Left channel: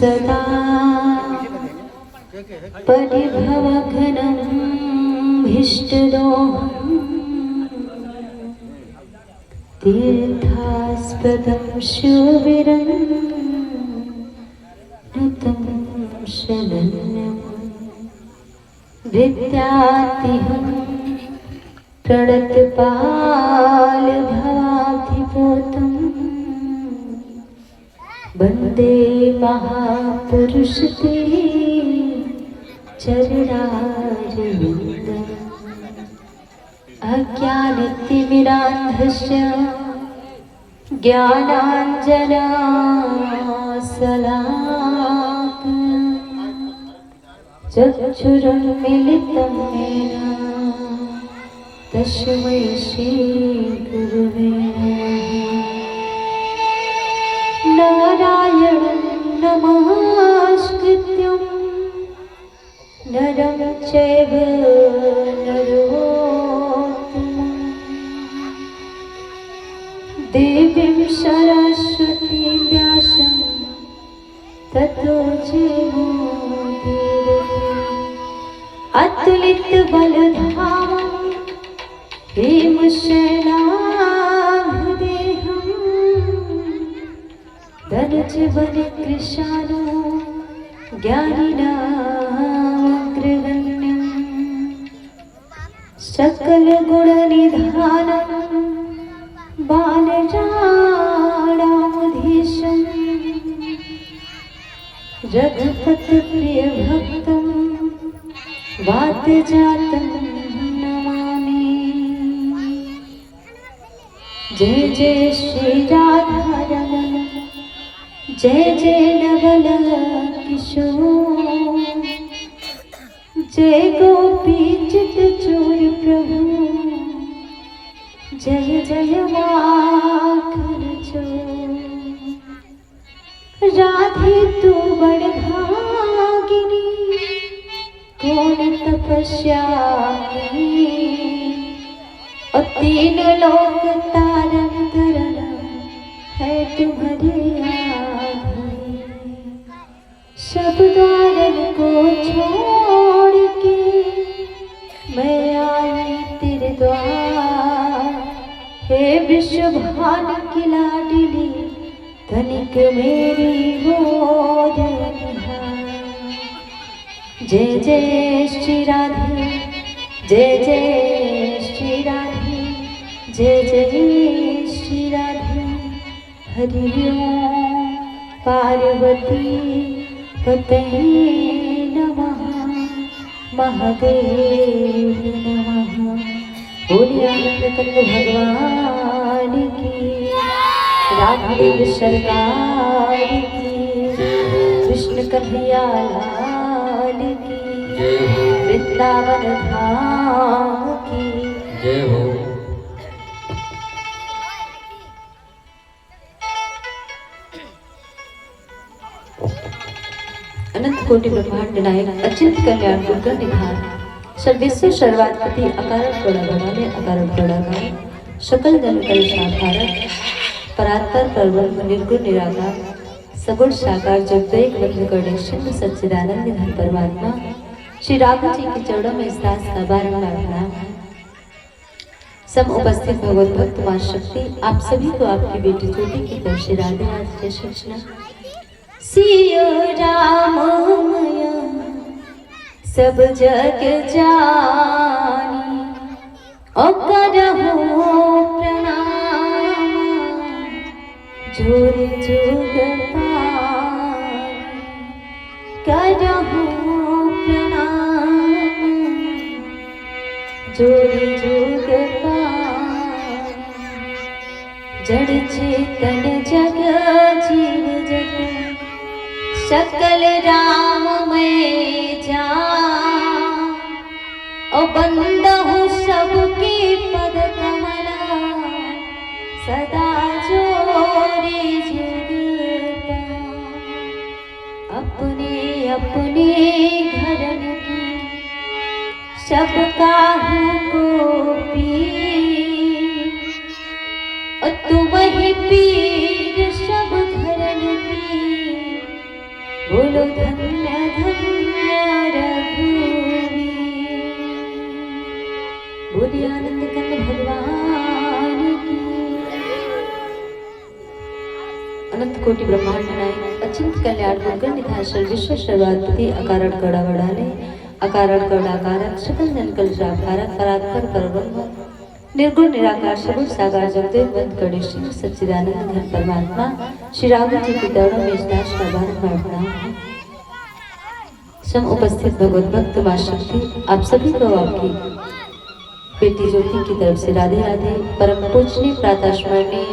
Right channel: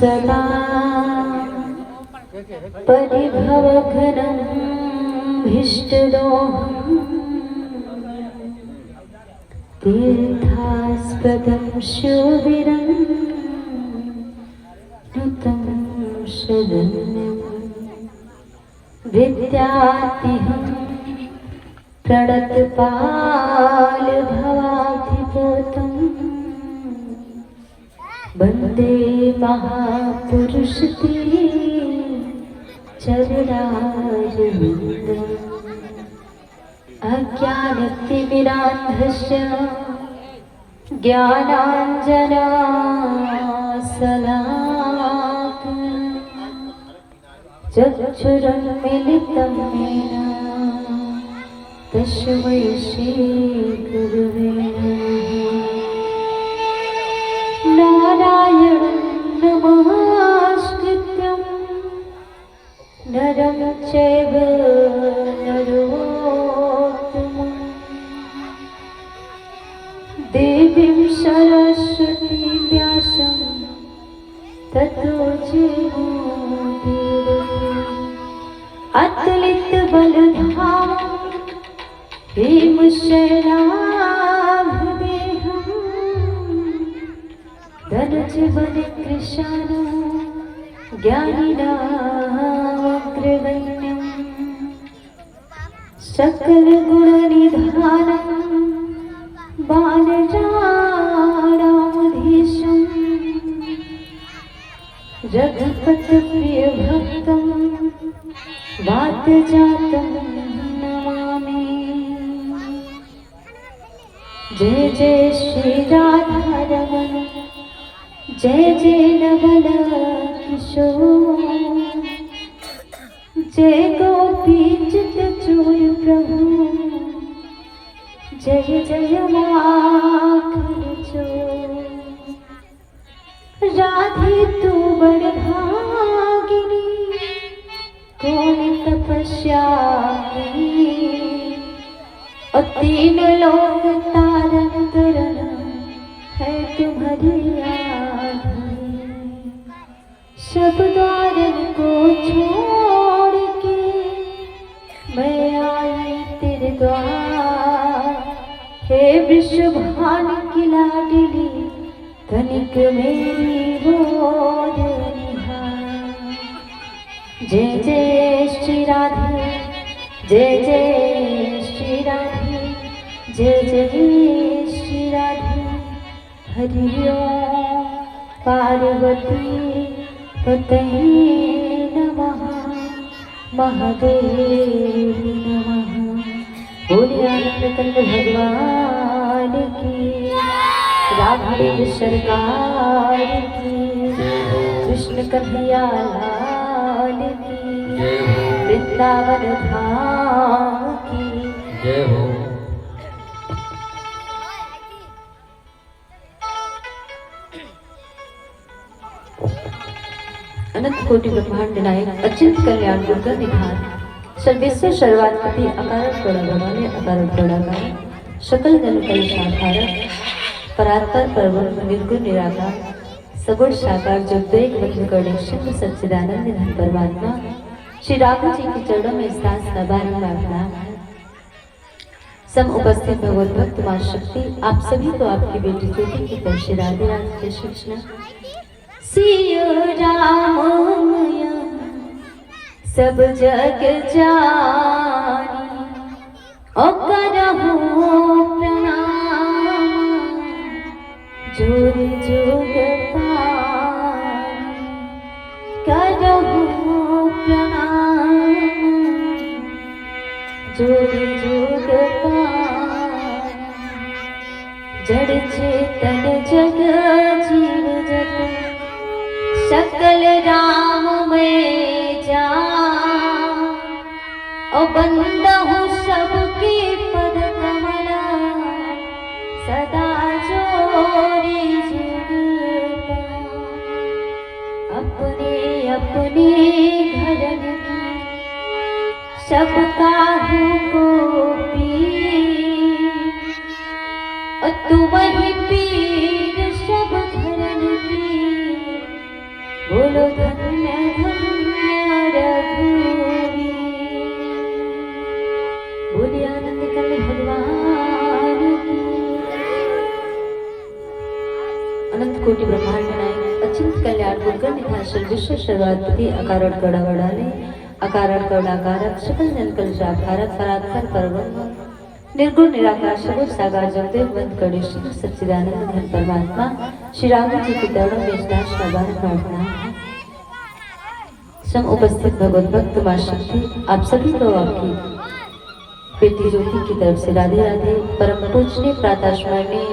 सदा परिभवघनं भीष्टदोहं तीर्थास्पदं शोभिरं नुतं शरण्यं विद्यातिहं प्रणतपालभवाधिपोतं वन्दे महापुरुषते चरणारविन्दम् अज्ञानतिमिरान्धस्य ज्ञानाञ्जनाशलाकया चक्षुरुन्मीलितं येन तस्मै श्रीगुरवे नारायणं नमस्कृत्य नरं चैव नरोत्तमं देवीं सरस्वतीं व्यासं ततो जयमुदीरये अतुलितबलधामं भीमसेनाभदेहं धनुजबलकृशानो ज्ञानिनामग्रगण्यं सकलगुणनिधानं बालजाडाधीशं रघुपतिप्रियभक्तं वातजातं नमामि। जय जय श्री राधारमण जय जय नवल किशोर जय गोपी चित चोर प्रभु जय जय माखन चोर राधे तू बड़ भागिनी कौन तपस्या की और तीन लोक तारन तरन है तुम्हारी आँखें सब द्वारन को छोड़ के मैं आई तेरे द्वार हे विश्व भान की लाडली तनिक मेरी गोद निहार। जय जय श्री राधे जय जय श्री राधे जय जय श्री राधे हरि ओम पार्वती पतये नमः महादेव नमः। बोलिए आनंदकंद भगवान की राघवेंद्र सरकार की कृष्ण कन्हैया लाल की वृंदावन धाम की जय हो। अनंत कोटि ब्रह्मांड नायक अचिंत कल्याण गुण निधान सर्वेश्वर सर्वाधिपति अकारण बड़ा भगवान अकारण बड़ा सकल जन कलेशाधारक परात्पर परब्रह्म निर्गुण निराकार सगुण साकार जगदेव बंधु करणे शुद्ध सच्चिदानंद घन परमात्मा श्री राम जी के चरणों में स्नान बारंबार प्रणाम है। सम उपस्थित भगवत भक्त मां शक्ति आप सभी को आपकी बेटी ज्योति की तरफ से राधे राधे की सूचना। सिया राम मैया सब जग जानी ओ करहु प्रणाम जोर जोग पानी करहु प्रणाम जोर जोग पानी जड़ चेतन जग जीव जग सकल राम में जा ओ बंदहु सबकी पद कमला सदा जोरे जुग अपने अपने घरन की सबका को पी तुम ही पीर सब घरन की बोलो धन्य धन्य रघुवीर। बोलिए आनंद कंद भगवान की। अनंत कोटि ब्रह्मांड नायक अचिंत कल्याण गुण निधान विश्व सर्वाधिपति अकारण गौड़ा गौड़ाले अकारण गौड़ाकारक सकल जनकल शाकारक परात्पर परब्रह्म निर्गुण निराकार सगुण साकार जगदेव बंद गणेश सच्चिदानंद घन परमात्मा श्री राम जी के चरणों में स्नान का प्रणाम है। सम उपस्थित भगवत भक्त मां शक्ति आप सभी को आपकी बेटी ज्योति की तरफ से राधे राधे। परम पूजनीय प्रातः स्मरणीय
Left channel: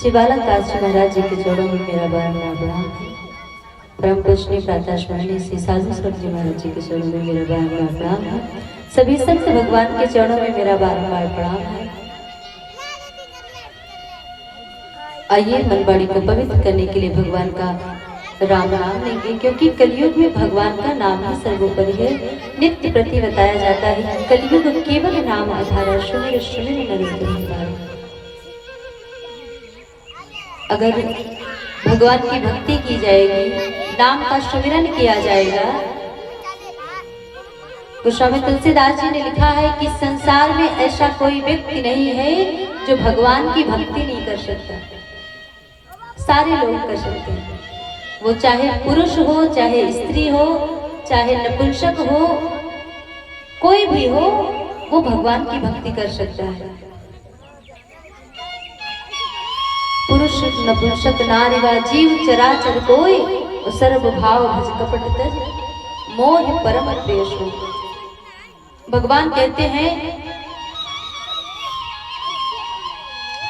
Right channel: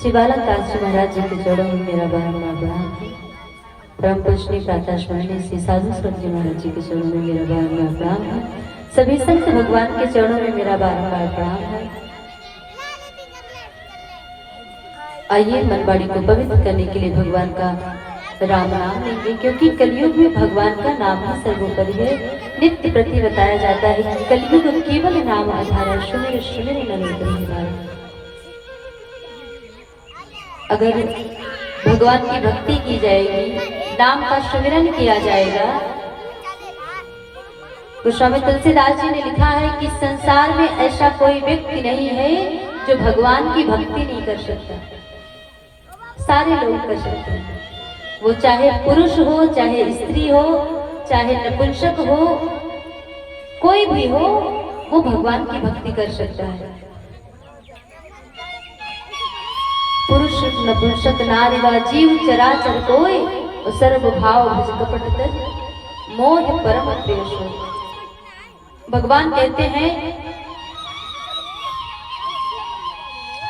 श्री बालक दास जी महाराज जी के चरणों में मेरा बारंबार प्रणाम है। परम पूजनीय प्रातः स्मरणीय श्री साधु संत जी महाराज जी के चरणों में मेरा बारंबार प्रणाम है। सभी संत भगवान के चरणों में मेरा बारंबार प्रणाम है। आइए मनवाड़ी को पवित्र करने के लिए भगवान का राम नाम लेंगे, क्योंकि कलयुग में भगवान का नाम ही सर्वोपरि है। नित्य प्रति बताया जाता है कि कलयुग केवल नाम आधार सुमिर सुमिर नरोत्तम। अगर भगवान की भक्ति की जाएगी, नाम का सुमिरन किया जाएगा, गोस्वामी तुलसीदास जी ने लिखा है कि संसार में ऐसा कोई व्यक्ति नहीं है जो भगवान की भक्ति नहीं कर सकता। सारे लोग कर सकते हैं, वो चाहे पुरुष हो, चाहे स्त्री हो, चाहे नपुंसक हो, कोई भी हो, वो भगवान की भक्ति कर सकता है। पुरुष नपुंसक नारी वा जीव चराचर कोई, सर्व भाव भज कपट तज मोह परम द्वेष हो। भगवान कहते हैं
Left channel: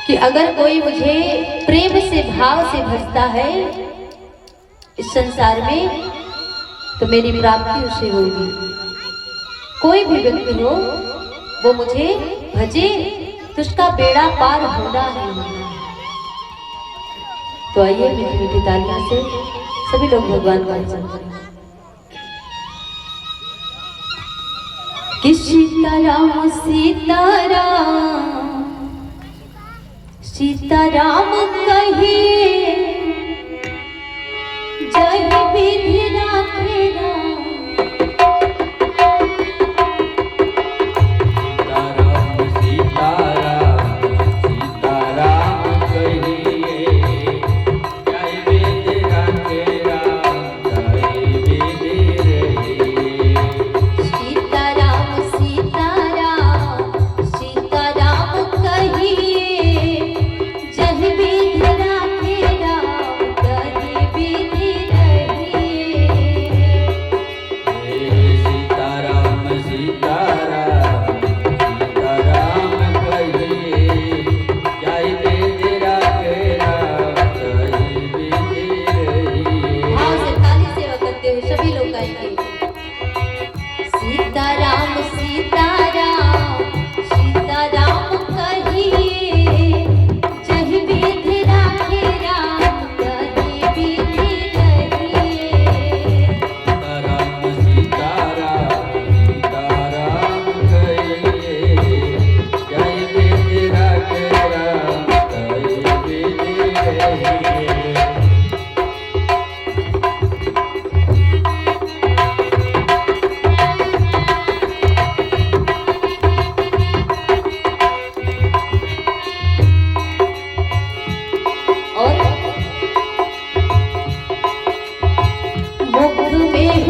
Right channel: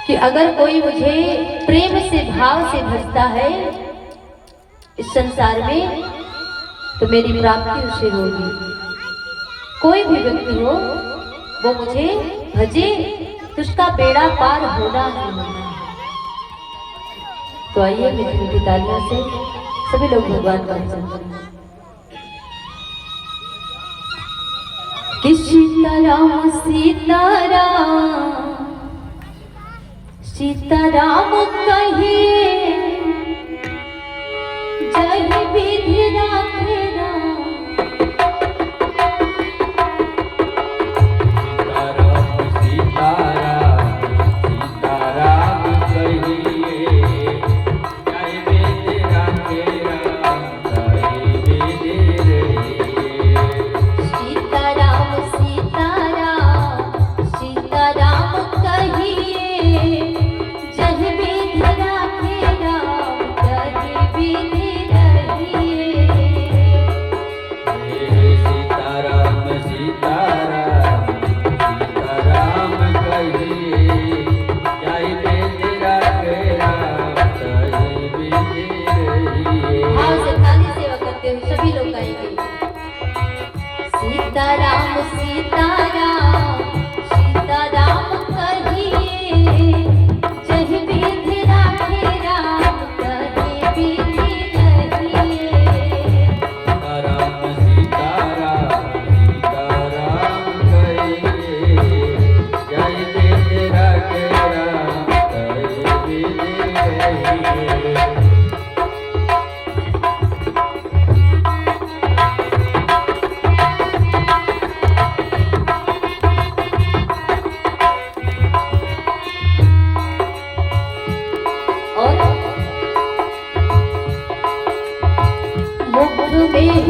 कि अगर कोई मुझे प्रेम से भाव से भजता है इस संसार में, तो मेरी प्राप्ति उसे होगी। कोई भी व्यक्ति हो, वो मुझे भजे तो उसका बेड़ा पार होना ही होना। तो आइए मीठी मीठी तालियों से सभी लोग भगवान का भजन करें। कि सीताराम सीताराम सीताराम कहे जय विधि राखे नहीं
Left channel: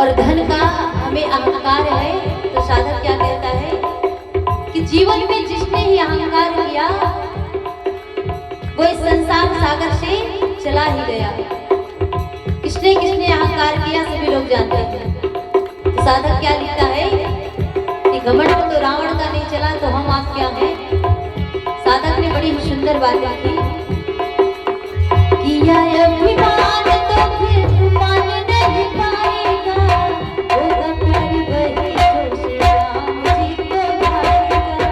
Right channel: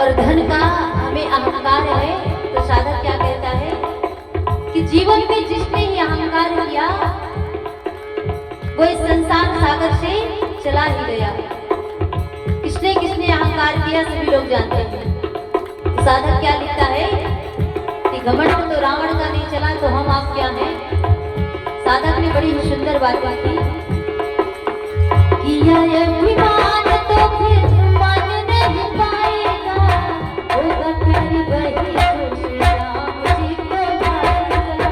और धन का हमें अहंकार है, तो साधक क्या कहता है कि जीवन में जिसने ही अहंकार किया वो इस संसार सागर से चला ही गया। किसने किसने अहंकार किया सभी लोग जानते हैं। तो साधक क्या लिखता है कि घमंड तो रावण का नहीं चला तो हम आप क्या हैं। साधक ने बड़ी ही सुंदर बात की, किया अभिमान तो फिर मान नहीं पाएगा, होगा प्यारी वही जो श्री राम जी को भाएगा।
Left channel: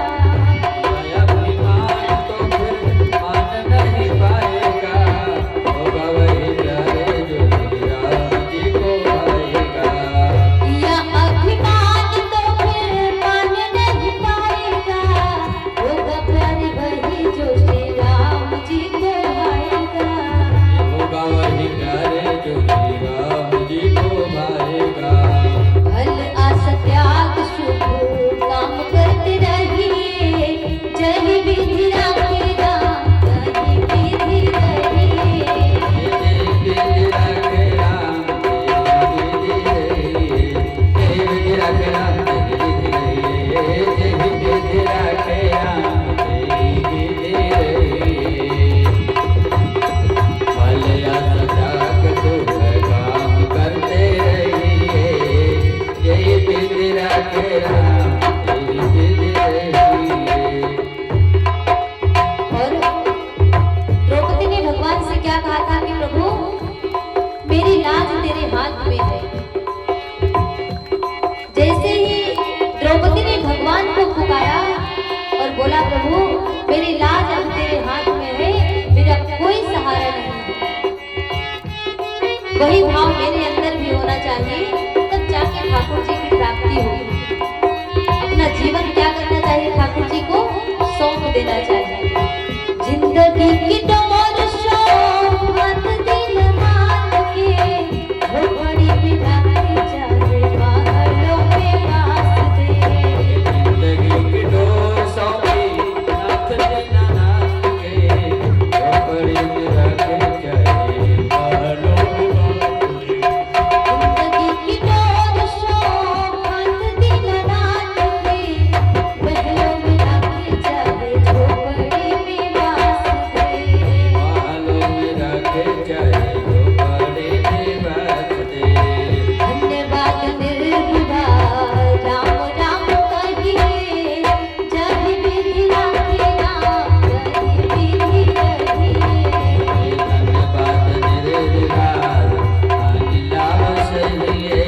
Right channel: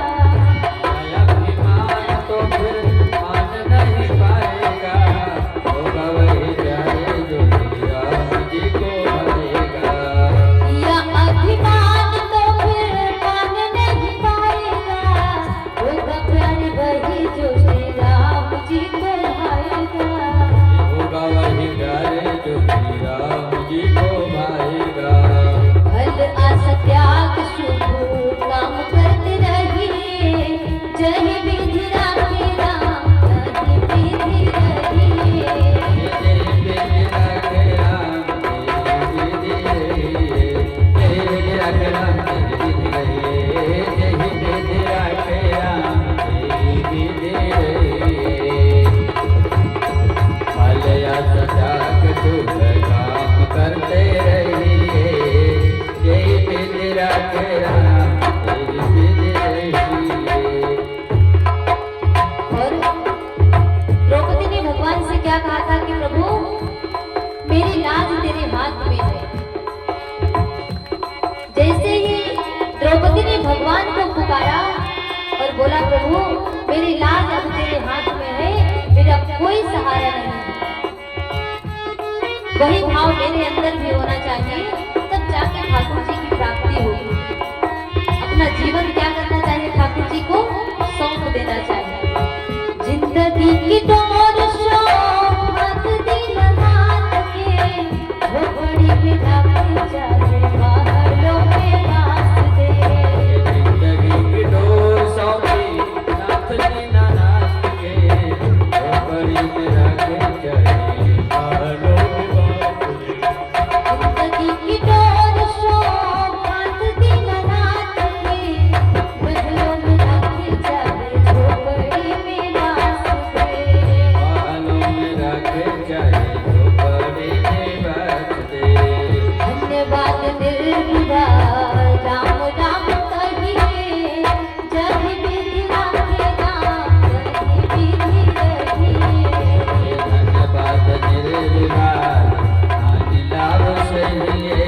अभिमान तो फिर मान नहीं पाएगा, होगा वही प्यारे जो श्री राम जी को भाएगा। किया अभिमान तो फिर मान नहीं पाएगा, होगा प्यारी वही जो श्री राम जी को भाएगा। होगा वही प्यारे जो श्री राम जी को भाएगा। फल असत्याग शुभ काम करते रहिए, जय विधि राखे राम, जय विधि रहिए। जय विधि राखे राम, जय विधि रहिए। जय विधि राखे राम, जय विधि रहिए। जय विधि राखे राम, जय विधि रहिए। फल असत्याग शुभ काम करते रहिए, जय विधि राखे राम, जय विधि रहिए। और द्रौपदी ने भगवान से क्या कहा था कि प्रभु मेरी लाज तेरे हाथ में है। जैसे ही द्रौपदी ने भगवान को पुकारा और बोला प्रभु मेरी लाज अब तेरे हाथ में है, मेरा कोई सहारा नहीं है। वही भाव मेरे अंदर भी होना चाहिए, तब जाके ठाकुर जी की प्राप्ति होगी। अपना जीवन क्या करना चाहिए, ठाकुर जी को सौंप देना चाहिए। जिंदगी की डोर शौक हाथ दिल रात के, वो बड़ी विदा की जावे बालों में बास दे। जिंदगी की डोर सौंपी हाथ देना नाथ के, बड़ी मेरा के चाहिए बालों में बात दे। जिंदगी की डोर शौक हाथ दिल रात के, बहलों में रखी जावे झोपड़ी में बास दे। बालों में रखे चाहिए बड़ी में बात दे। धन्यवाद निर्विवाद राम राम कहिए, जय विधि राखे राम, जय विधि रहिए। धन्यवाद निर्विवाद लाव सहिए,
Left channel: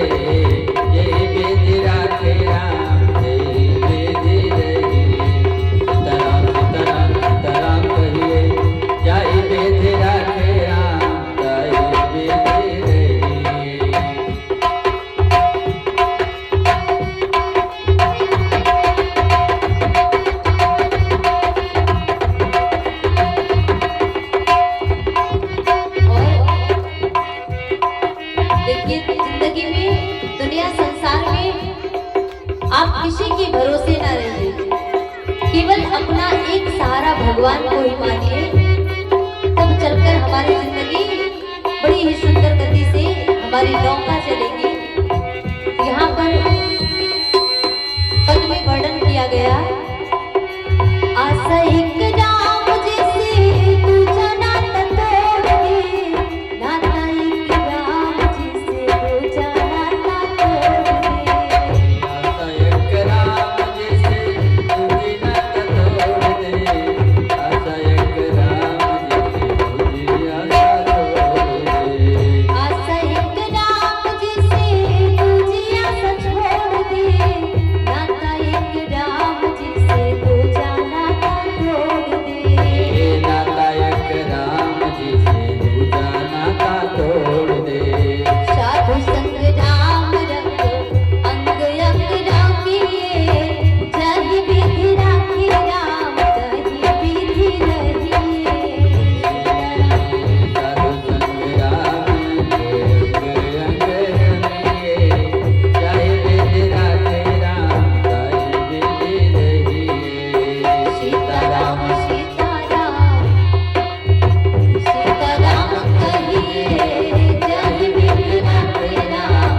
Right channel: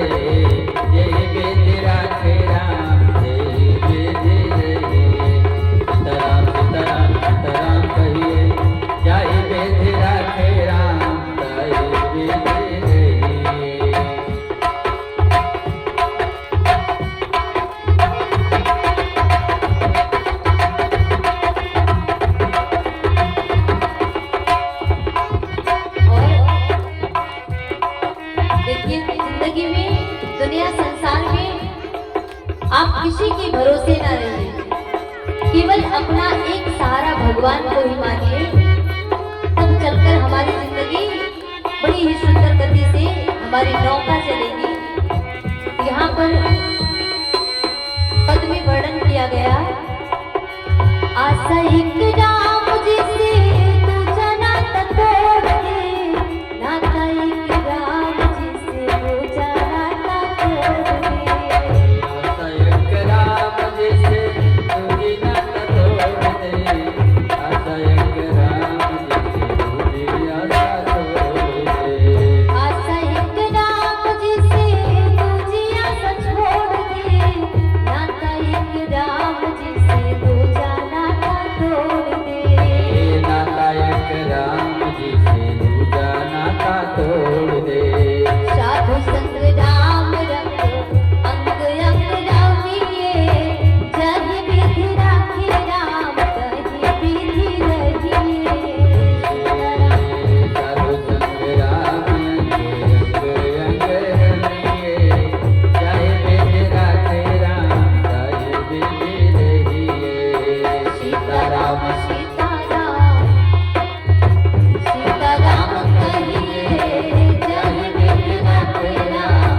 जय विधि राखे राम, जय विधि रहिए। सीताराम सीताराम सीताराम कहिए, जय विधि राखे राम, जय विधि रहिए। देखिए जिंदगी में, दुनिया संसार में आप किसी के भरोसे ना रहिए, केवल अपना एक सहारा भगवान को ही मानिए। तब चलकर हमारी जिंदगी बड़ी ही सुंदर गति से हमारी नौका चलेगी। यहाँ पर पद में वर्णन किया गया, आशा एक राम जिसे दूजा नाता तोड़ दे, नाता एक राम जिसे दूजा नाता तोड़ दे। आता एक राम जिसे दूजी नाता तोड़ दे। आता एक राम जिसे दूजी आशा तोड़ दे। आशा एक राम जिसे दूजी आशा छोड़ दे, नाता एक राम जिसे दूजा नाता तोड़ दे। नाता एक राम जिसे दूजा नाता तोड़ दे। साधु संग राम रंग अंग अंग राखिए, जय विधि राखी राम, जय विधि रहिए। साधु संग राम के अंग अंग रमिए, जय विधि राखे राम, जय विधि रहिए। सीताराम सीताराम सीताराम कहिए, जय विधि राखे राम,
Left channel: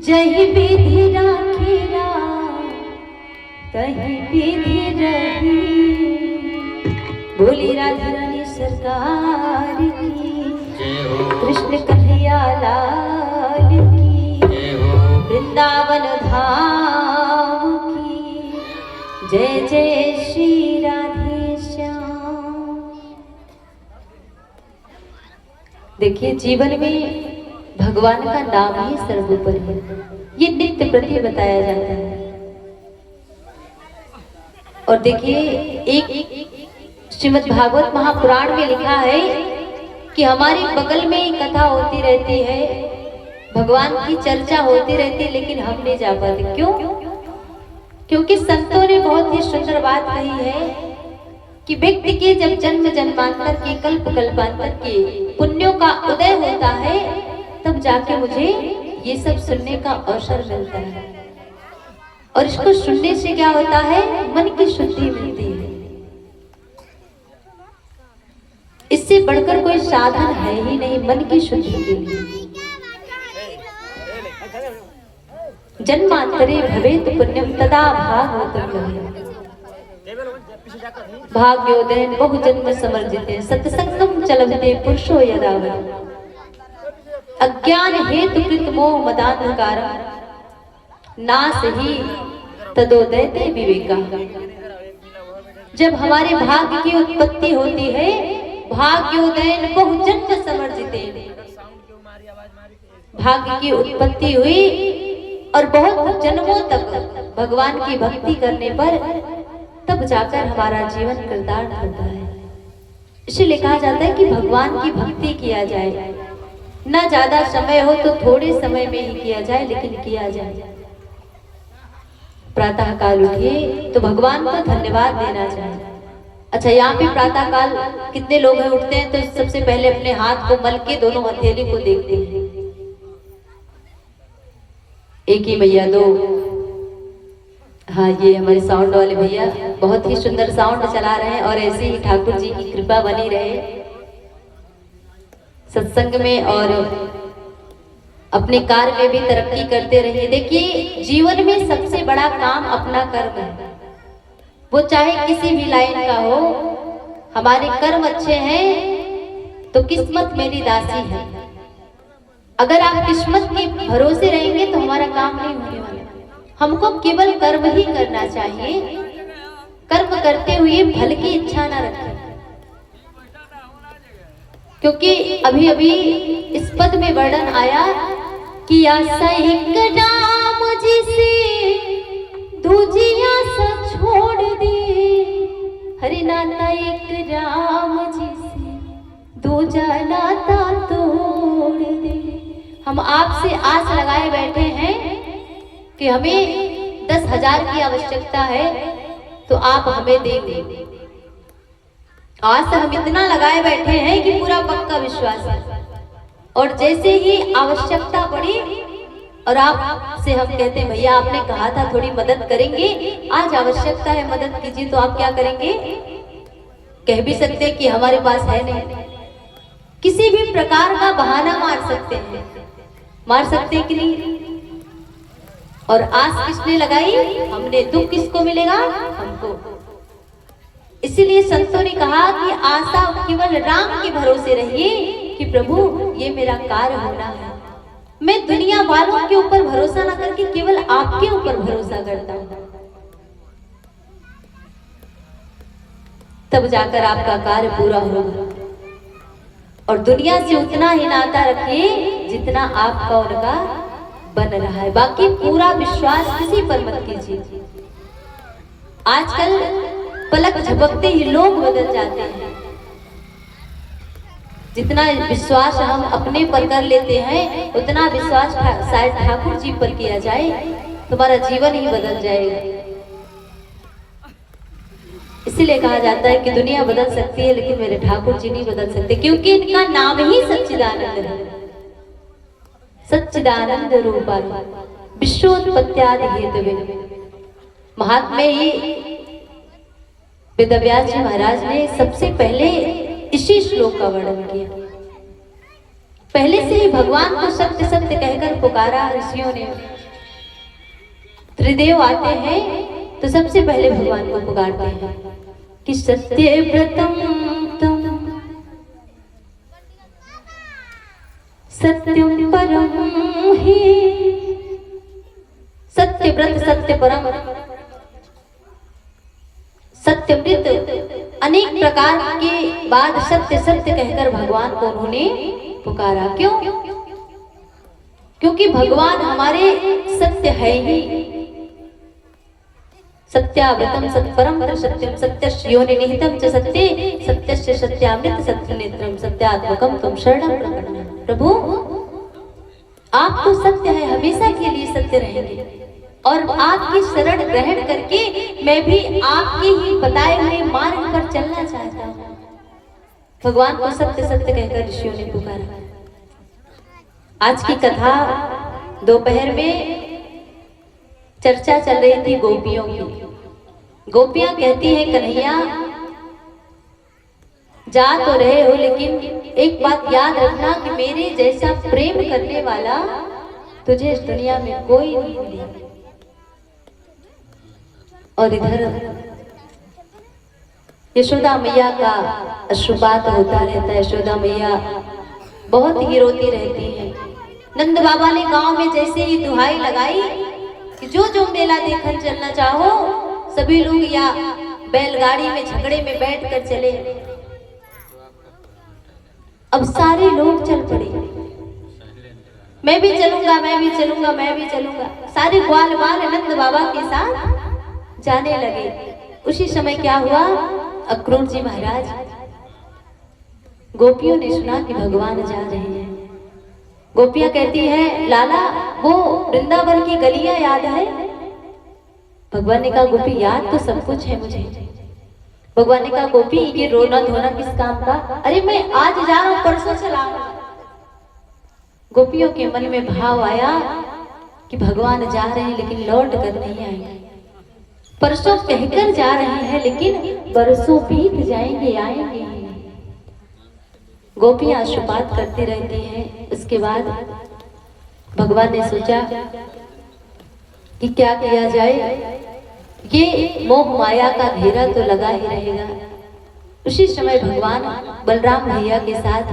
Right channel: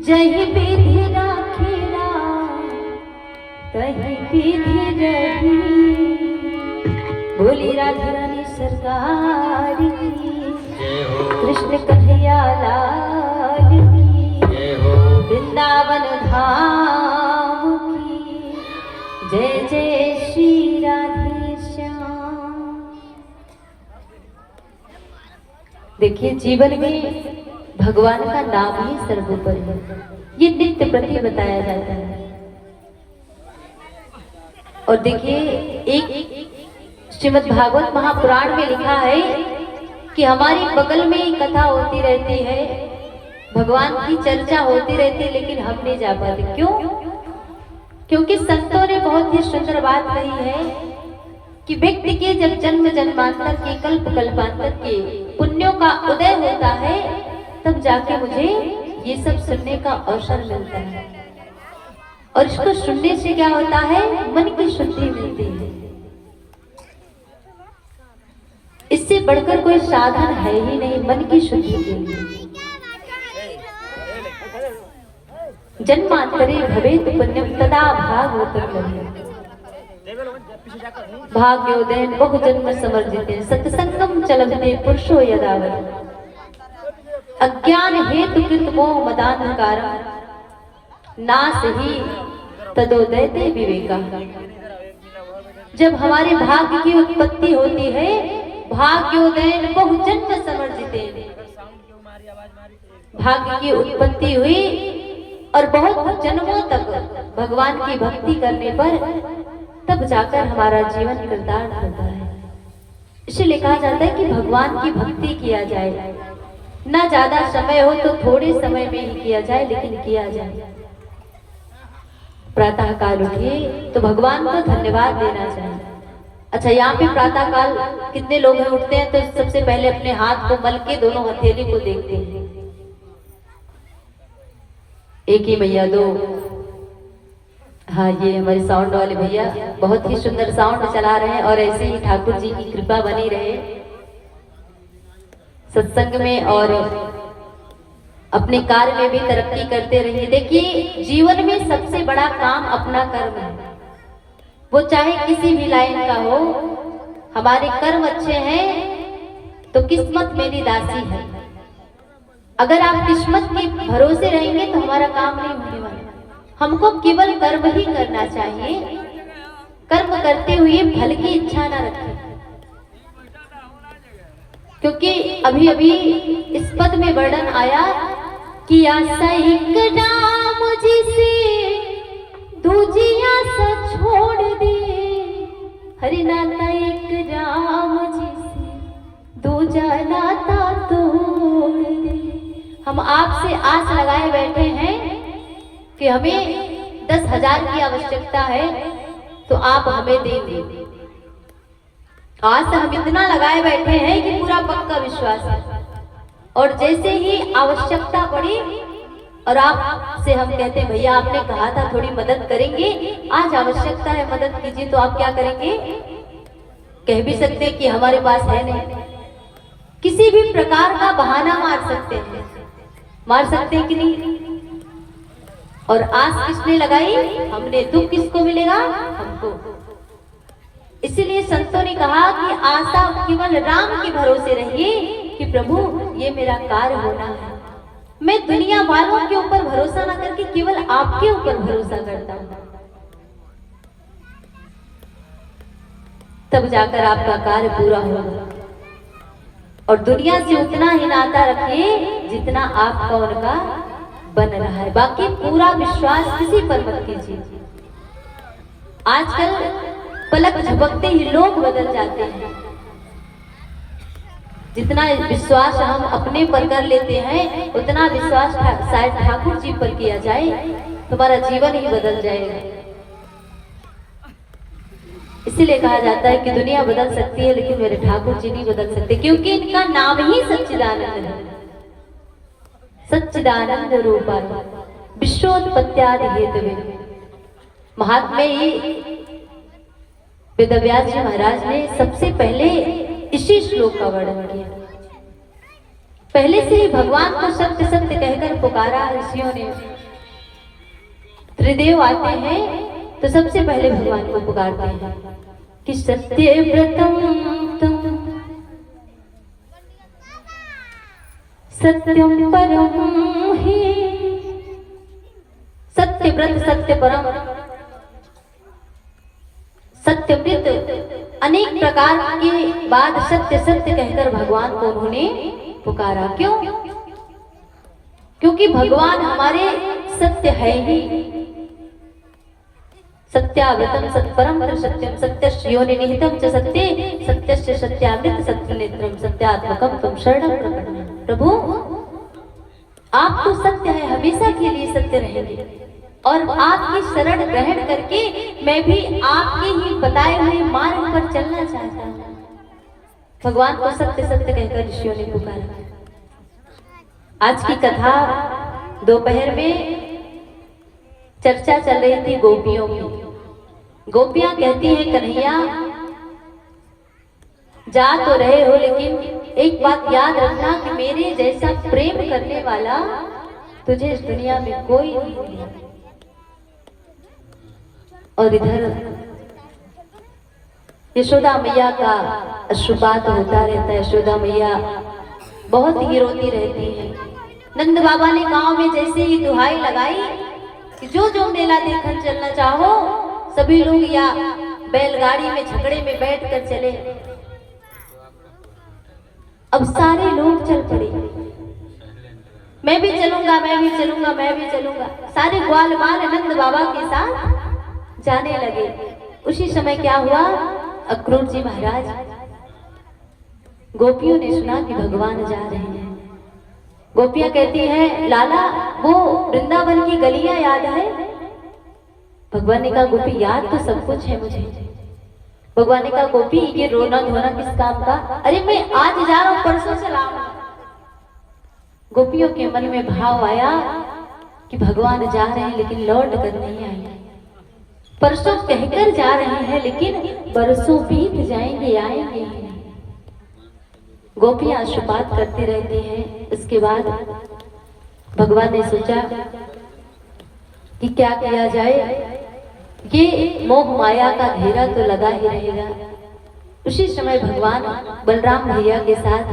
जही विधि राखेरा तही विधि रही। बोली राधा रानी सरकार की, जय हो कृष्ण कन्हैया लाल की, जय हो वृंदावन धाम की, जय जय श्री राधे श्याम। देखिए, जीवन में भगवान का नाम ही सर्वोपरि है, ये नित्य प्रति बताया जाता है। और देखिए, एक श्रीमद् भागवत महापुराण में लिखा है कि हमारे बगल में ही कथा होती रहती है, भगवान की चर्चा होती रहती है, लेकिन हम नहीं जा पाते। क्यों? क्योंकि संतों ने बहुत ही सुंदर बात कही है कि व्यक्ति के जब जन्म जन्मांतर के कल्प कल्पांतर के पुण्यों का उदय होता है, तब जाके मुझे ये सब सुनने का अवसर मिलता है। और इसको सुनने से क्या होता है? मन की शुद्धि मिलती है। इससे बढ़कर कोई साधन है ही नहीं मन की शुद्धि के लिए। जन्मांतरे भवेत पुण्यम तदा भागवतम लभेत। भाग्योदयन बहु जन्म समर्जिते सत्संगम चलते पुरुषो यदावत्। अज्ञान हेतु कृत मोह मदान्धकारम नास ही तदोदयते विवेका। जब हमारे भाग्य की उत्पत्ति होती है, भाग्योदयन बहु जन्म समर्जिते, भाग्य की उत्पत्ति हुई और बहुत जन्मों तक भगवान की भक्ति करने पर तब जाकर हमारा जीवन कृतार्थ होता है। इसलिए कहा जाता है कि भगवान की भक्ति किया जाए, ना ज्यादा समय हो तो थोड़े समय में ही किया जाए, लेकिन किया जाए। प्रातः काल उठिए तो भगवान को धन्यवाद देना चाहिए। अच्छा, यहाँ पे प्रातः काल कितने लोग हैं उठते हैं तो सबसे पहले अपने हाथ को मल के दोनों हथेली को देखते हैं। एक ही भैया, दो, हाँ, ये हमारे साउंड वाले भैया बहुत ही सुंदर साउंड चला रहे हैं। और ऐसे ही ठाकुर जी की कृपा बनी रहे सत्संग में और अपने कार्य में भी तरक्की करते रहिए। देखिए, जीवन में सबसे बड़ा काम अपना कर्म है, वो चाहे किसी भी लाइन का हो। हमारे कर्म अच्छे हैं तो किस्मत मेरी दासी है। अगर आप किस्मत के भरोसे रहेंगे तो हमारा काम नहीं होने वाला। हमको केवल कर्म ही करना चाहिए। कर्म करते हुए फल की इच्छा न रखें, क्योंकि अभी अभी इस पद में वर्णन आया कि आशा एक नाम जिसे दूजिया सा छोड़ दे, हरि नाता एक राम जिसे दूजा नाता तोड़ दे। हम आपसे आस लगाए बैठे हैं कि हमें 10,000 की आवश्यकता है तो आप हमें देंगे। आस हम इतना लगाए बैठे हैं कि पूरा पक्का विश्वास है। और जैसे ही आवश्यकता पड़ी और आपसे हम कहते हैं भैया आपने कहा था थोड़ी मदद करेंगे, आज आवश्यकता है मदद कीजिए, तो आप क्या करेंगे? कह भी सकते हैं कि हमारे पास है नहीं। किसी भी प्रकार का बहाना मार सकते हैं, मार सकते हैं कि नहीं? और आस किसने लगाई? हमने। दुख किसको मिलेगा? हमको। इसीलिए संतों ने कहा कि आशा केवल राम के भरोसे रहिए कि प्रभु ये मेरा कार्य होना है। मैं दुनिया वालों के ऊपर भरोसा न करके केवल आपके ऊपर भरोसा करता हूं, तब जाकर आपका कार्य पूरा होगा। और दुनिया से उतना ही नाता रखिए जितना आपका उनका बन रहा है। बाकी पूरा विश्वास किसी पर मत कीजिए। आजकल पलक झपकते ही लोग बदल जाते हैं। जितना विश्वास हम अपने पर कर लेते हैं उतना विश्वास शायद ठाकुर जी पर किया जाए, तुम्हारा जीवन ही बदल जाएगा। इसीलिए कहा जाता है कि दुनिया बदल सकती है लेकिन मेरे ठाकुर जी नहीं बदल सकते, क्योंकि इनका नाम ही सच्चिदानंद है। सच्चिदानंद रूपाय विश्वोत्पत्त्यादि हेतवे। महात्मा ही वेदव्यास जी महाराज ने सबसे पहले इसी श्लोक का वर्णन किया। पहले से ही भगवान को सत्य सत्य कहकर पुकारा ऋषियों ने। त्रिदेव आते हैं तो सबसे पहले भगवान को पुकारते हैं कि सत्यव्रतम तम सत्यम परम ही। सत्यव्रत सत्य परम सत्यव्रत अनेक प्रकार के बाद सत्य सत्य कहकर भगवान को उन्होंने पुकारा। क्यों? क्योंकि भगवान हमारे सत्य है ही। सत्याव्रतम सत्परम सत्यम सत्यस्य योनिनिहितम च सत्ये सत्यस्य सत्यामृत सत्यनेत्रम सत्यात्मकम तुम शरणं प्रपन्नम। प्रभु आप तो सत्य है, हमेशा के लिए सत्य रहेंगे और आपकी शरण ग्रहण करके मैं भी आपके ही बताए हुए मार्ग पर चलना चाहता हूँ। भगवान को सत्य सत्य कहकर ऋषियों ने पुकारा। आज की कथा दोपहर में चर्चा चल रही थी गोपियों की। गोपियां कहती हैं कन्हैया जा तो रहे हो, लेकिन एक बात याद रखना कि मेरे जैसा प्रेम करने वाला तुझे इस दुनिया में कोई नहीं मिलेगा। और इधर यशोदा मैया का अश्रुपात होता रहता है। यशोदा मैया बहुत ही रोती रहती है। नंद बाबा ने गांव में जैसे ही दुहाई लगाई कि जो मेला देखने चलना चाहो सभी लोग या बैलगाड़ी में झगड़े में बैठकर चले। अब सारे लोग चल पड़े, मैं भी चलूंगा, मैं भी चलूंगा, मैं भी चलूंगा। सारे ग्वाल बाल नंद बाबा के साथ जाने लगे। उसी समय क्या हुआ, अक्रूर जी महाराज, गोपियों ने सुना कि भगवान जा रहे हैं। गोपियां कहती हैं लाला वो वृंदावन की गलियां याद है? भगवान ने कहा गोपी याद तो सब कुछ है मुझे। भगवान ने कहा गोपी ये रोना धोना किस काम का? अरे मैं आज जा रहा हूं, परसों चलाऊंगा। गोपियों के मन में भाव आया कि भगवान जा रहे हैं लेकिन लौट कर नहीं आए। परसों कहकर जा रहे हैं लेकिन बरसों बीत जाएंगे, आएंगे। गोपियां अश्रुपात करती रहती हैं। उसके बाद भगवान ने सोचा कि क्या किया जाए, ये मोह माया का घेरा तो लगा ही रहेगा। उसी समय भगवान बलराम भैया के साथ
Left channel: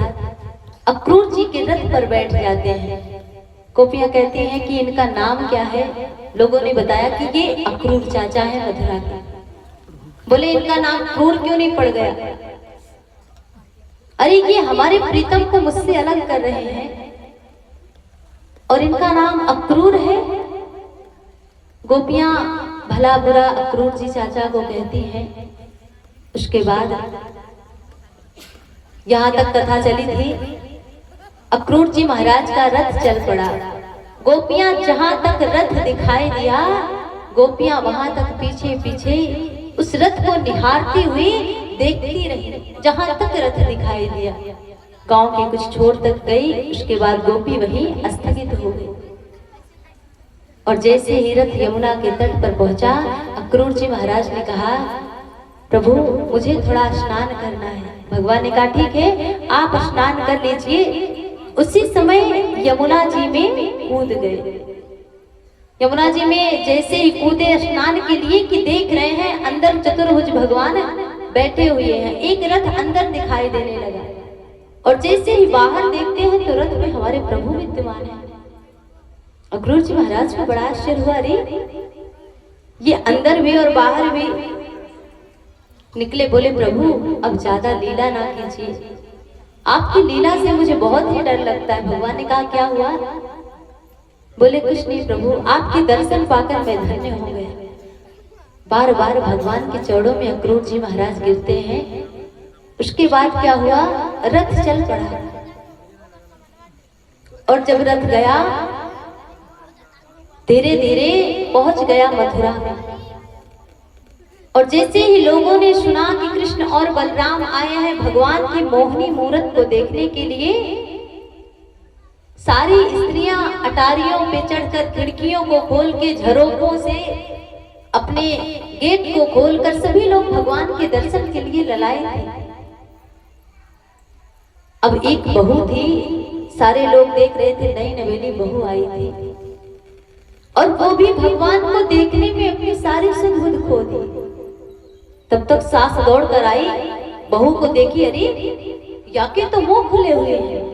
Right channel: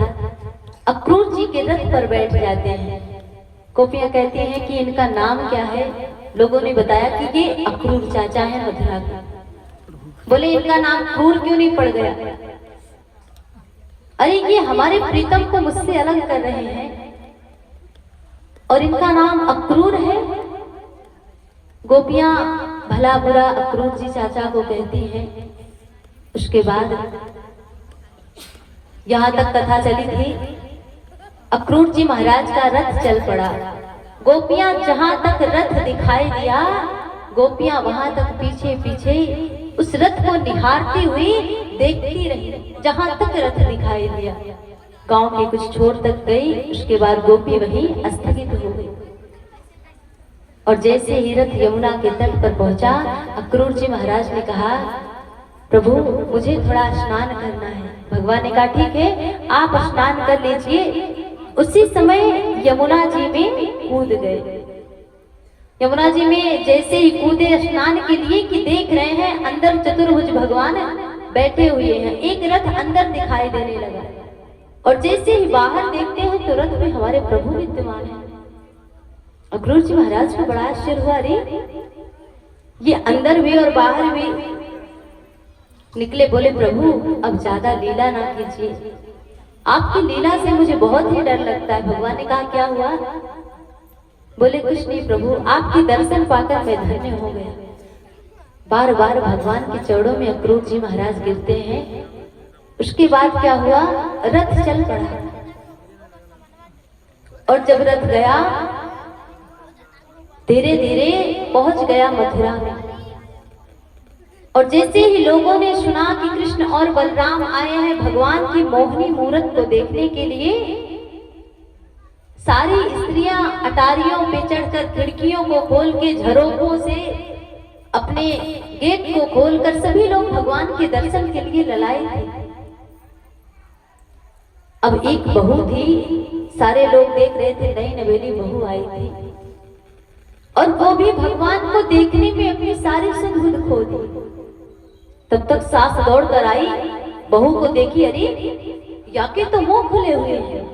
अक्रूर जी के रथ पर बैठ जाते हैं। गोपियां कहती हैं कि इनका नाम क्या है? लोगों ने बताया कि ये अक्रूर चाचा है मथुरा के। बोले इनका नाम क्रूर क्यों नहीं पड़ गया? अरे ये हमारे प्रीतम को मुझसे अलग कर रहे हैं और इनका नाम अक्रूर है। गोपियां भला बुरा अक्रूर जी चाचा को कहती हैं। उसके बाद यहाँ तक कथा चली थी। अक्रूर जी महाराज का रथ चल पड़ा। गोपियां जहां तक रथ दिखाई दिया, गोपियां वहां तक पीछे पीछे उस रथ को निहारती हुई देखती रही। जहां तक रथ दिखाई दिया गांव के कुछ छोर तक गई। उसके बाद गोपी वहीं स्थगित हो गई। और जैसे ही रथ यमुना के तट पर पहुंचा, अक्रूर जी महाराज ने कहा प्रभु मुझे थोड़ा स्नान करना है। भगवान ने कहा ठीक है आप स्नान कर लीजिए। उसी समय यमुना जी में कूद गए। यमुना जी में जैसे ही कूदे स्नान के लिए कि देख रहे हैं अंदर चतुर्भुज भगवान बैठे हुए हैं। एक रथ अंदर दिखाई देने लगा और जैसे ही बाहर देखते हैं तो रथ में हमारे प्रभु विद्यमान है। अक्रूर जी महाराज को बड़ा आश्चर्य हुआ, अरे ये अंदर भी और बाहर भी। निकले, बोले प्रभु अब ज्यादा लीला ना कीजिए, आपकी लीला से मुझे बहुत ही डर लगता है। भगवान ने कहा क्या हुआ? बोले कुछ नहीं प्रभु, आपके दर्शन पाकर मैं धन्य हो गया। बार बार भगवान के चरणों में अक्रूर जी महाराज गिरते हैं। उसके बाद क्या हुआ, रथ चल पड़ा और जब रथ गया धीरे धीरे पहुंच गया मथुरा में। और जैसे ही लोगों ने सुना कि कृष्ण और बलराम आए हैं भगवान की मोहनी मूरत को देखने के लिए, सारी स्त्रियां अटारियों पे चढ़कर खिड़कियों को खोल के झरोखों से अपने गेट को खोलकर सभी लोग भगवान के दर्शन के लिए ललाए थे। अब एक बहू थी, सारे लोग देख रहे थे, नई नवेली बहू आई थी और वो भी भगवान को देखने में अपनी सारी सुध खो दी। तब तक सास दौड़ कर आई, बहू को देखी, अरे याके तो मुंह खुले हुए हैं।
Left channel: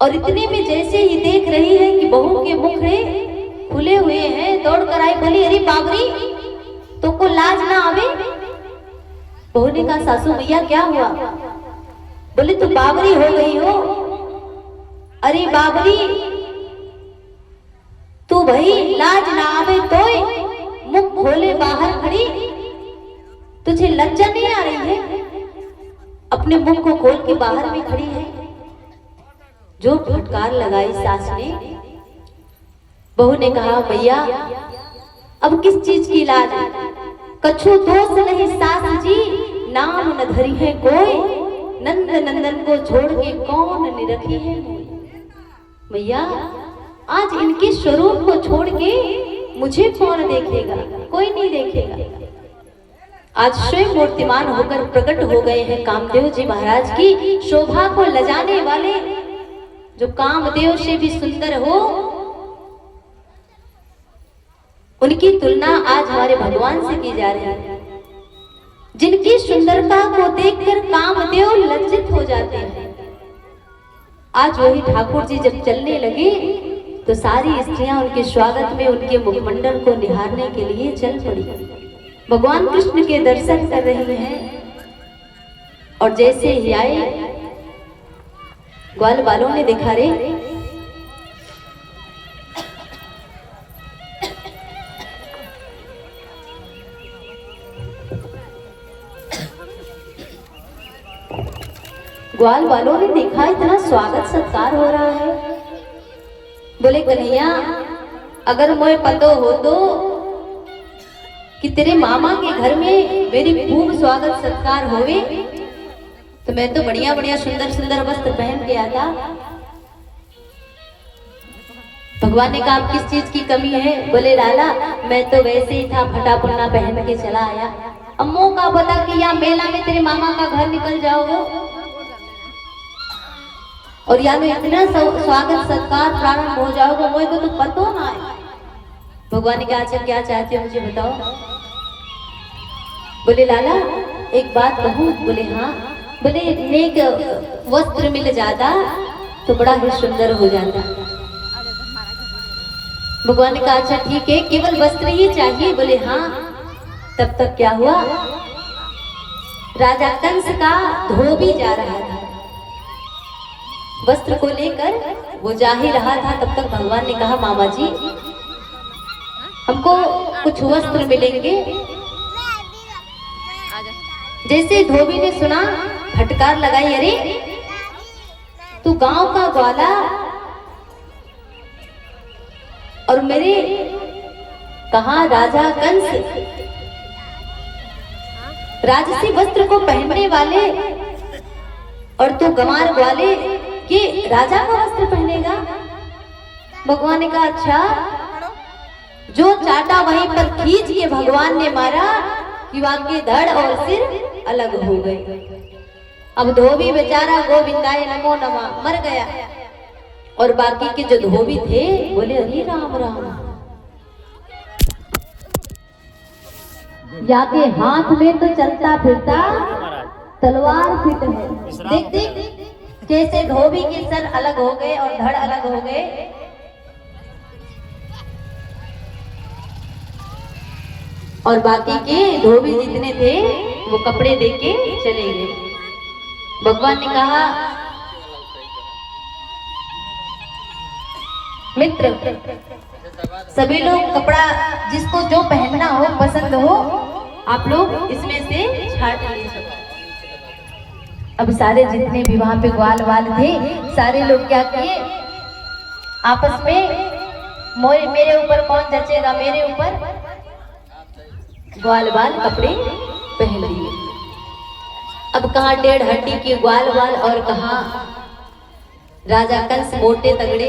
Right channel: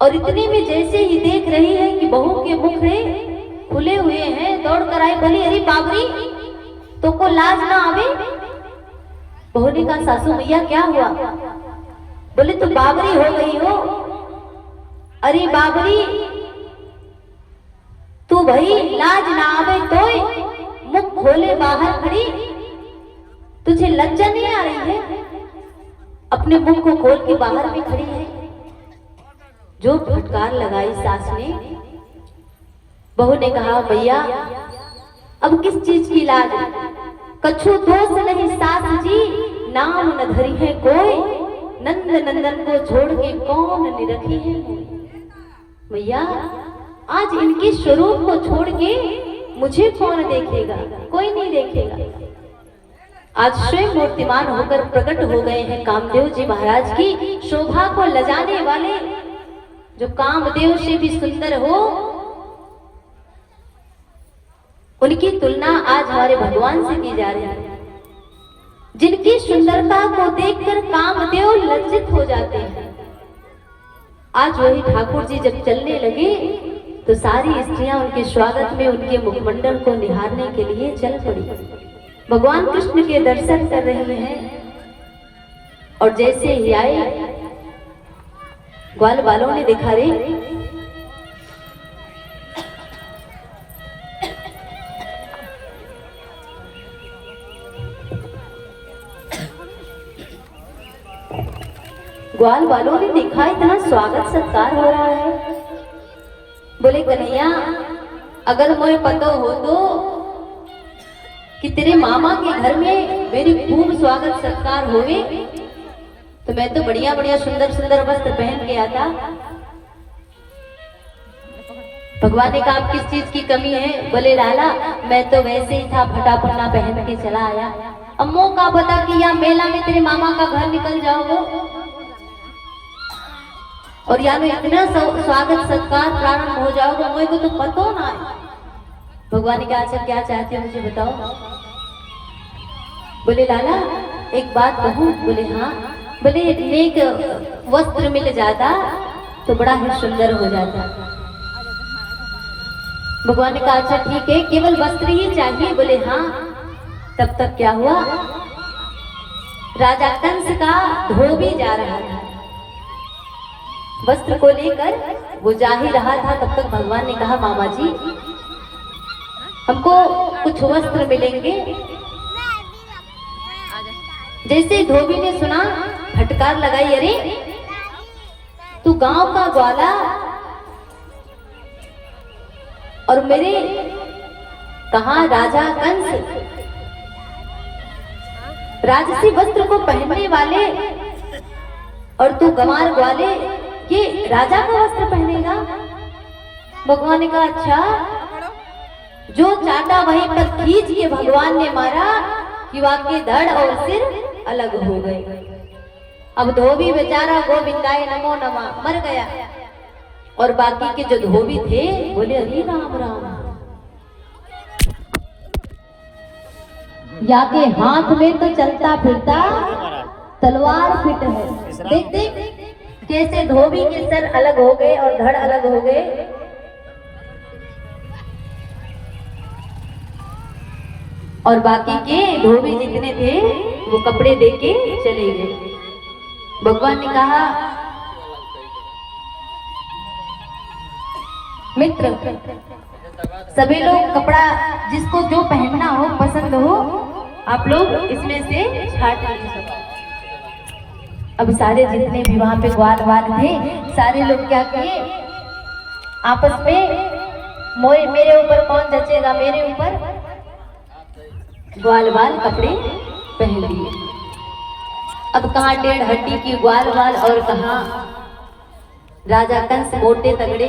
और इतने में जैसे ही देख रही है कि बहू के मुखड़े खुले हुए हैं, दौड़ कर आई, बोली अरे बाबरी तो को लाज ना आवे। बहू ने कहा सासू भैया क्या हुआ? बोले तू बाबरी हो गई हो। अरे बाबरी तू भाई लाज ना आवे तोय मुख खोले बाहर खड़ी, तुझे लज्जा नहीं आ रही है? अपने मुख को खोल के बाहर में खड़ी है। जो फटकार लगाई सास ने। बहू ने कहा भैया अब किस चीज की लाज? कछु दोष नहीं सास जी, नाम न धरी है कोई, नंद नंदन को छोड़ के कौन निरखी है। भैया आज इनके स्वरूप को छोड़ के मुझे कौन देखेगा? कोई नहीं देखेगा। आज स्वयं मूर्तिमान होकर प्रकट हो गए हैं कामदेव जी महाराज की शोभा को लजाने वाले, जो कामदेव से भी सुंदर हो। उनकी तुलना आज हमारे भगवान से की जा रही है, जिनकी सुंदरता को देखकर कामदेव लज्जित हो जाते हैं। आज वही ठाकुर जी जब चलने लगे तो सारी स्त्रियां उनके स्वागत में उनके मुखमंडल को निहारने के लिए चल पड़ी। भगवान कृष्ण के दर्शन कर रहे हैं और जैसे ही आए ग्वाल बालों ने देखा रे ग्वाल बालों ने देखा इतना स्वागत सत्कार हो रहा है। बोले कन्हैया अगर मुझे पता हो तो कि तेरे मामा के घर में मेरी खूब स्वागत सत्कार होवे, तो मैं तो बढ़िया बढ़िया सुंदर सुंदर वस्त्र पहन के आता। भगवान ने कहा किस चीज की कमी है? बोले लाला मैं तो वैसे ही था, फटा पुन्ना पहन के चला आया। अम्मो का पता कि यहाँ मेला में तेरे मामा का घर निकल जाओगे और या में इतना स्वागत सत्कार प्रारंभ हो जाओगे, मुझे तो पता ना है। भगवान ने कहा अच्छा क्या चाहते हो मुझे बताओ। बोले लाला एक बात कहूं? बोले हाँ। बोले नेक वस्त्र मिल जाता तो बड़ा ही सुंदर हो जाता। भगवान ने कहा अच्छा ठीक है, केवल वस्त्र ही चाहिए? बोले हाँ। तब तक क्या हुआ, राजा कंस का धोबी जा रहा था, वस्त्र को लेकर वो जा ही रहा था। तब तक भगवान ने कहा मामा जी हमको कुछ वस्त्र मिलेंगे। जैसे धोबी ने सुना फटकार लगाई, अरे तू गांव का ग्वाला और मेरे कहा राजा कंस राजसी वस्त्र को पहनने वाले और तू गंवार ग्वाले के राजा का वस्त्र पहनेगा? भगवान ने कहा अच्छा। जो चाटा वहीं पर खींच के भगवान ने मारा कि वाके धड़ और सिर अलग हो गए। अब धोबी बेचारा गोविंदाय नमो नमः मर गया और बाकी के जो धोबी थे बोले अरे राम राम, या के हाथ में तो चलता फिरता तलवार फिट है। देख देख कैसे धोबी के सर अलग हो गए और धड़ अलग हो गए। और बाकी के धोबी जितने थे वो कपड़े देके चले गए। भगवान ने कहा मित्र सभी लोग कपड़ा जिसको जो पहनना हो पसंद हो आप लोग इसमें से छाट लीजिए। अब सारे जितने भी वहां पे ग्वाल वाल थे सारे लोग क्या किए आपस में मेरे ऊपर कौन जचेगा, मेरे ऊपर ग्वाल वाल कपड़े पहन लिए। अब कहाँ टेढ़ हड्डी की ग्वाल वाल और कहाँ राजा कंस मोटे तगड़े।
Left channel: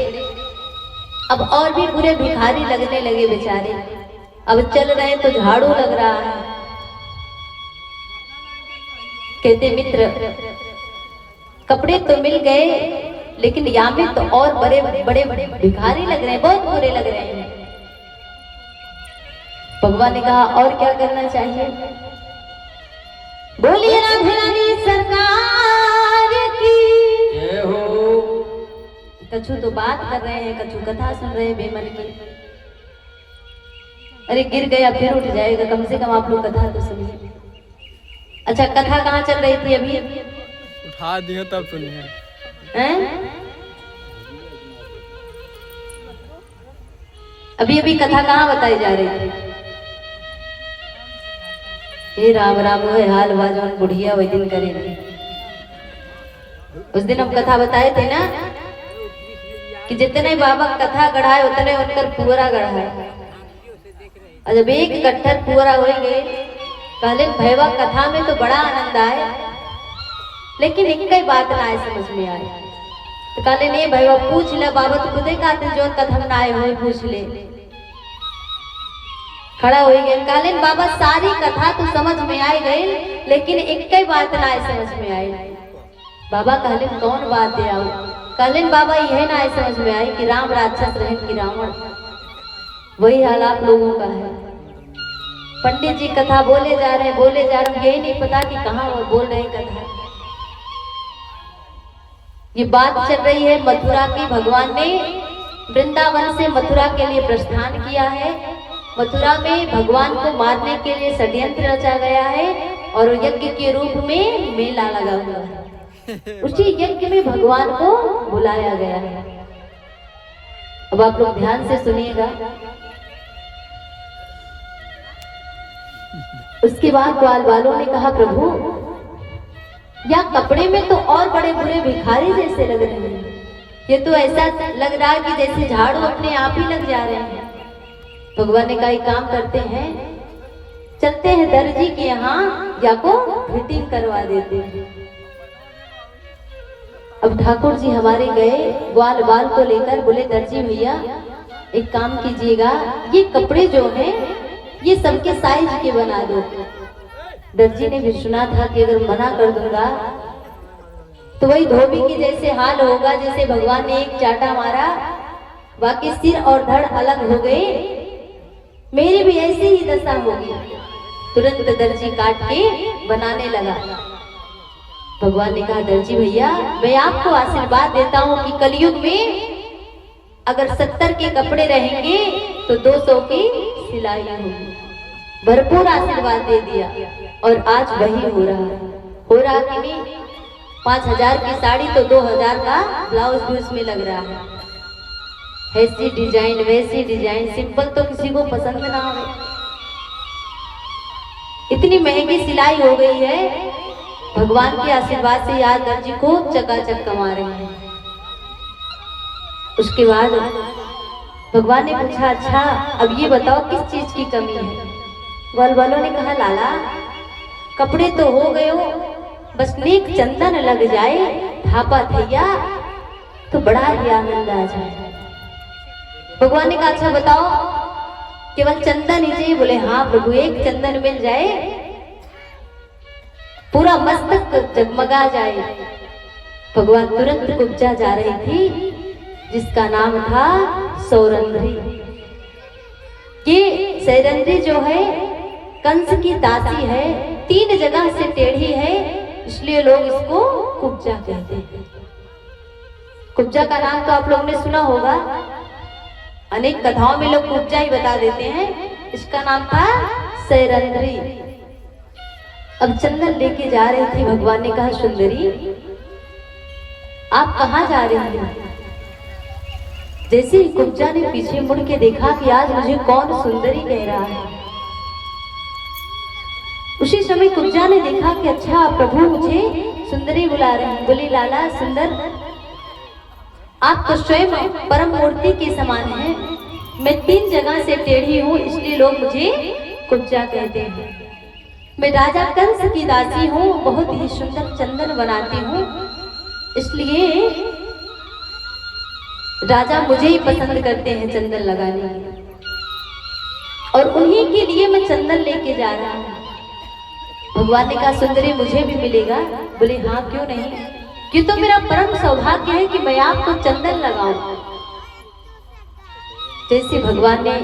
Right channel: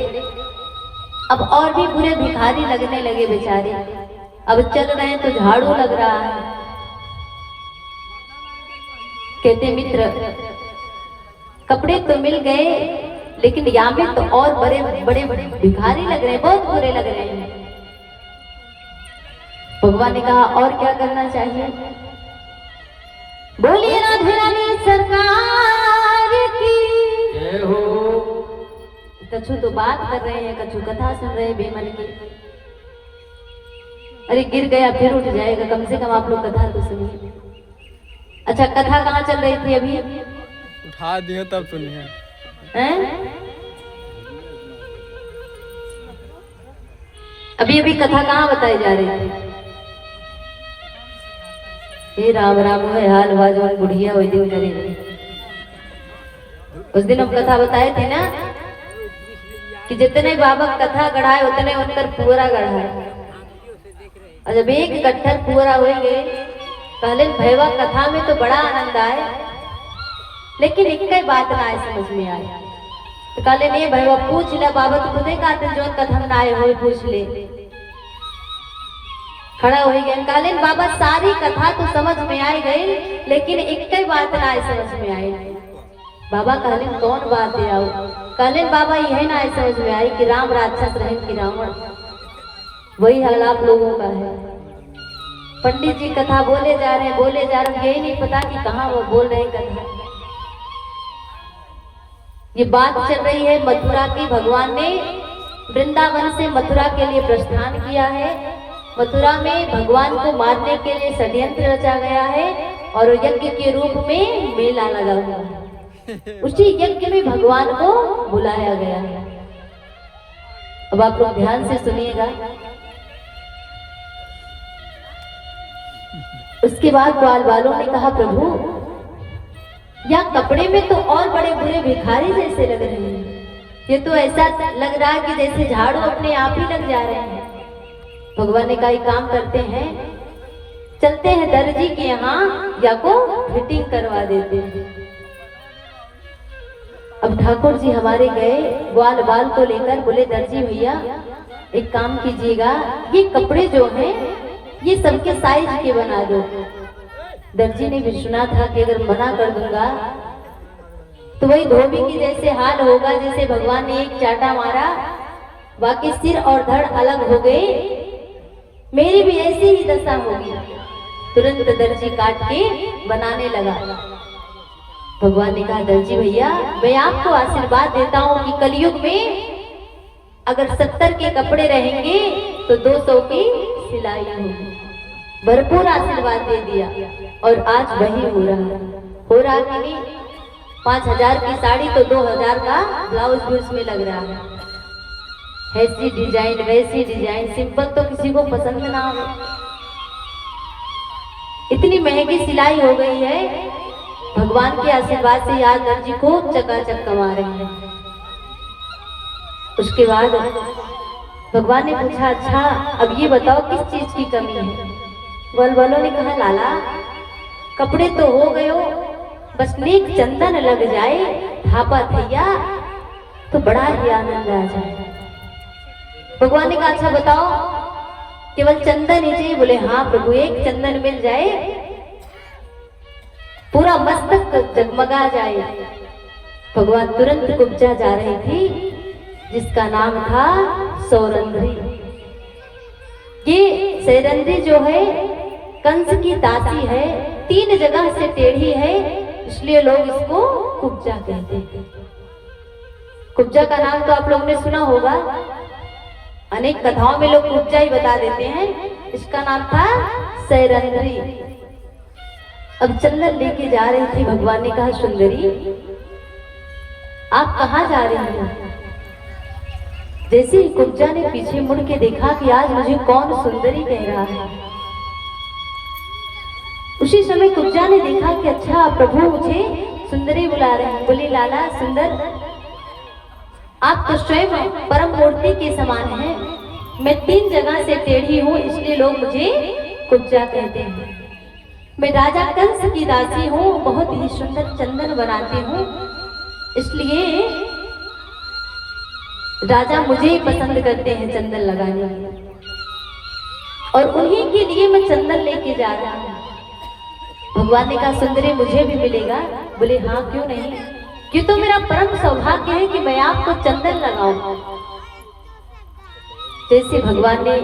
अब और भी पूरे भिखारी लगने लगे बेचारे। अब चल रहे तो झाड़ू लग रहा है। कहते मित्र कपड़े तो मिल गए लेकिन यहाँ पे तो और बड़े बड़े भिखारी लग रहे हैं, बहुत बुरे लग रहे हैं। भगवान ने कहा और क्या करना चाहिए? बोलिए राधे रानी सरकार की जय हो। कछु तो बात कर रहे हैं, कछु कथा सुन रहे हैं बेमन की। अरे गिर गया फिर उठ जाएगा, कम से कम आप लोग कथा तो सुनिए। अच्छा कथा कहाँ चल रही थी अभी? उठा दिया तब सुनिए। हैं? अभी अभी कथा कहाँ बताई जा रही थी? ये राम राम है हाल बाजो बुढ़िया वही दिन करेंगे। उस दिन हम कथा बताए थे ना कि जितने बाबा कथा गढ़ाए उतने उनकर पुअरा गढ़ाए। और जब एक कट्ठर पुअरा होंगे पहले भैवा कथा में तो बड़ा आनंद आए, लेकिन एक ही बात ना आए समझ में आए। तो कहले नहीं भैया पूछ ले बाबा, तो खुदे कहते जो कथम ना आए हो पूछ ले। खड़ा हो गए कालीन बाबा, सारी कथा तो समझ में आई गई, लेकिन एक ही बात ना आए समझ में आई। बाबा कालीन कौन बात है? आओ कालीन बाबा यह ना आए समझ में आई कि राम राक्षस रहे कि रावण। वही हाल आप लोगों का है। पंडित जी कथा बोले जा रहे हैं, यही नहीं पता कि कहाँ वो बोल रहे कथा। ये बात चल रही है मथुरा की। भगवान ने वृंदावन से मथुरा के लिए प्रस्थान किया है। मथुरा में भगवान को मारने के लिए षड्यंत्र रचा गया है और यज्ञ के रूप में मेला लगा हुआ है। उसी यज्ञ में भगवान को बुलाया गया है। अब आप लोग ध्यान से सुनिएगा। उसके बाद ग्वाल वालों ने कहा प्रभु या कपड़े में तो और बड़े बुरे भिखारी जैसे लग रहे हैं, ये तो ऐसा लग रहा है कि जैसे झाड़ू अपने आप ही लग जा रहे हैं। भगवान ने कहा एक काम करते हैं, चलते हैं दर्जी के यहाँ या को फिटिंग करवा देते हैं। अब ठाकुर जी हमारे गए ग्वाल बाल को लेकर, बोले दर्जी भैया एक काम कीजिएगा, ये कपड़े जो हैं ये सबके साइज के बना दो। दर्जी ने भी सुना था कि अगर मना कर दूंगा तो वही धोबी के जैसे हाल होगा, जैसे भगवान ने एक चाटा मारा बाकी सिर और धड़ अलग हो गए, मेरी भी ऐसी ही दशा होगी। तुरंत दर्जी काट के बनाने लगा। भगवान ने कहा दर्जी भैया मैं आपको आशीर्वाद देता हूँ कि कलयुग में अगर 70 के कपड़े रहेंगे तो 200 की सिलाई होगी। भरपूर आशीर्वाद दे दिया और आज वही हो रहा कि नहीं। 5000 की साड़ी तो 2000 का ब्लाउज भी उसमें लग रहा है। ऐसी डिजाइन वैसी डिजाइन, सिंपल तो किसी को पसंद ना हो। इतनी महंगी सिलाई हो गई है। भगवान के आशीर्वाद से यार दर्जी को चकाचक कमा रहे हैं। उसके बाद भगवान ने पूछा अच्छा अब ये बताओ किस चीज की कमी है? ग्वाल वालों ने कहा लाला कपड़े तो हो गए हो, बस नेक चंदन लग जाए धापा थैया तो बड़ा ही आनंद आ जाए। भगवान ने कहा अच्छा बताओ केवल चंदन ही चाहिए? बोले हाँ प्रभु एक चंदन मिल जाए पूरा मस्तक जगमगा जाए। भगवान तुरंत कुब्जा जा रही थी जिसका नाम था सौरंद्री। ये सैरंद्री जो है कंस की दासी है, 3 जगह से टेढ़ी है, इसलिए लोग इसको कुब्जा कहते हैं। कुब्जा का नाम तो आप लोगों ने सुना होगा, अनेक कथाओं में लोग कुब्जा ही बता देते हैं। इसका नाम था सैरंद्री। अब चंदन लेके जा रही थी। भगवान ने कहा सुंदरी आप कहाँ जा रही हैं? जैसे ही कुब्जा ने पीछे मुड़ के देखा कि आज मुझे कौन सुंदरी कह रहा है, उसी समय कुब्जा ने देखा कि अच्छा प्रभु मुझे सुंदरी बुला रहे हैं। बोली लाला सुंदर आप तो स्वयं परम मूर्ति के समान हैं। मैं 3 जगह से टेढ़ी हूँ इसलिए लोग मुझे कुब्जा कहते हैं। मैं राजा कंस की दासी हूँ, बहुत ही सुंदर चंदन बनाती हूँ, इसलिए राजा मुझे ही पसंद करते हैं चंदन लगाने, और उन्हीं के लिए मैं चंदन लेके जा रहा हूँ। भगवान ने कहा सुंदरी मुझे भी मिलेगा? बोले हाँ क्यों नहीं, ये तो मेरा परम सौभाग्य है कि मैं आपको चंदन लगाऊं। जैसे भगवान ने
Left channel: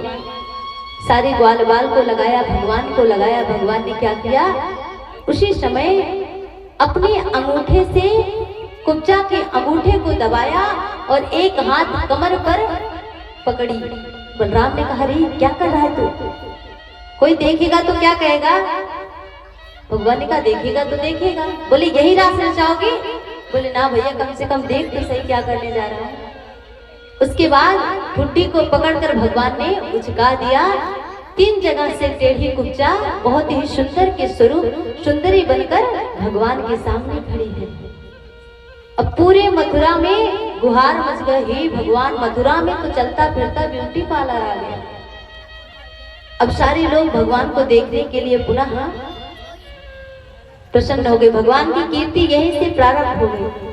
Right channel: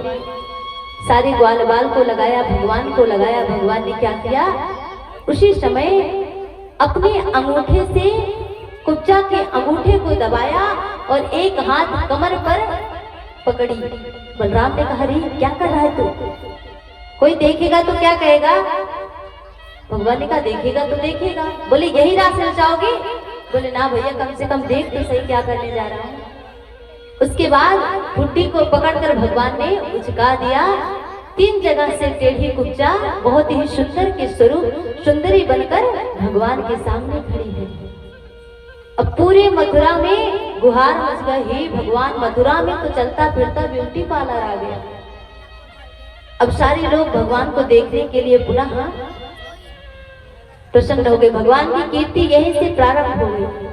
सारे ग्वाल बाल को लगाया, भगवान को लगाया। भगवान ने क्या किया, उसी समय अपने अंगूठे से कुब्जा के अंगूठे को दबाया और एक हाथ कमर पर पकड़ी। बलराम ने कहा, अरे क्या कर रहा है तू, कोई देखेगा तो क्या कहेगा। भगवान ने कहा, देखेगा तो देखेगा। बोले, यही रास्ते जाओगे। बोले, ना भैया, कम से कम देख तो सही क्या करने जा रहा है। उसके बाद ठुड्डी को पकड़कर भगवान ने उचका दिया। 3 जगह से टेढ़ी कुब्जा बहुत ही सुंदर के स्वरूप सुंदरी बनकर भगवान के सामने खड़ी है। अब पूरी मथुरा में गुहार मच गई, हे भगवान, मथुरा में तो चलता फिरता ब्यूटी पार्लर आ गया। अब सारे लोग भगवान को देखने के लिए पुनः प्रसन्न हो गए। भगवान की कीर्ति यहीं से प्रारंभ हो गई।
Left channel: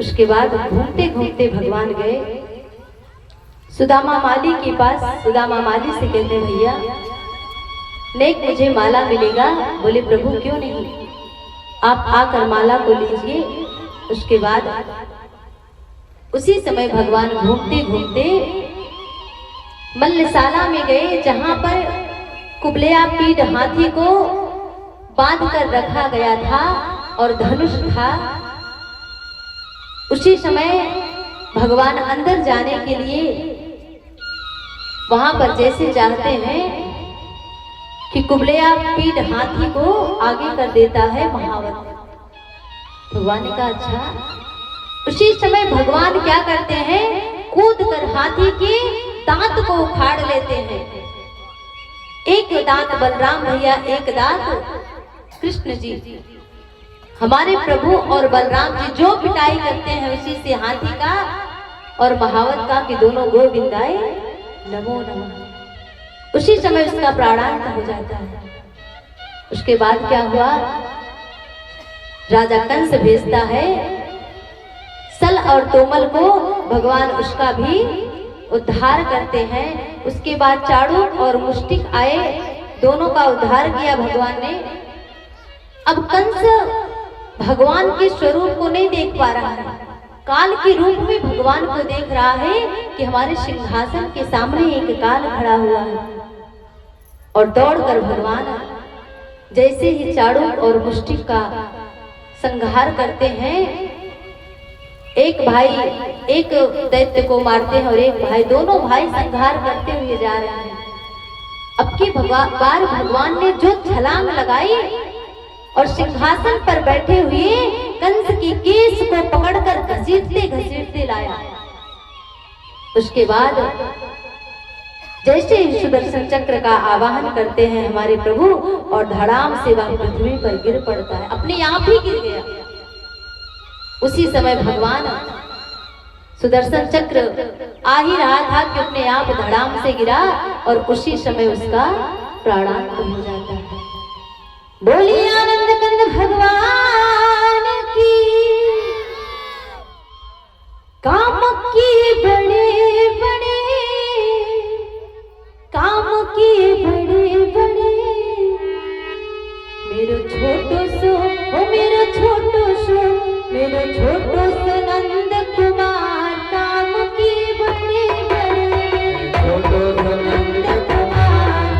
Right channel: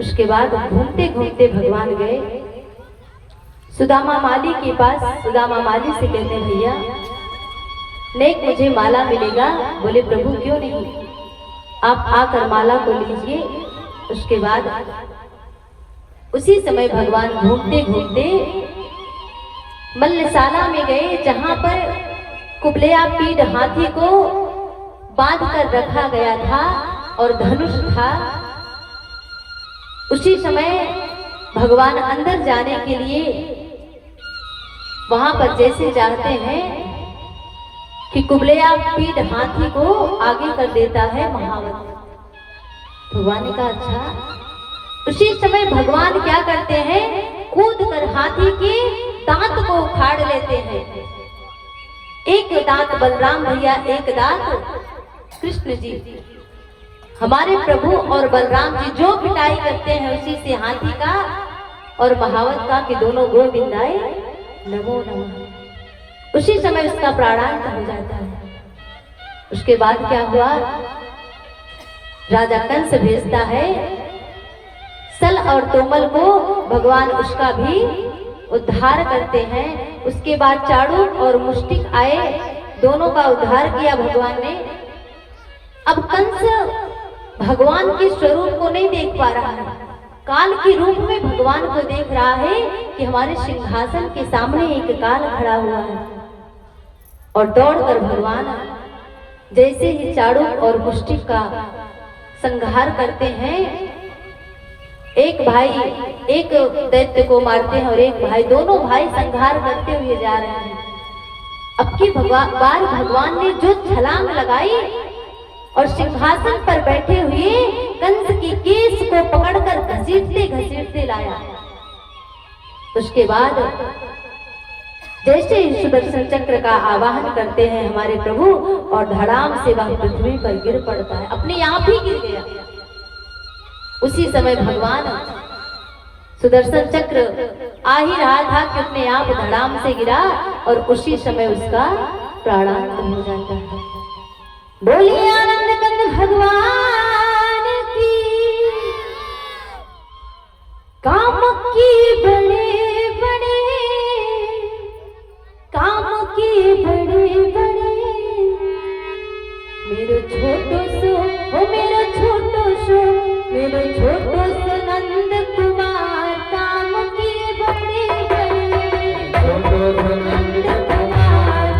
उसके बाद घूमते घूमते भगवान गए सुदामा माली के पास। सुदामा माली से कहते, भैया नेक मुझे माला मिलेगा। बोले, प्रभु क्यों नहीं, आप आकर माला को लीजिए। उसके बाद उसी समय भगवान घूमते घूमते मल्लशाला में गए, जहां पर कुबलेया पीठ हाथी को बांध कर रखा गया था और धनुष था। उसी समय भगवान अंदर जाने के लिए वहां पर जैसे जानते हैं कि कुबलेया पीठ हाथी को आगे कर देता है महावत। भगवान ने कहा, अच्छा। उसी समय भगवान क्या करते हैं, कूद कर हाथी के दांत को उखाड़ लेते हैं। एक दांत बलराम भैया, एक दांत कृष्ण जी। हमारे प्रभु और बलराम जी जो पिटाई करते हैं उसी से हाथी का और महावत का कि दोनों गोविंदाए नमो नमः। उसी समय उसका प्राणांत हो जाता है। उसके बाद क्या हुआ, राजा कंस भेजता है सल और तोमल को, भगवान उसका भी उद्धार करते हैं। उसके बाद चाणूर और मुष्टिक आए, दोनों का उद्धार किया भगवान ने। अब कंस भगवान के स्वरूप को नहीं देख पा रहा है, काल के रूप में भगवान को देख रहा है कि हमारे सिंहासन के सामने एक काल खड़ा हुआ है। और दौड़कर भगवान जैसे ही चाणूर और मुष्टिक का संहार करते हैं, एक भाई एक दैत्य को मारते हैं और एक भाई, दोनों भाई संहार करते हुए जा रहे हैं। अब की बार भगवान ने जो छलांग लगाई और सिंहासन पर बैठे हुए कंस की केस को पकड़कर घसीटते घसीटते लाया। उसके बाद जैसे ही सुदर्शन चक्र का आवाहन करते हैं हमारे प्रभु और धड़ाम से वह पृथ्वी पर गिर पड़ता है, अपने आप ही गिर गया। उसी समय भगवान सुदर्शन चक्र आ ही रहा था कि अपने आप धड़ाम से गिरा और उसी समय उसका प्राणांत हो जाता है। बोलिए आनंद कंद भगवान की, काम किए बड़े बड़े, काम किए बड़े बड़े, मेरो छोटो सो ओ मेरो छोटो सो, मेरो छोटो सो नंद कुमार, काम किए बड़े बड़े, छोटो सो नंद कुमार,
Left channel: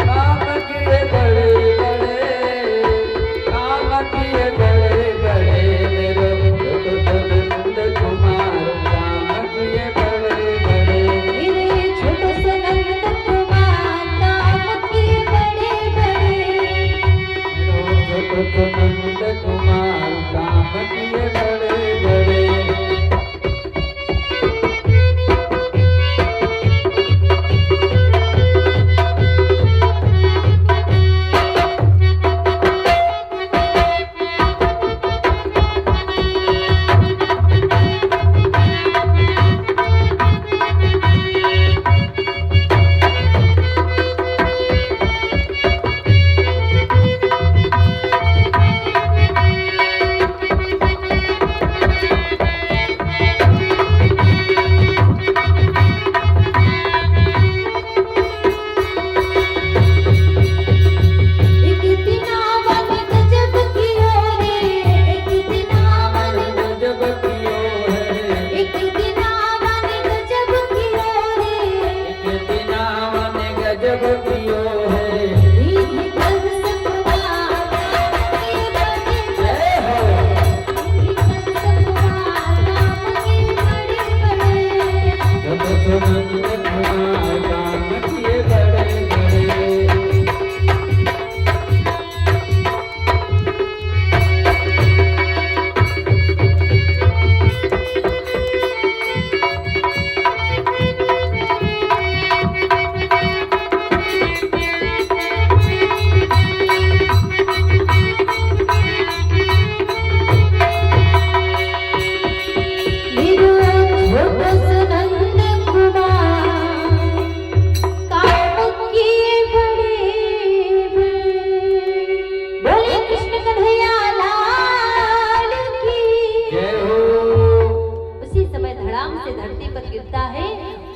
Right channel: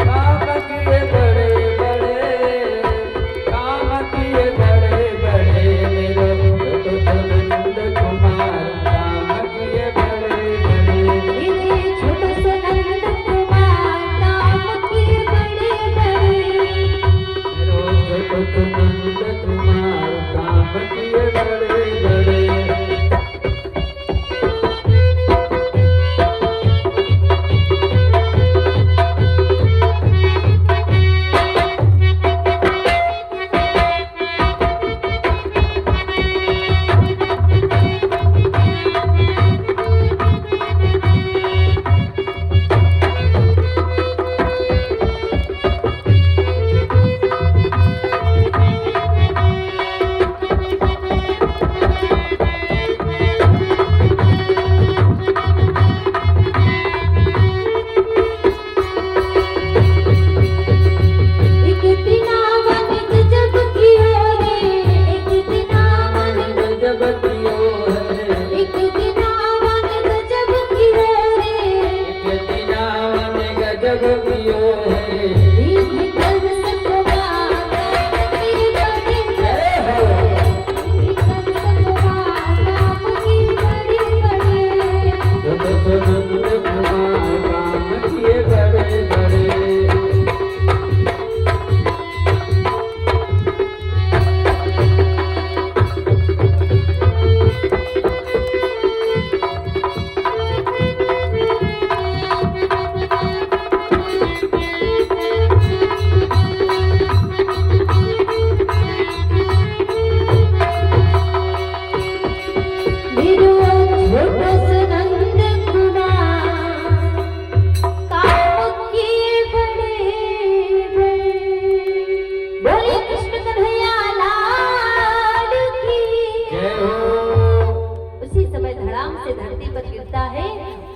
काम किए बड़े बड़े, काम किए बड़े बड़े, मेरो छोटो सो नंद कुमार, काम किए बड़े बड़े, मेरे छोटो सो नंद कुमार, काम किए बड़े बड़े। मेरो छोटो सो नंद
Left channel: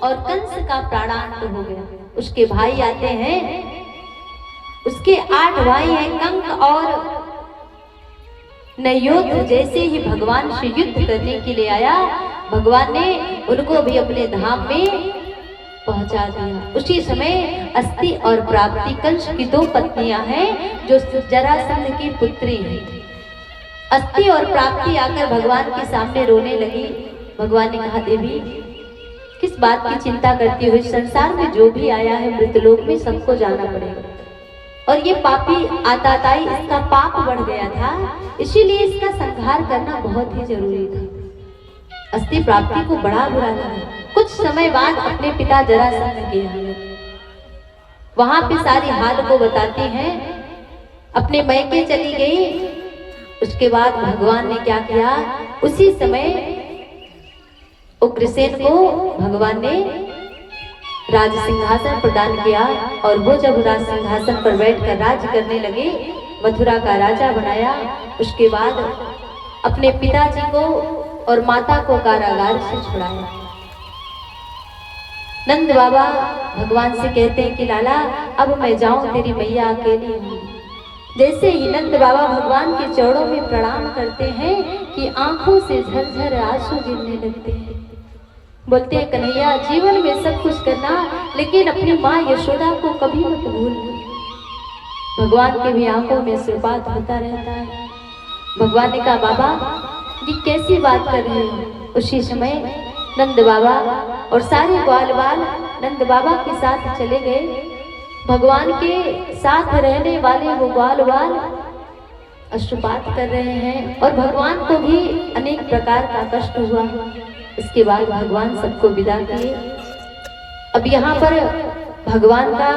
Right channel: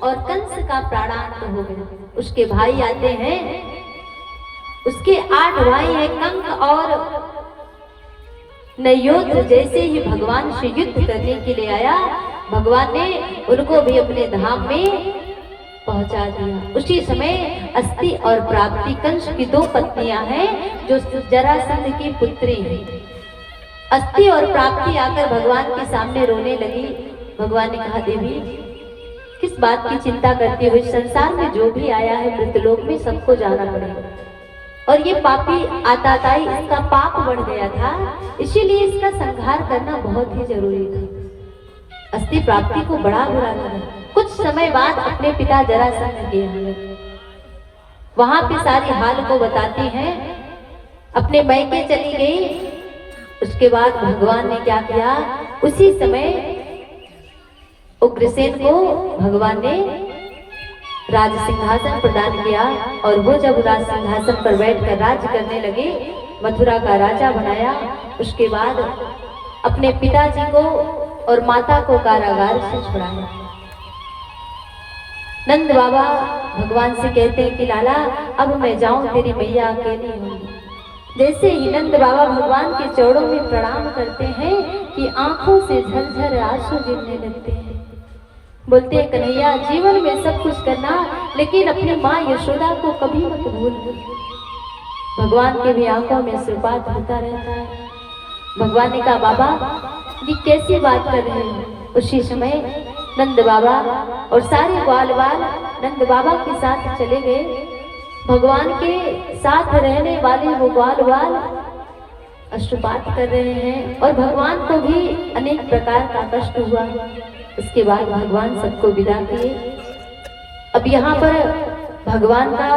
और कंस का प्राणांत हो गया। उसके भाई आते हैं, उसके 8 भाई हैं, कंक और नयोद्र। जैसे ही भगवान से युद्ध करने के लिए आया, भगवान ने उनको भी अपने धाम में पहुंचा दिया। उसी समय अस्ति और प्राप्ति कंस की 2 पत्नियां हैं जो जरासंध की पुत्री हैं। अस्ति और प्राप्ति आकर भगवान के सामने रोने लगी। भगवान ने कहा, देवी किस बात की चिंता करती हो? इस संसार में जो भी आया है मृतलोक में सबको जाना पड़ेगा, और ये पापी आताताई इसका पाप बढ़ गया था, इसीलिए इसका संहार करना बहुत ही जरूरी था। अस्ति प्राप्ति को बड़ा बुरा लगा। कुछ समय बाद अपने पिता जरासंध के यहाँ वहां पे सारी हाल को बताती हैं, अपने मैके चली गई। उसके बाद भगवान ने क्या किया, उसी समय उग्रसेन को भगवान ने राज सिंहासन प्रदान किया, और वो जब राज सिंहासन पर बैठकर राज्य करने लगे, मथुरा का राजा बनाया। उसके बाद अपने पिताजी को और माता को कारागार से छुड़ाया। नंद बाबा भगवान से कहते हैं कि लाला अब मैं जाऊं, तेरी मैया अकेली हूँ। जैसे ही नंद बाबा भगवान के चरणों में प्रणाम करते हैं कि आंखों से झरझर आंसू गिरने लगते हैं। बोलते हैं, कन्हैया जीवन में सब कुछ करना, लेकिन अपनी माँ यशोदा को कभी मत भूलना। भगवान के भी आंखों में आशीर्वाद होता रहता है। भगवान ने कहा, बाबा ये कैसी बात कर रहे हो? उसी समय नंद बाबा और सारे ग्वाल बाल नंद बाबा के साथ चले गए। भगवान के साथ रहने वाले वो ग्वाल बाल अश्रुपात कर रहे हैं, और भगवान को भी अनेक प्रकार का कष्ट हुआ। इसके बाद भगवान सबको विदा किए। अब यहाँ पर भगवान का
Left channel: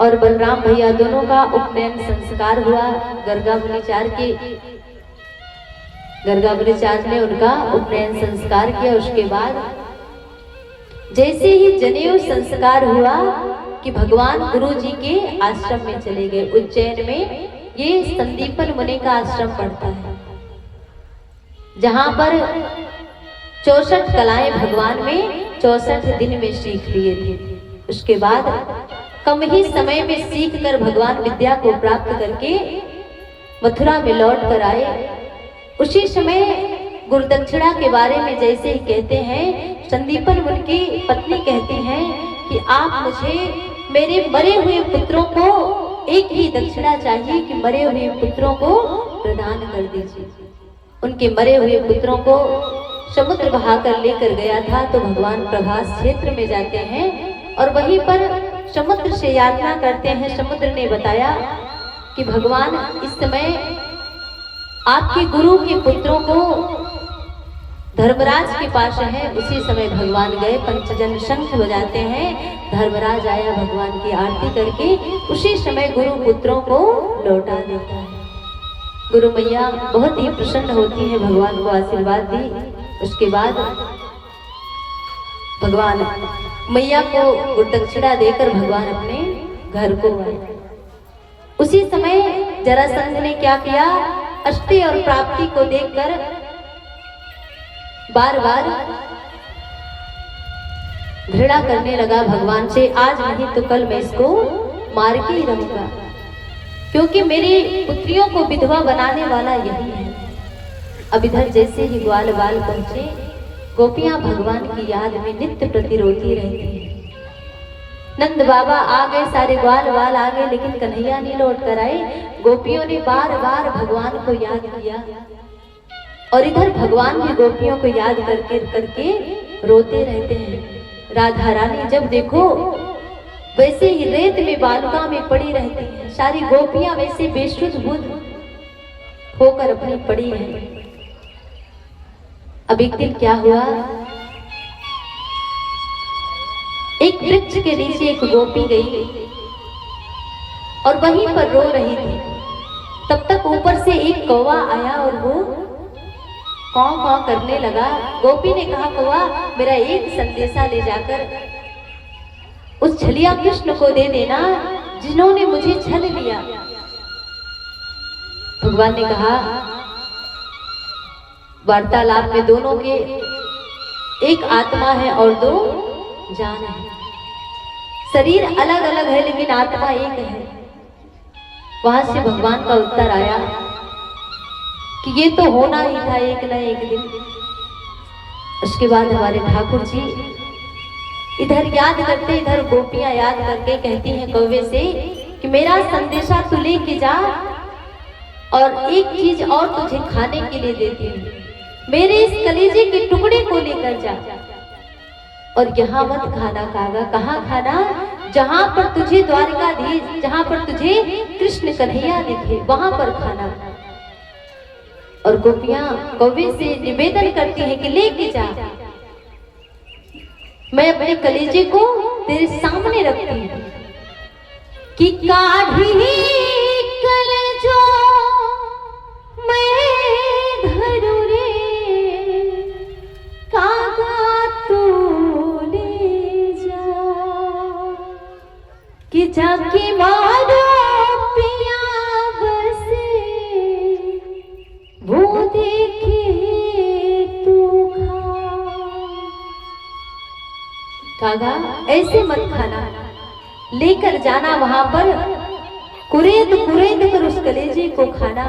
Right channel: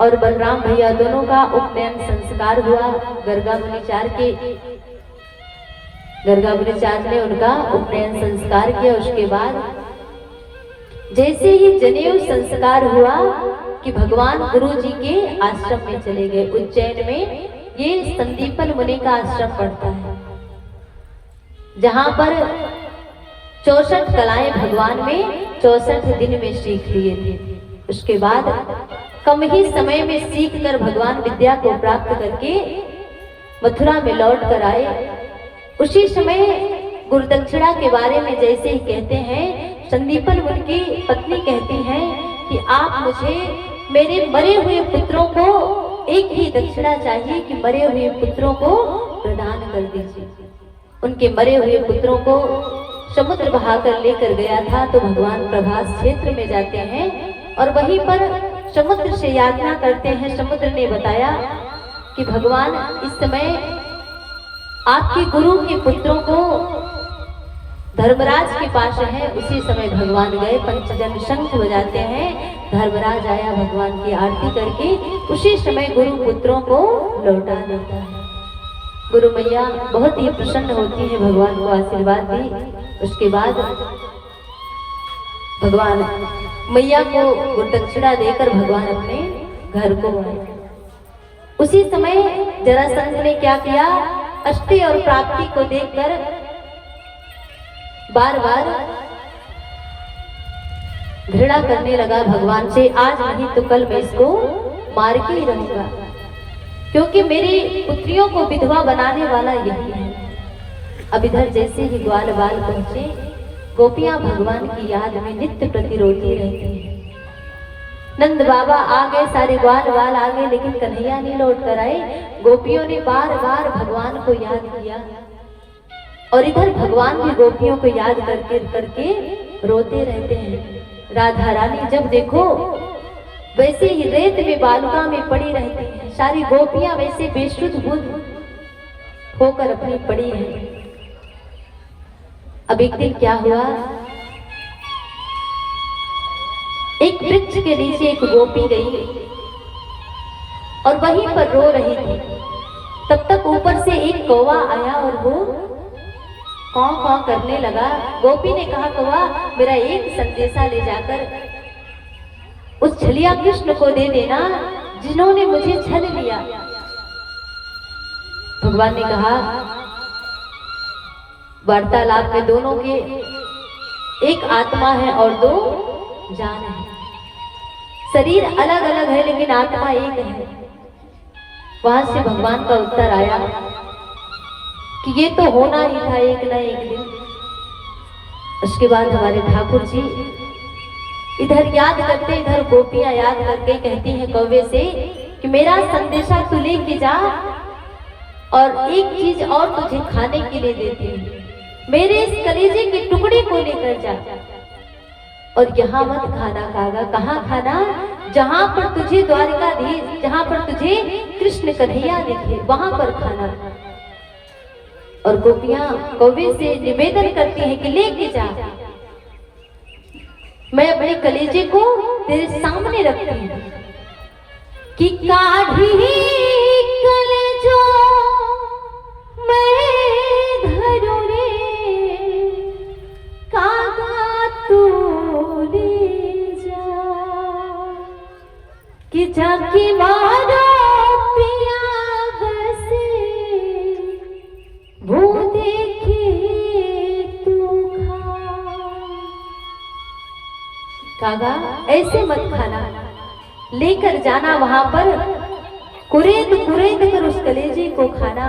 और बलराम भैया दोनों का उपनयन संस्कार हुआ। गर्गा मुनिचार ने उनका उपनयन संस्कार किया। उसके बाद जैसे ही जनेऊ संस्कार हुआ कि भगवान गुरु जी के आश्रम में चले गए। उज्जैन में ये संदीपन मुनि का आश्रम पड़ता है, जहां पर 64 कलाएं भगवान में 64 दिन में सीख लिए थे। उसके बाद कम ही समय में सीख कर भगवान विद्या को प्राप्त करके मथुरा में लौट कर आए। उसी समय गुरुदक्षिणा के बारे में जैसे ही कहते हैं, संदीपन मुनि की पत्नी कहती हैं कि आप मुझे मेरे मरे हुए पुत्रों को एक ही दक्षिणा चाहिए कि मरे हुए पुत्रों को प्रदान कर दीजिए। उनके मरे हुए पुत्रों को समुद्र बहाकर लेकर गया था। तो भगवान प्रभास क्षेत्र में जाते हैं और वहीं पर समुद्र से याचना करते हैं। समुद्र ने बताया कि भगवान इस समय आपके गुरु के पुत्रों को धर्मराज के पास है। उसी समय भगवान गए, पंचजन शंख बजाते हैं, धर्मराज आया भगवान की आरती करके। उसी समय गुरु पुत्रों को लौटा देता है। गुरु मैया बहुत ही प्रसन्न होती है, भगवान को आशीर्वाद दी। उसके बाद भगवान मैया को गुरुदक्षिणा देकर भगवान अपने घर को आए। उसी समय जरासंध ने क्या किया, अष्टि और प्राप्ति को देखकर बार बार घृणा करने लगा भगवान से। आज नहीं तो कल मैं इसको मार के ही रहूंगा, क्योंकि मेरी पुत्रियों को विधवा बनाने वाला यही है। अब इधर जैसे ही ग्वाल बाल पहुंचे, गोपियां भगवान की याद में नित्य प्रति रोती रहती हैं। नंद बाबा आ गए, सारे ग्वाल बाल आ गए, लेकिन कन्हैया नहीं लौट कर आए। गोपियों ने बार बार भगवान को याद किया और इधर भगवान भी गोपियों को याद करके करके रोते रहते हैं। राधा रानी जब देखो वैसे ही रेत में बालुका में पड़ी रहती है। सारी गोपियां वैसे बेसुध बुद्ध होकर अपनी पड़ी है। अब एक दिन क्या हुआ, एक वृक्ष के नीचे एक गोपी गई और वहीं पर रो रही थी। तब तक ऊपर से एक कौवा आया और वो कौं कौं करने लगा। गोपी ने कहा, कौवा मेरा एक संदेशा ले जाकर उस छलिया कृष्ण को दे देना जिन्होंने मुझे छल लिया। भगवान ने कहा, वार्तालाप में दोनों के एक आत्मा है और दो जान है। शरीर अलग अलग है लेकिन आत्मा एक है। वहां से भगवान का उत्तर आया कि ये तो होना ही था एक ना एक दिन। उसके बाद हमारे ठाकुर जी इधर याद करते, इधर गोपियां याद करके कहती हैं कौवे से कि मेरा संदेशा तू लेके जा और एक चीज और तुझे खाने के लिए देती हूँ, मेरे इस कलेजे के टुकड़े को लेकर जा और यहाँ मत खाना। कागा कहाँ खाना? जहाँ पर तुझे द्वारिकाधीश, जहाँ पर तुझे कृष्ण कन्हैया दिखे वहां पर खाना। और गोपियां कौवे से निवेदन करती हैं कि लेके जा, मैं अपने कलेजे को तेरे सामने रखती हूँ कि काढ़ी कलेजो मैं धरो रे कागा तू ले जा कि जाके मारो पिया बसे वो देखे तू कागा ऐसे मत खाना, लेकर जाना वहां पर कुरेद कुरेद कर उस कलेजे को खाना।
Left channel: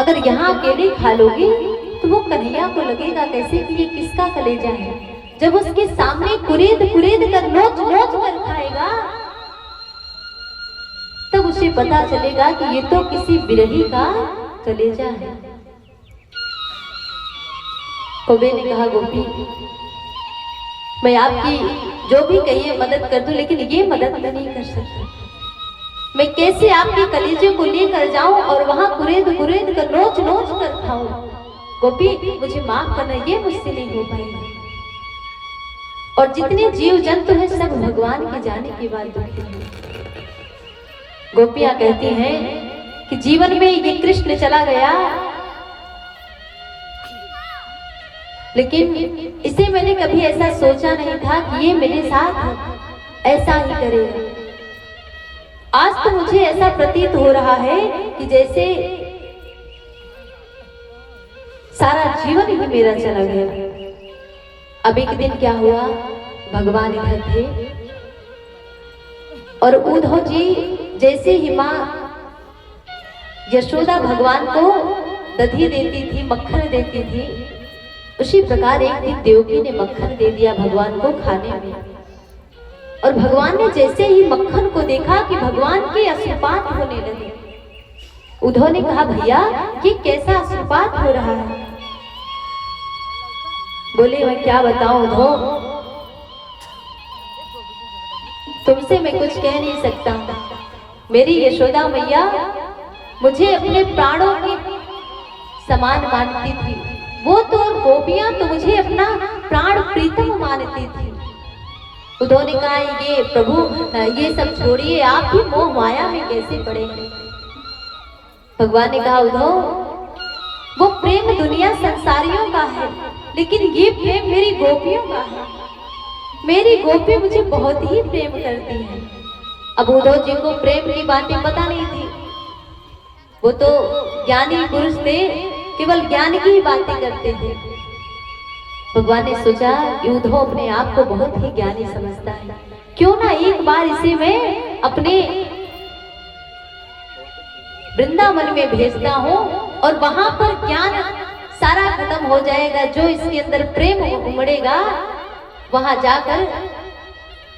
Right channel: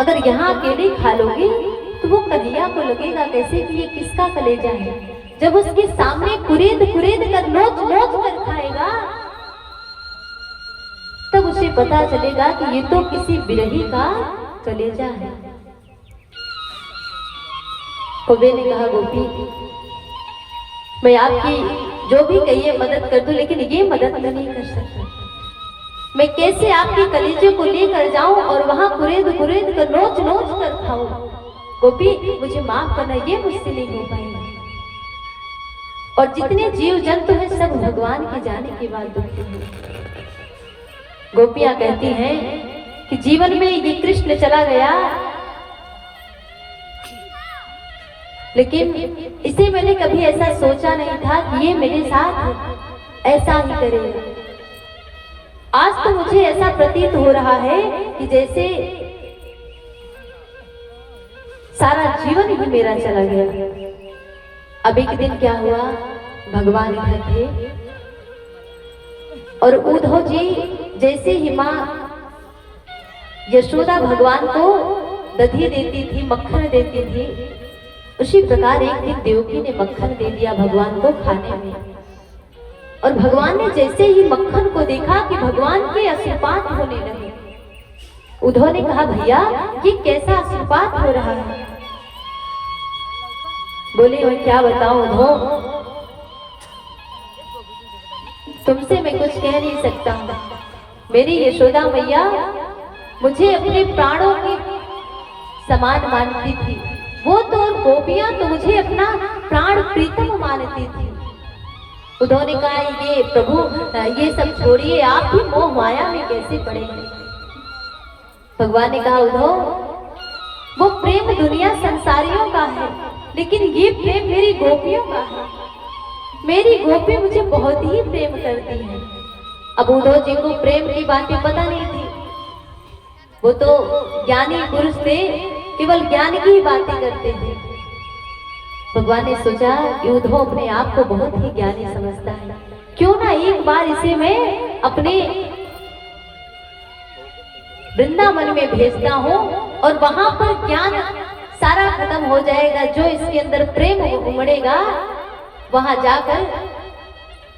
अगर यहाँ अकेले खा लोगे तो वो कन्हैया को लगेगा कैसे कि ये किसका कलेजा है। जब उसके सामने कुरेद कुरेद कर नोच नोच कर खाएगा तब उसे पता चलेगा कि ये तो किसी बिरही का कलेजा है। कौवे ने कहा गोपी मैं आपकी जो भी कहिए मदद कर दूं, लेकिन ये मदद मैं नहीं कर सकता। मैं कैसे आपके कलेजे को लेकर जाऊं और वहां कुरेद कुरेद कर नोच नोच कर खाऊं? गोपी मुझे माफ करना, ये मुझसे नहीं हो पाएगा। और जितने जीव जंतु हैं सब भगवान के जाने के बाद दुखी हैं। गोपियां कहती हैं कि जीवन में ये कृष्ण चला गया लेकिन इसे मैंने कभी ऐसा सोचा नहीं था कि ये मेरे साथ ऐसा ही करेगा। आज तो मुझे ऐसा प्रतीत हो रहा है कि जैसे सारा जीवन ही मेरा चला गया। अब एक दिन क्या हुआ, भगवान इधर थे और उद्धव जी जैसे ही माँ यशोदा भगवान को दधी देती थी, मक्खन देती थी, उसी प्रकार एक दिन देवकी ने मक्खन दे दिया भगवान को खाने में। और भगवान ने जैसे ही मक्खन को देखा कि भगवान के अश्रुपात होने लगे। उद्धव ने कहा भैया ये कैसा अश्रुपात हो रहा है? बोले मैं क्या बताऊं उद्धव, तुमसे मैं कुछ कह नहीं सकता। मेरी यशोदा मैया मुझे अपने प्राणों की समान मानती थी, वो तो गोपियां तो मुझे अपना प्राण प्रीतम मानती थी। उद्धव ने कहा ये प्रभु ये सब छोड़िए, आप भी मोह माया में कैसे पड़े हैं? भगवान ने कहा उद्धव वो प्रेम दुनिया संसारियों का है लेकिन ये प्रेम मेरी गोपियों का है। मेरी गोपी मुझे बहुत ही प्रेम करती है। अब उद्धव जी को प्रेम की बातें पता नहीं थी, वो तो ज्ञानी पुरुष थे, केवल ज्ञान की ही बातें करते थे। भगवान ने सोचा कि उद्धव अपने आप को बहुत ही ज्ञानी समझता है, क्यों ना एक बार इसे मैं अपने वृंदावन में भेजता हूँ और वहां पर ज्ञान सारा खत्म हो जाएगा। जो इसके अंदर प्रेम उमड़ेगा वहां जाकर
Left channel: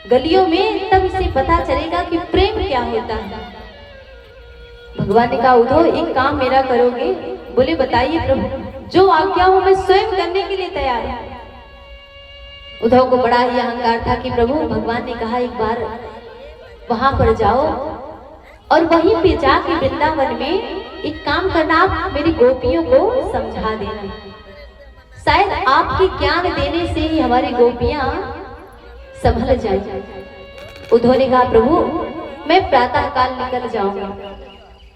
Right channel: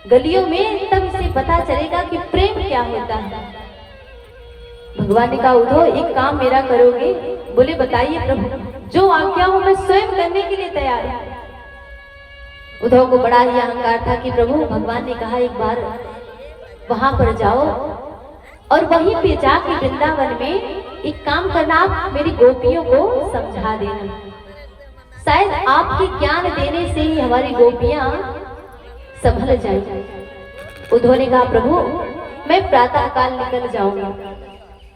गलियों में तब इसे पता चलेगा कि प्रेम क्या होता है। भगवान ने कहा उद्धव एक काम मेरा करोगे? बोले बताइए प्रभु, जो आज्ञा हो मैं स्वयं करने के लिए तैयार हूं। उद्धव को बड़ा ही अहंकार था कि प्रभु भगवान ने कहा एक बार वहां पर जाओ और वहीं पे जाके वृंदावन में एक काम करना, आप मेरी गोपियों को समझा देना, शायद आपके ज्ञान देने से ही हमारी गोपियां संभल जाए। उद्धव ने कहा प्रभु मैं प्रातः काल निकल जाऊंगा।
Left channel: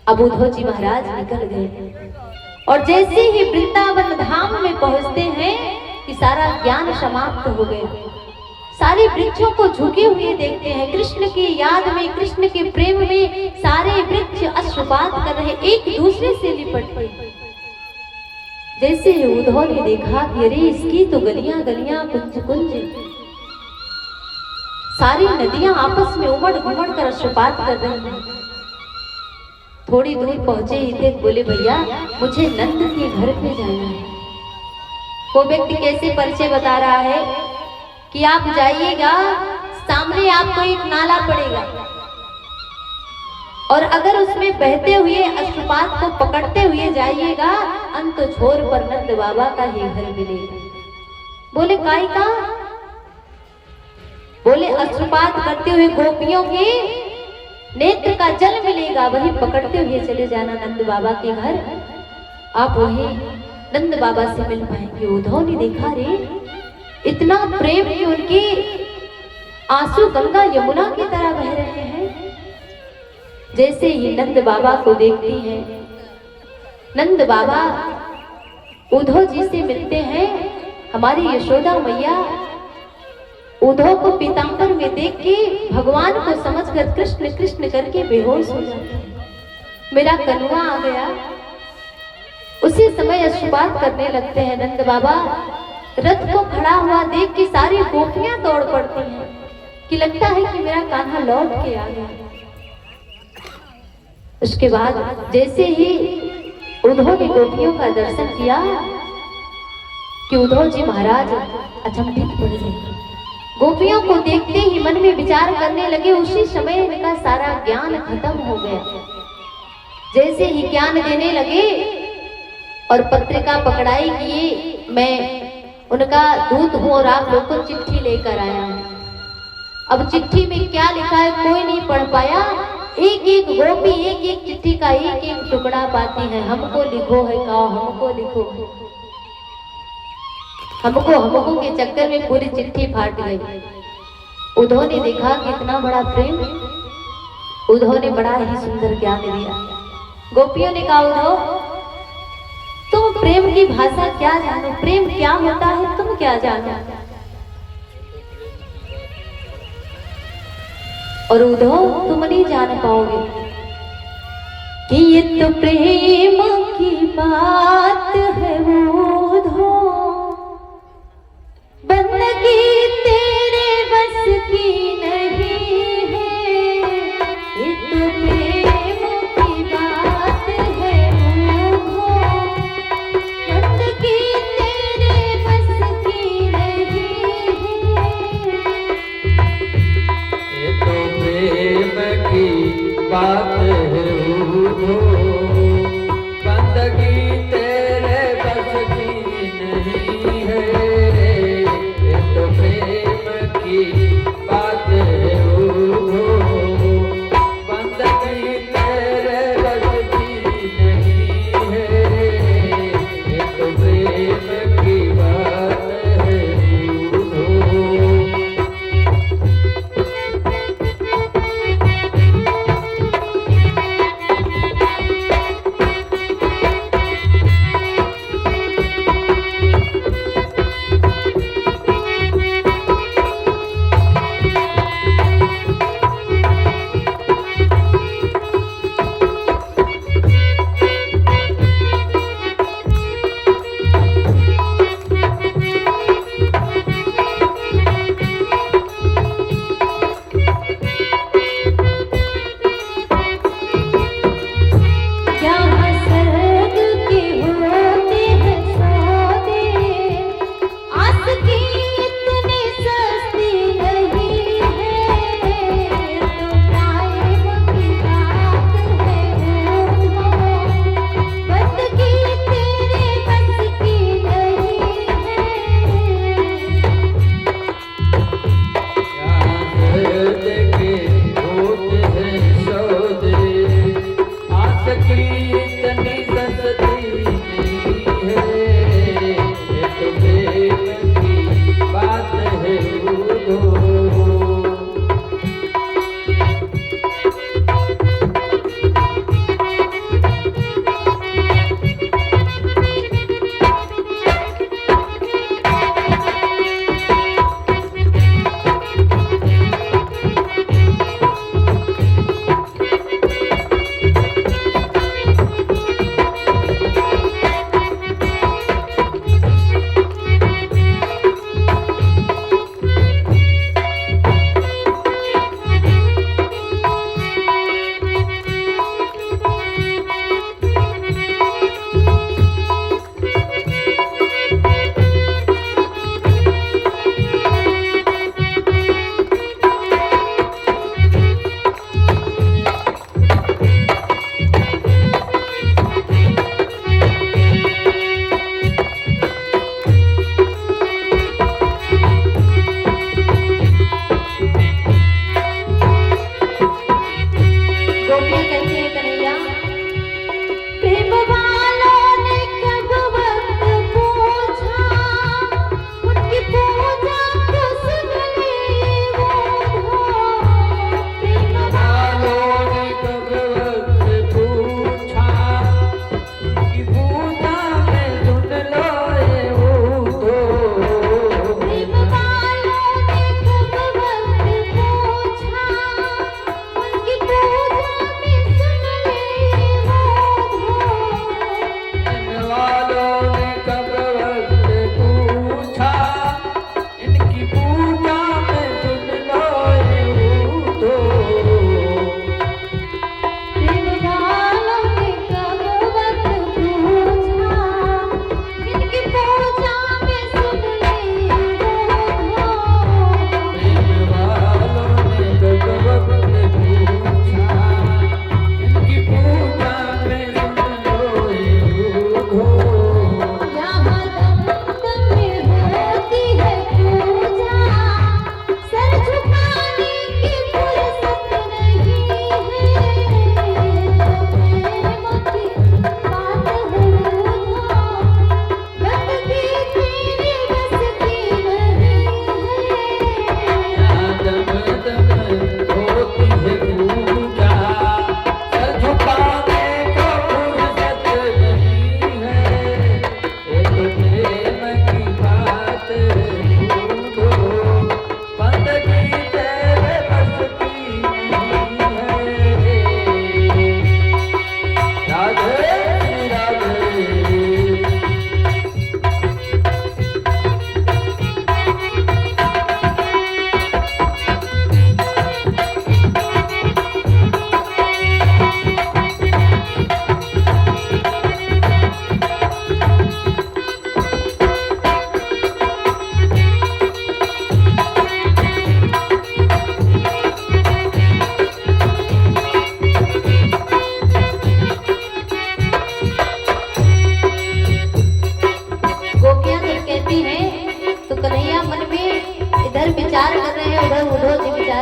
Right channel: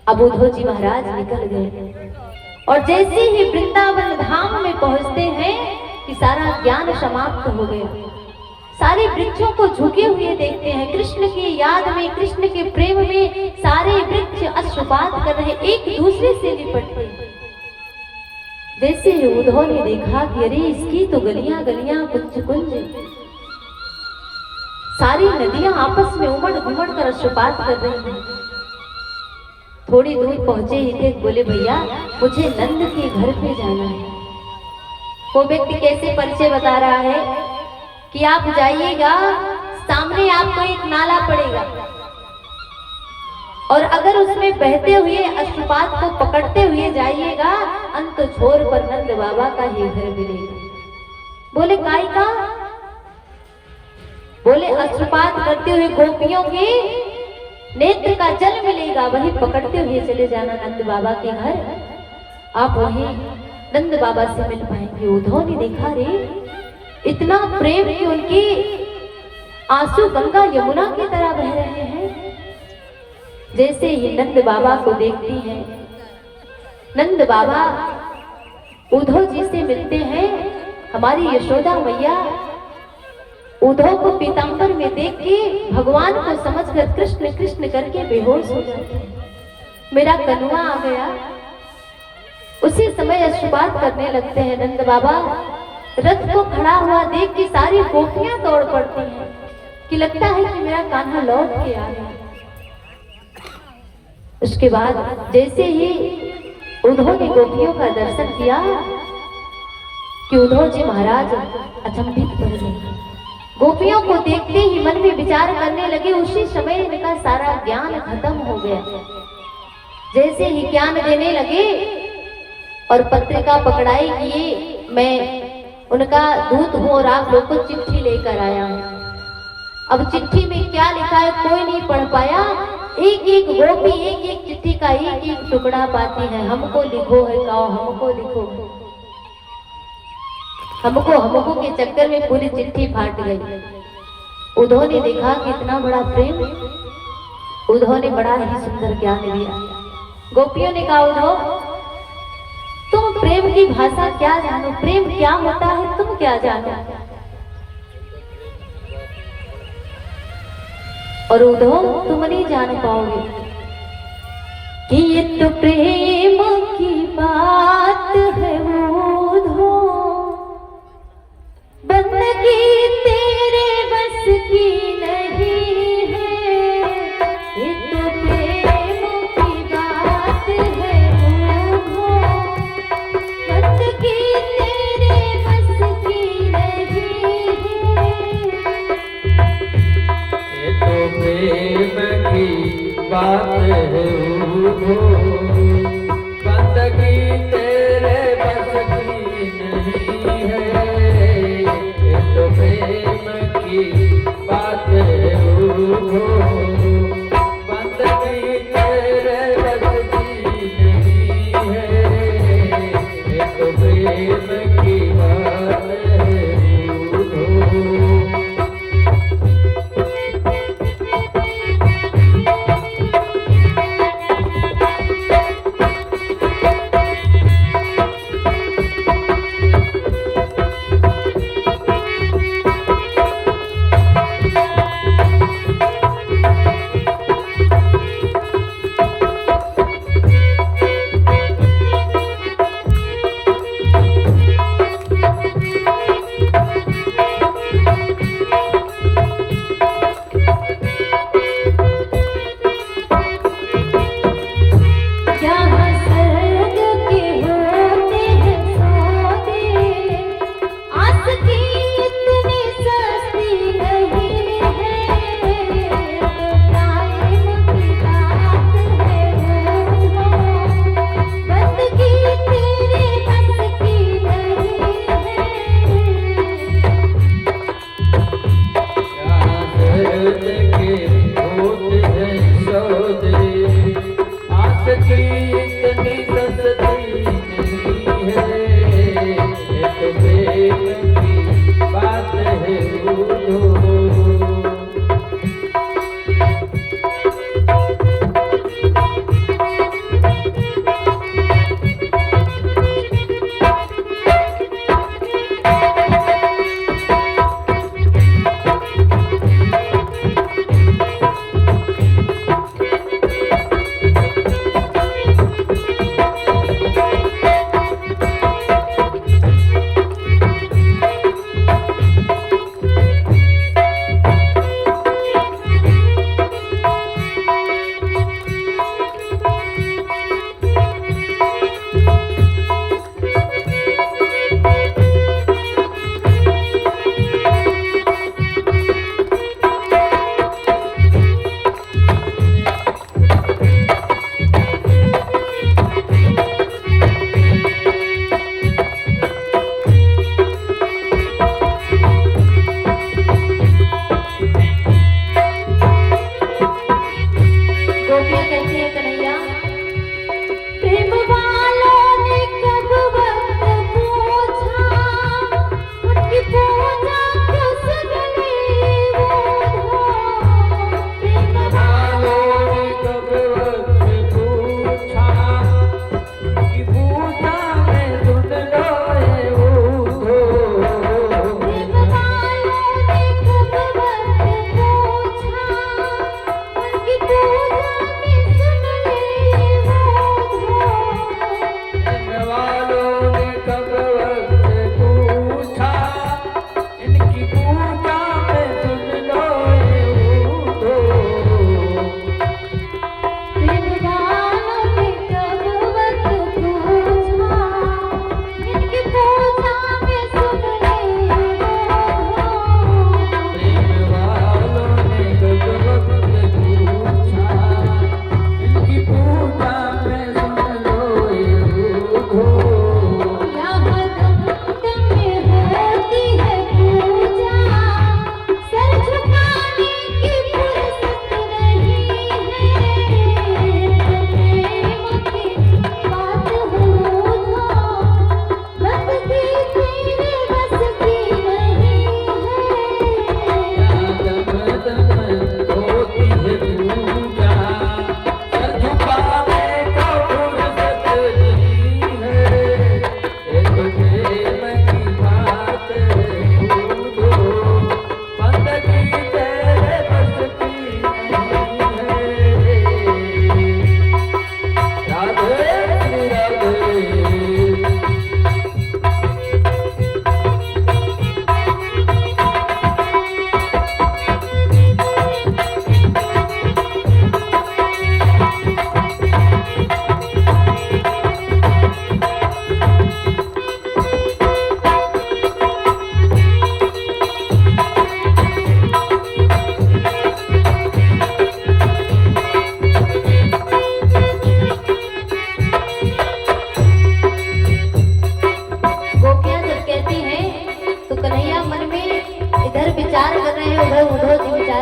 अब उद्धव जी महाराज निकल गए और जैसे ही वृंदावन धाम में पहुंचते हैं कि सारा ज्ञान समाप्त हो गया। सारे वृक्षों को झुके हुए देखते हैं, कृष्ण की याद में, कृष्ण के प्रेम में सारे वृक्ष अश्रुपात कर रहे, एक दूसरे से लिपट गए। जैसे ही उद्धव ने देखा कि अरे इसकी तो गलियां गलियां कुंज कुंज, सारी नदियां आपस में उमड़ घुमड़ कर अश्रुपात कर रही हैं। थोड़ी दूर पहुंचे ही थे, बोले भैया मुझे नंद के घर पे जाना है। वो व्यक्ति कैसे परिचय बता रहा है कि आप जाइएगा, सामने आपको एक नाला पड़ेगा और अगर उसमें बहते हुए अश्रुपात को पकड़ते हुए जाइएगा, अंत छोर पर नंद बाबा का ही घर मिलेगा। बोले काय का? बोले अश्रुपात करते हुए गोपियों के नेत्र का जल मिलेगा, वही पकड़ते हुए चले जाना नंद बाबा के घर, आप वही नंद बाबा से मिल पाएंगे। उद्धव ने देखा रे इतना प्रेम कि उनकी आंसू गंगा यमुना की तरह बह रहे हैं। जैसे ही नंद बाबा को देखती है, नंद बाबा उद्धव जी से मिलते हैं। हमारी यशोदा मैया उद्धव को पीतांबर में देख के भगवान को समझकर कृष्ण कृष्ण करके बेहोश हो जाते हैं। मेरा कन्वा आ गया। उसी समय अश्रुपात करने लगते हैं। नंद बाबा रथ को खड़ा हुआ देख के सारी गोपियां दौड़ पड़ती हैं कि लगता है कि मेरा कान्हा लौट के आ गया। उसके बाद जैसे ही उद्धव ने गोपियों का दर्शन किया कि उद्धव जी महाराज अचंभित पड़ गए। गोपियों को देखते ही मन में विचार करने लगे। उसी समय इनका सारा ज्ञान खत्म हो गया। जैसे ही ज्ञान देने लगे और पत्रिका पकड़ाई कि मैं उनका दूत हूं और आप लोग को चिट्ठी लेकर आया हूं। अब चिट्ठी में क्या लिखा है कोई नहीं पढ़ पाया। एक एक गोपी एक एक चिट्ठी का एक एक टुकड़ा पाती है। हमको लिखो है कहो, हमको लिखो, हमको के चक्कर में पूरी चिट्ठी फाट गई। उद्धव ने देखा कि इतना बड़ा प्रेम, उद्धव ने बड़ा ही सुंदर ज्ञान दिया। गोपियों ने कहा उद्धव तुम प्रेम की भाषा क्या जानो, प्रेम क्या होता है तुम क्या जानो। और उद्धव तुम नहीं जान पाओगे कि ये तो प्रेम की बात है। उद्धव बंदगी तेरे बस की नहीं है, ये तो प्रेम की बात है। बंदगी तेरे बस की नहीं है, ये तो प्रेम की बात है। बंदगी तेरे बस की नहीं है, ये तो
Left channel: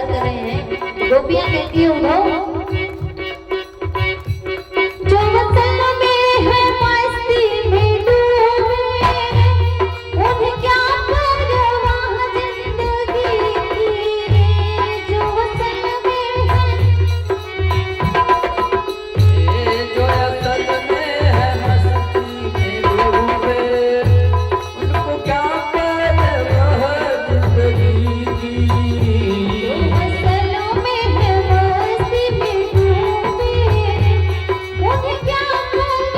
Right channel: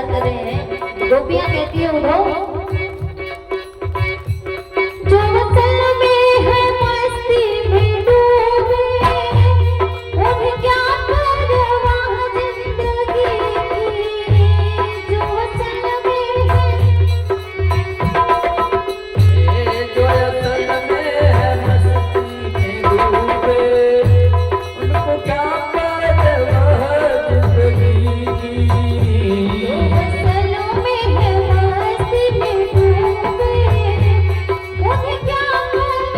विचार कर रहे हैं। गोपियां कहती है उधो जो वतन में है मस्ती में डूबे उन्हें क्या परवाह जिंदगी की। जो वतन में जो असल में है मस्ती में डूबे उनको क्या परवाह जिंदगी की। वतन में है मस्ती में डूबे उन्हें क्या परवाह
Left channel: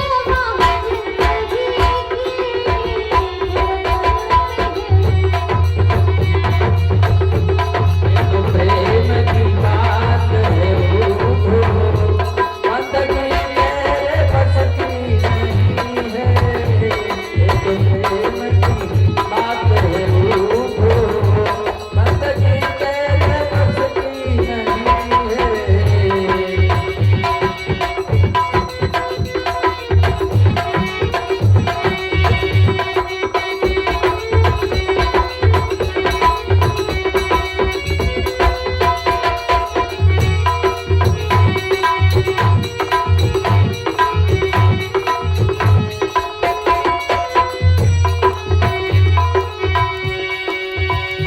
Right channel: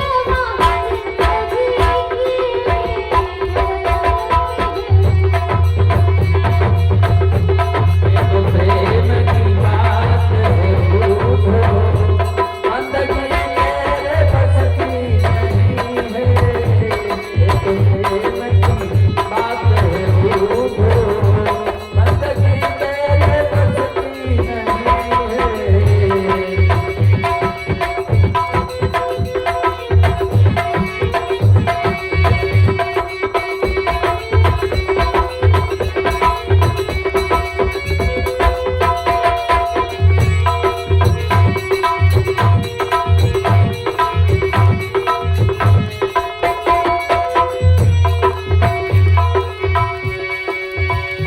ये तो प्रेम की बात है बूढ़ो, बंदगी मेरे बस की नहीं है। ये तो प्रेम की बात है बूढ़ो, बंदगी मेरे बस की नहीं है।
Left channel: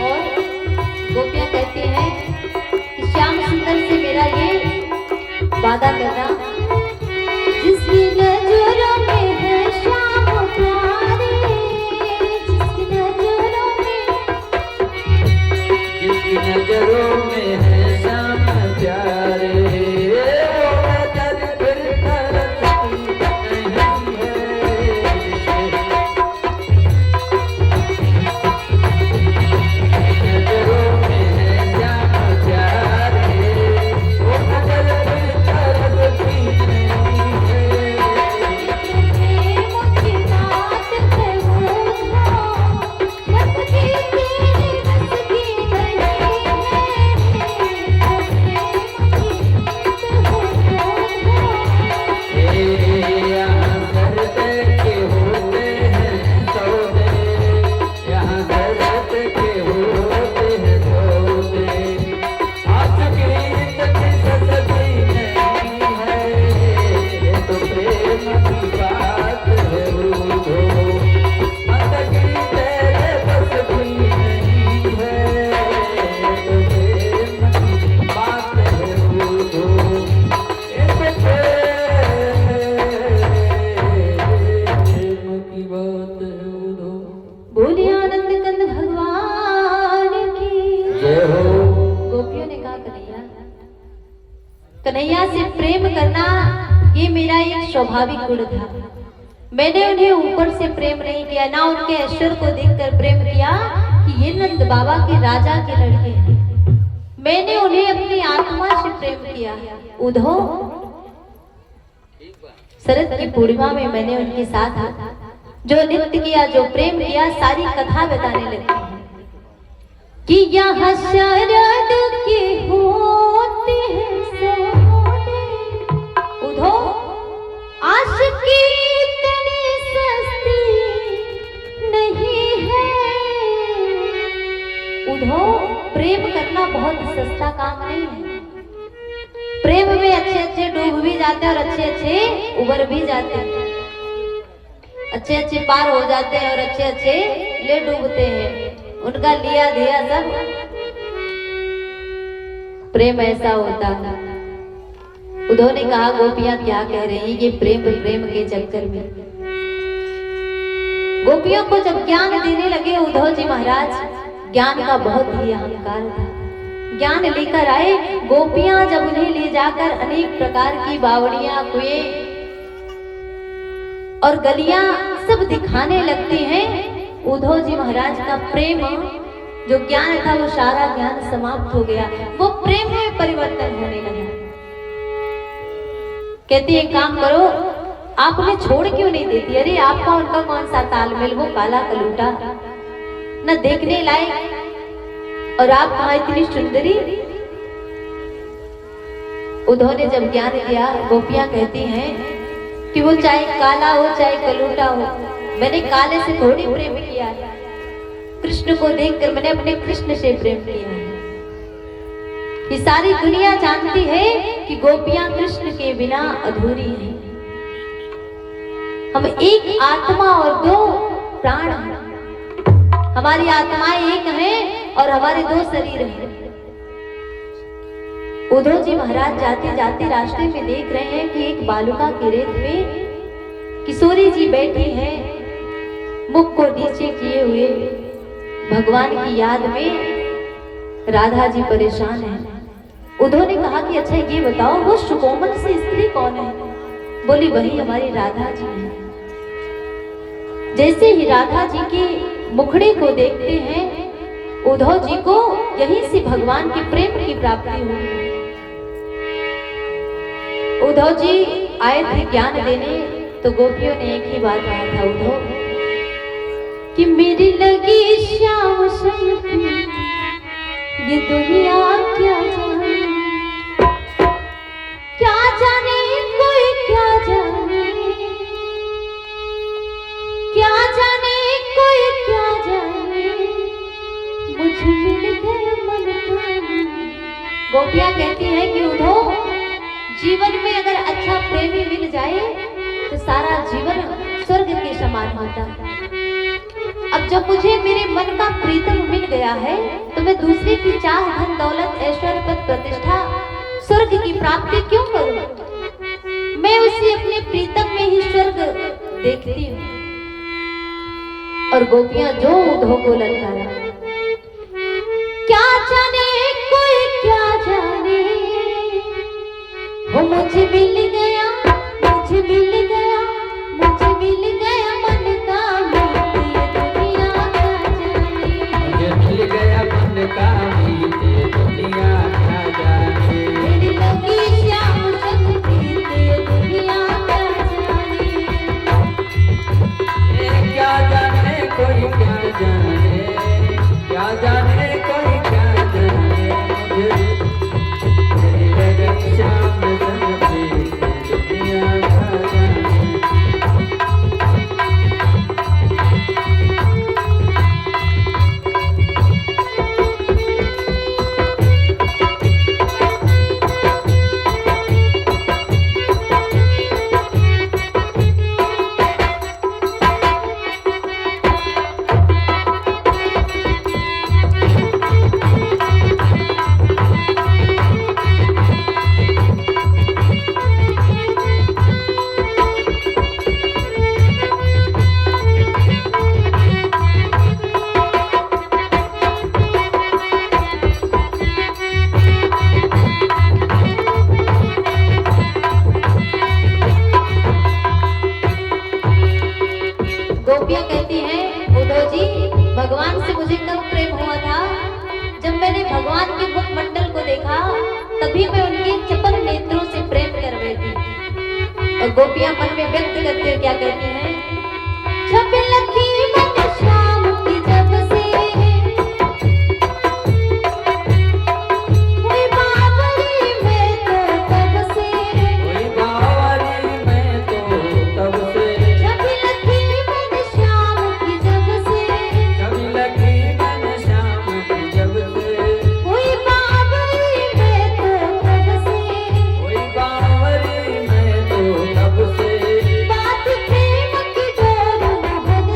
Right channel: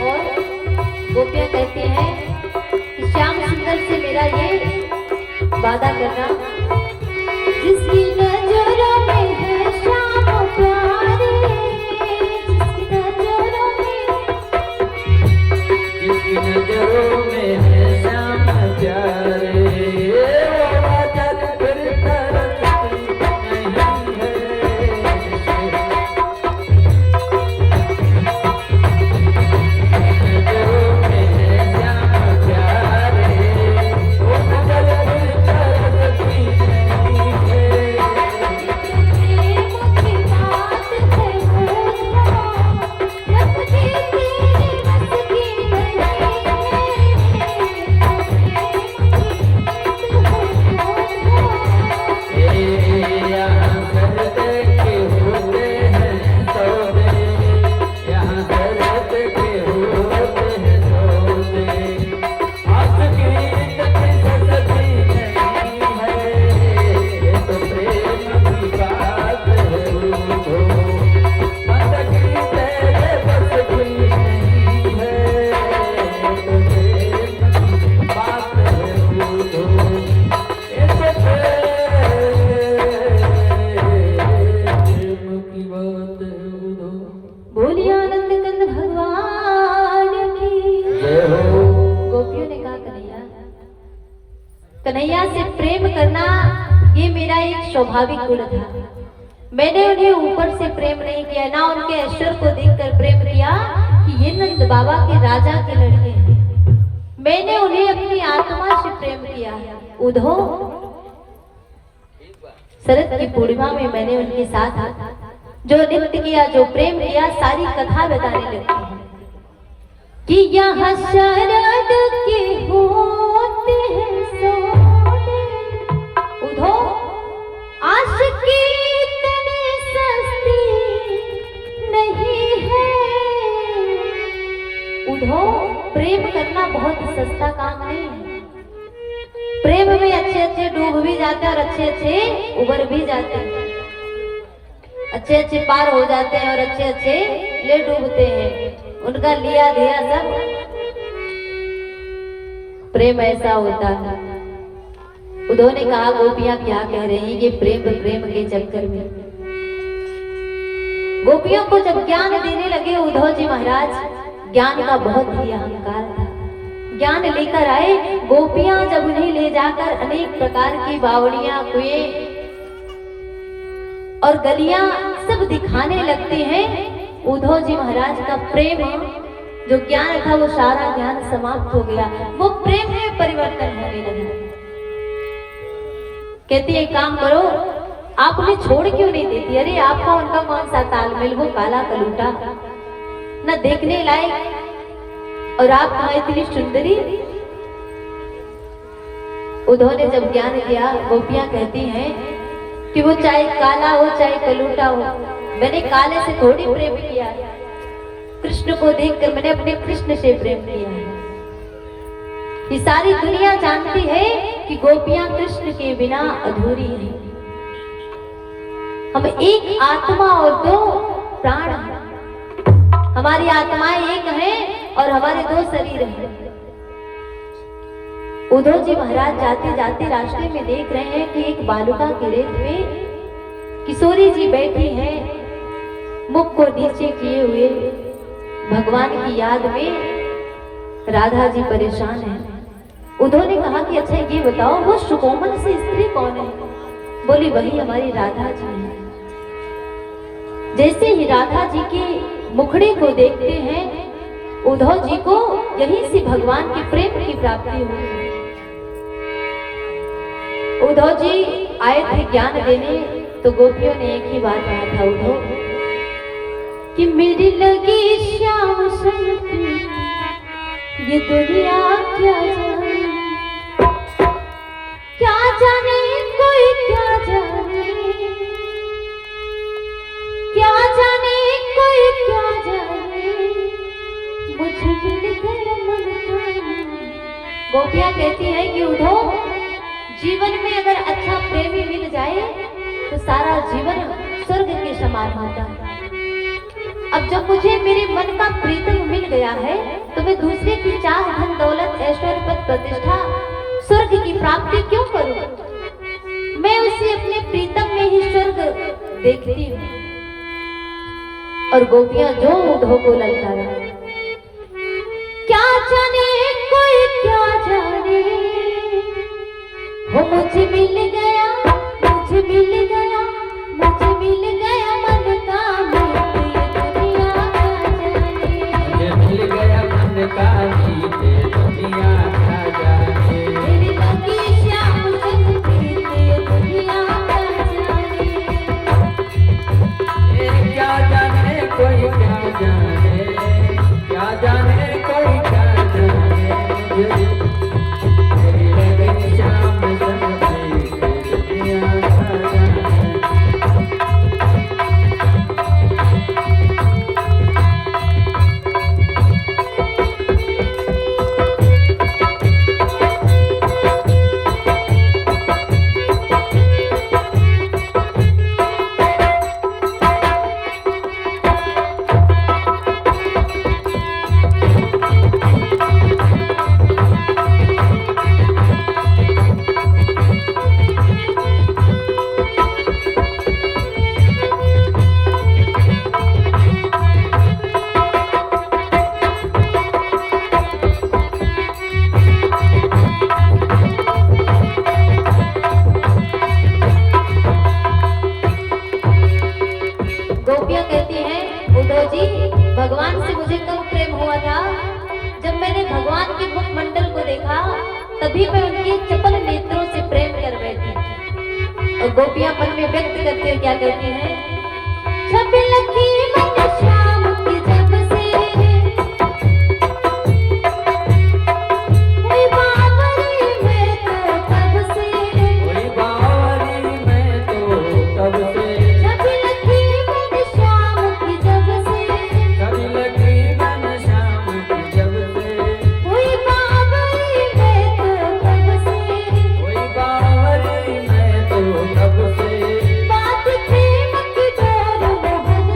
और गोपियां कहती हैं कि श्याम सुंदर से मेरा ये वादा करना, जिसकी नजरों में है श्याम प्यारे, जिसकी नजरों में जिसकी नजरों में है श्याम प्यारे वो नजर फिर तरसती नहीं है। नजरों में है श्याम प्यारे वो नजर फिर तरसती नहीं है। प्रेम की बात है वो लगती तेरी बस की नहीं है। यहाँ दर्द के होते हैं सौदे, यहाँ दर्द के होते हैं सौदे। आशिकी इतनी सस्ती नहीं है। ये तो प्रेम की बात है बूढ़ो, बंदगी तेरे बस की नहीं है। ये तो प्रेम की बात है बूढ़ो, ये तो प्रेम की बात है बूढ़ो। बोलिए आनंद कंद भगवान की जय हो। गोपियों ने कहा कन्हैया, कन्हैया से प्रेम करना ये मेरा एक स्वाभाविक गुण था। मैंने उन्हें ऊपर से प्रेम नहीं किया, ना उनके ऐश्वर्य को देखकर प्रेम किया कि ये नंद बाबा के राजा के लड़के हैं। मैंने उन्हें अपनी आत्मा से प्रेम किया। उधो शरद की पूर्णिमा में मैंने उनके साथ जो नृत्य किया, जो प्रेम किया, सारी कथा बताने लगती है कि यहाँ शरद के होते हैं सौदे। उधो आशिकी इतनी सस्ती नहीं है। उधो प्रेम करना बहुत सस्ता काम नहीं है। प्रेम में अच्छे अच्छे डूब भी जाते हैं और अच्छे अच्छे उबर भी जाते हैं, अच्छे अच्छे पार हो जाते हैं और अच्छे अच्छे ले डूबते हैं। उनका लिया दिया सब प्रेम ऐसा होता है। उन्होंने कहा गोपियां क्या कह रही हैं, ये प्रेम प्रेम के चक्कर में। गोपियों को जब ज्ञान देने लगे उद्धव जी महाराज, ज्ञान का बहुत ही अहंकार था। ज्ञान लेकर आए। गोपियां जब उन्हें ले जाकर अनेक प्रकार की बावड़ियां, कुएं और गलियां सब दिखाने लगते हैं। उद्धव जी महाराज का प्रेम जो ज्ञान था वो सारा ज्ञान समाप्त हो गया, वो प्रेम में परिवर्तन होने लगा। कहती है काम करो, आप उन्हें छोड़ क्यों नहीं देती? अरे आपका उनका कौन सा तालमेल, वो काला कलूटा न देखने लायक, और आप कहा इतनी सुंदरी। उद्धव ने जब ज्ञान दिया, गोपियां कहती हैं कि वो चाहे काला हो चाहे कलूटा हो, मैंने काले से थोड़ी प्रेम किया है। कृष्ण को देखकर मैंने अपने कृष्ण से प्रेम किया है। कि सारी दुनिया जानती है कि गोपियां कृष्ण के बिना अधूरी हैं। हम एक आत्मा और दो प्राण हैं। हमारी आत्माएं एक हैं और हमारे दो शरीर हैं। उद्धव जी महाराज जाते जाते रास्ते में देख रहे हैं कि एक बालुका के रेत पे किशोरी जी बैठी हैं, मुख को नीचे किए हुए, भगवान की याद में। राधा जी परेशान हैं। उद्धव ने कहा कि अच्छा ये बताओ वो सुकोमल से स्त्री कौन है? बोली वही हमारी राधा जी है। जैसे ही राधा जी के मुखड़े को देखते हैं उद्धव जी को यहीं से भगवान के प्रेम की प्राप्ति हुई। उद्धव जी आए थे ज्ञान देने, तो गोपियों ने एक ही बात कहा था उद्धव कि मेरी लगी श्याम सन की ये दुनिया क्या जाने, क्या जाने कोई क्या जाने, क्या जाने कोई क्या जाने, मुझे मिल गया मन का। गोपियां कहती हैं कि उद्धव जीवन में अगर अच्छा प्रेमी मिल जाए तो सारा जीवन स्वर्ग के समान होता है। अब जब मुझे मेरे मन का प्रीतम मिल गया है तो मैं दूसरे की चाह, धन दौलत, ऐश्वर्य, पद प्रतिष्ठा, स्वर्ग की प्राप्ति क्यों करूं? मैं उसे अपने प्रीतम में ही स्वर्ग देखती हूँ। और गोपियां जो उद्धव को ललकारा, क्या जाने कोई क्या जाने, वो मुझे मिल गया, मुझे मिल गया, मुझे मिल गया मन का मीत, ये दुनिया क्या जाने, मुझे मिल गया मन का मीत, ये दुनिया क्या जाने, मेरी लगी श्याम सन प्रीत, ये दुनिया क्या जाने, ये क्या जाने कोई क्या जाने, क्या जाने कोई क्या जाने, मेरी लगन श्याम सन प्रीत, ये दुनिया क्या जाने। गोपियां कहती हैं उद्धव जी भगवान से मुझे कब प्रेम हुआ था? जब मैंने भगवान के मुखमंडल को देखा तभी मैं उनके चपल नेत्रों से प्रेम कर बैठी। और गोपियां मन में व्यक्त करते हुए क्या कहती हैं? छबिल की मैं शाम की जब से कोई बावरी में तो तब से, कोई बावरी में तो तब से, छबिल की मैं शाम की जब से, कभी लगी मन श्याम की जब से, कोई बावरी में तो तब से, कोई बावरी में तो तब से, बात प्रेम की डोर मोहन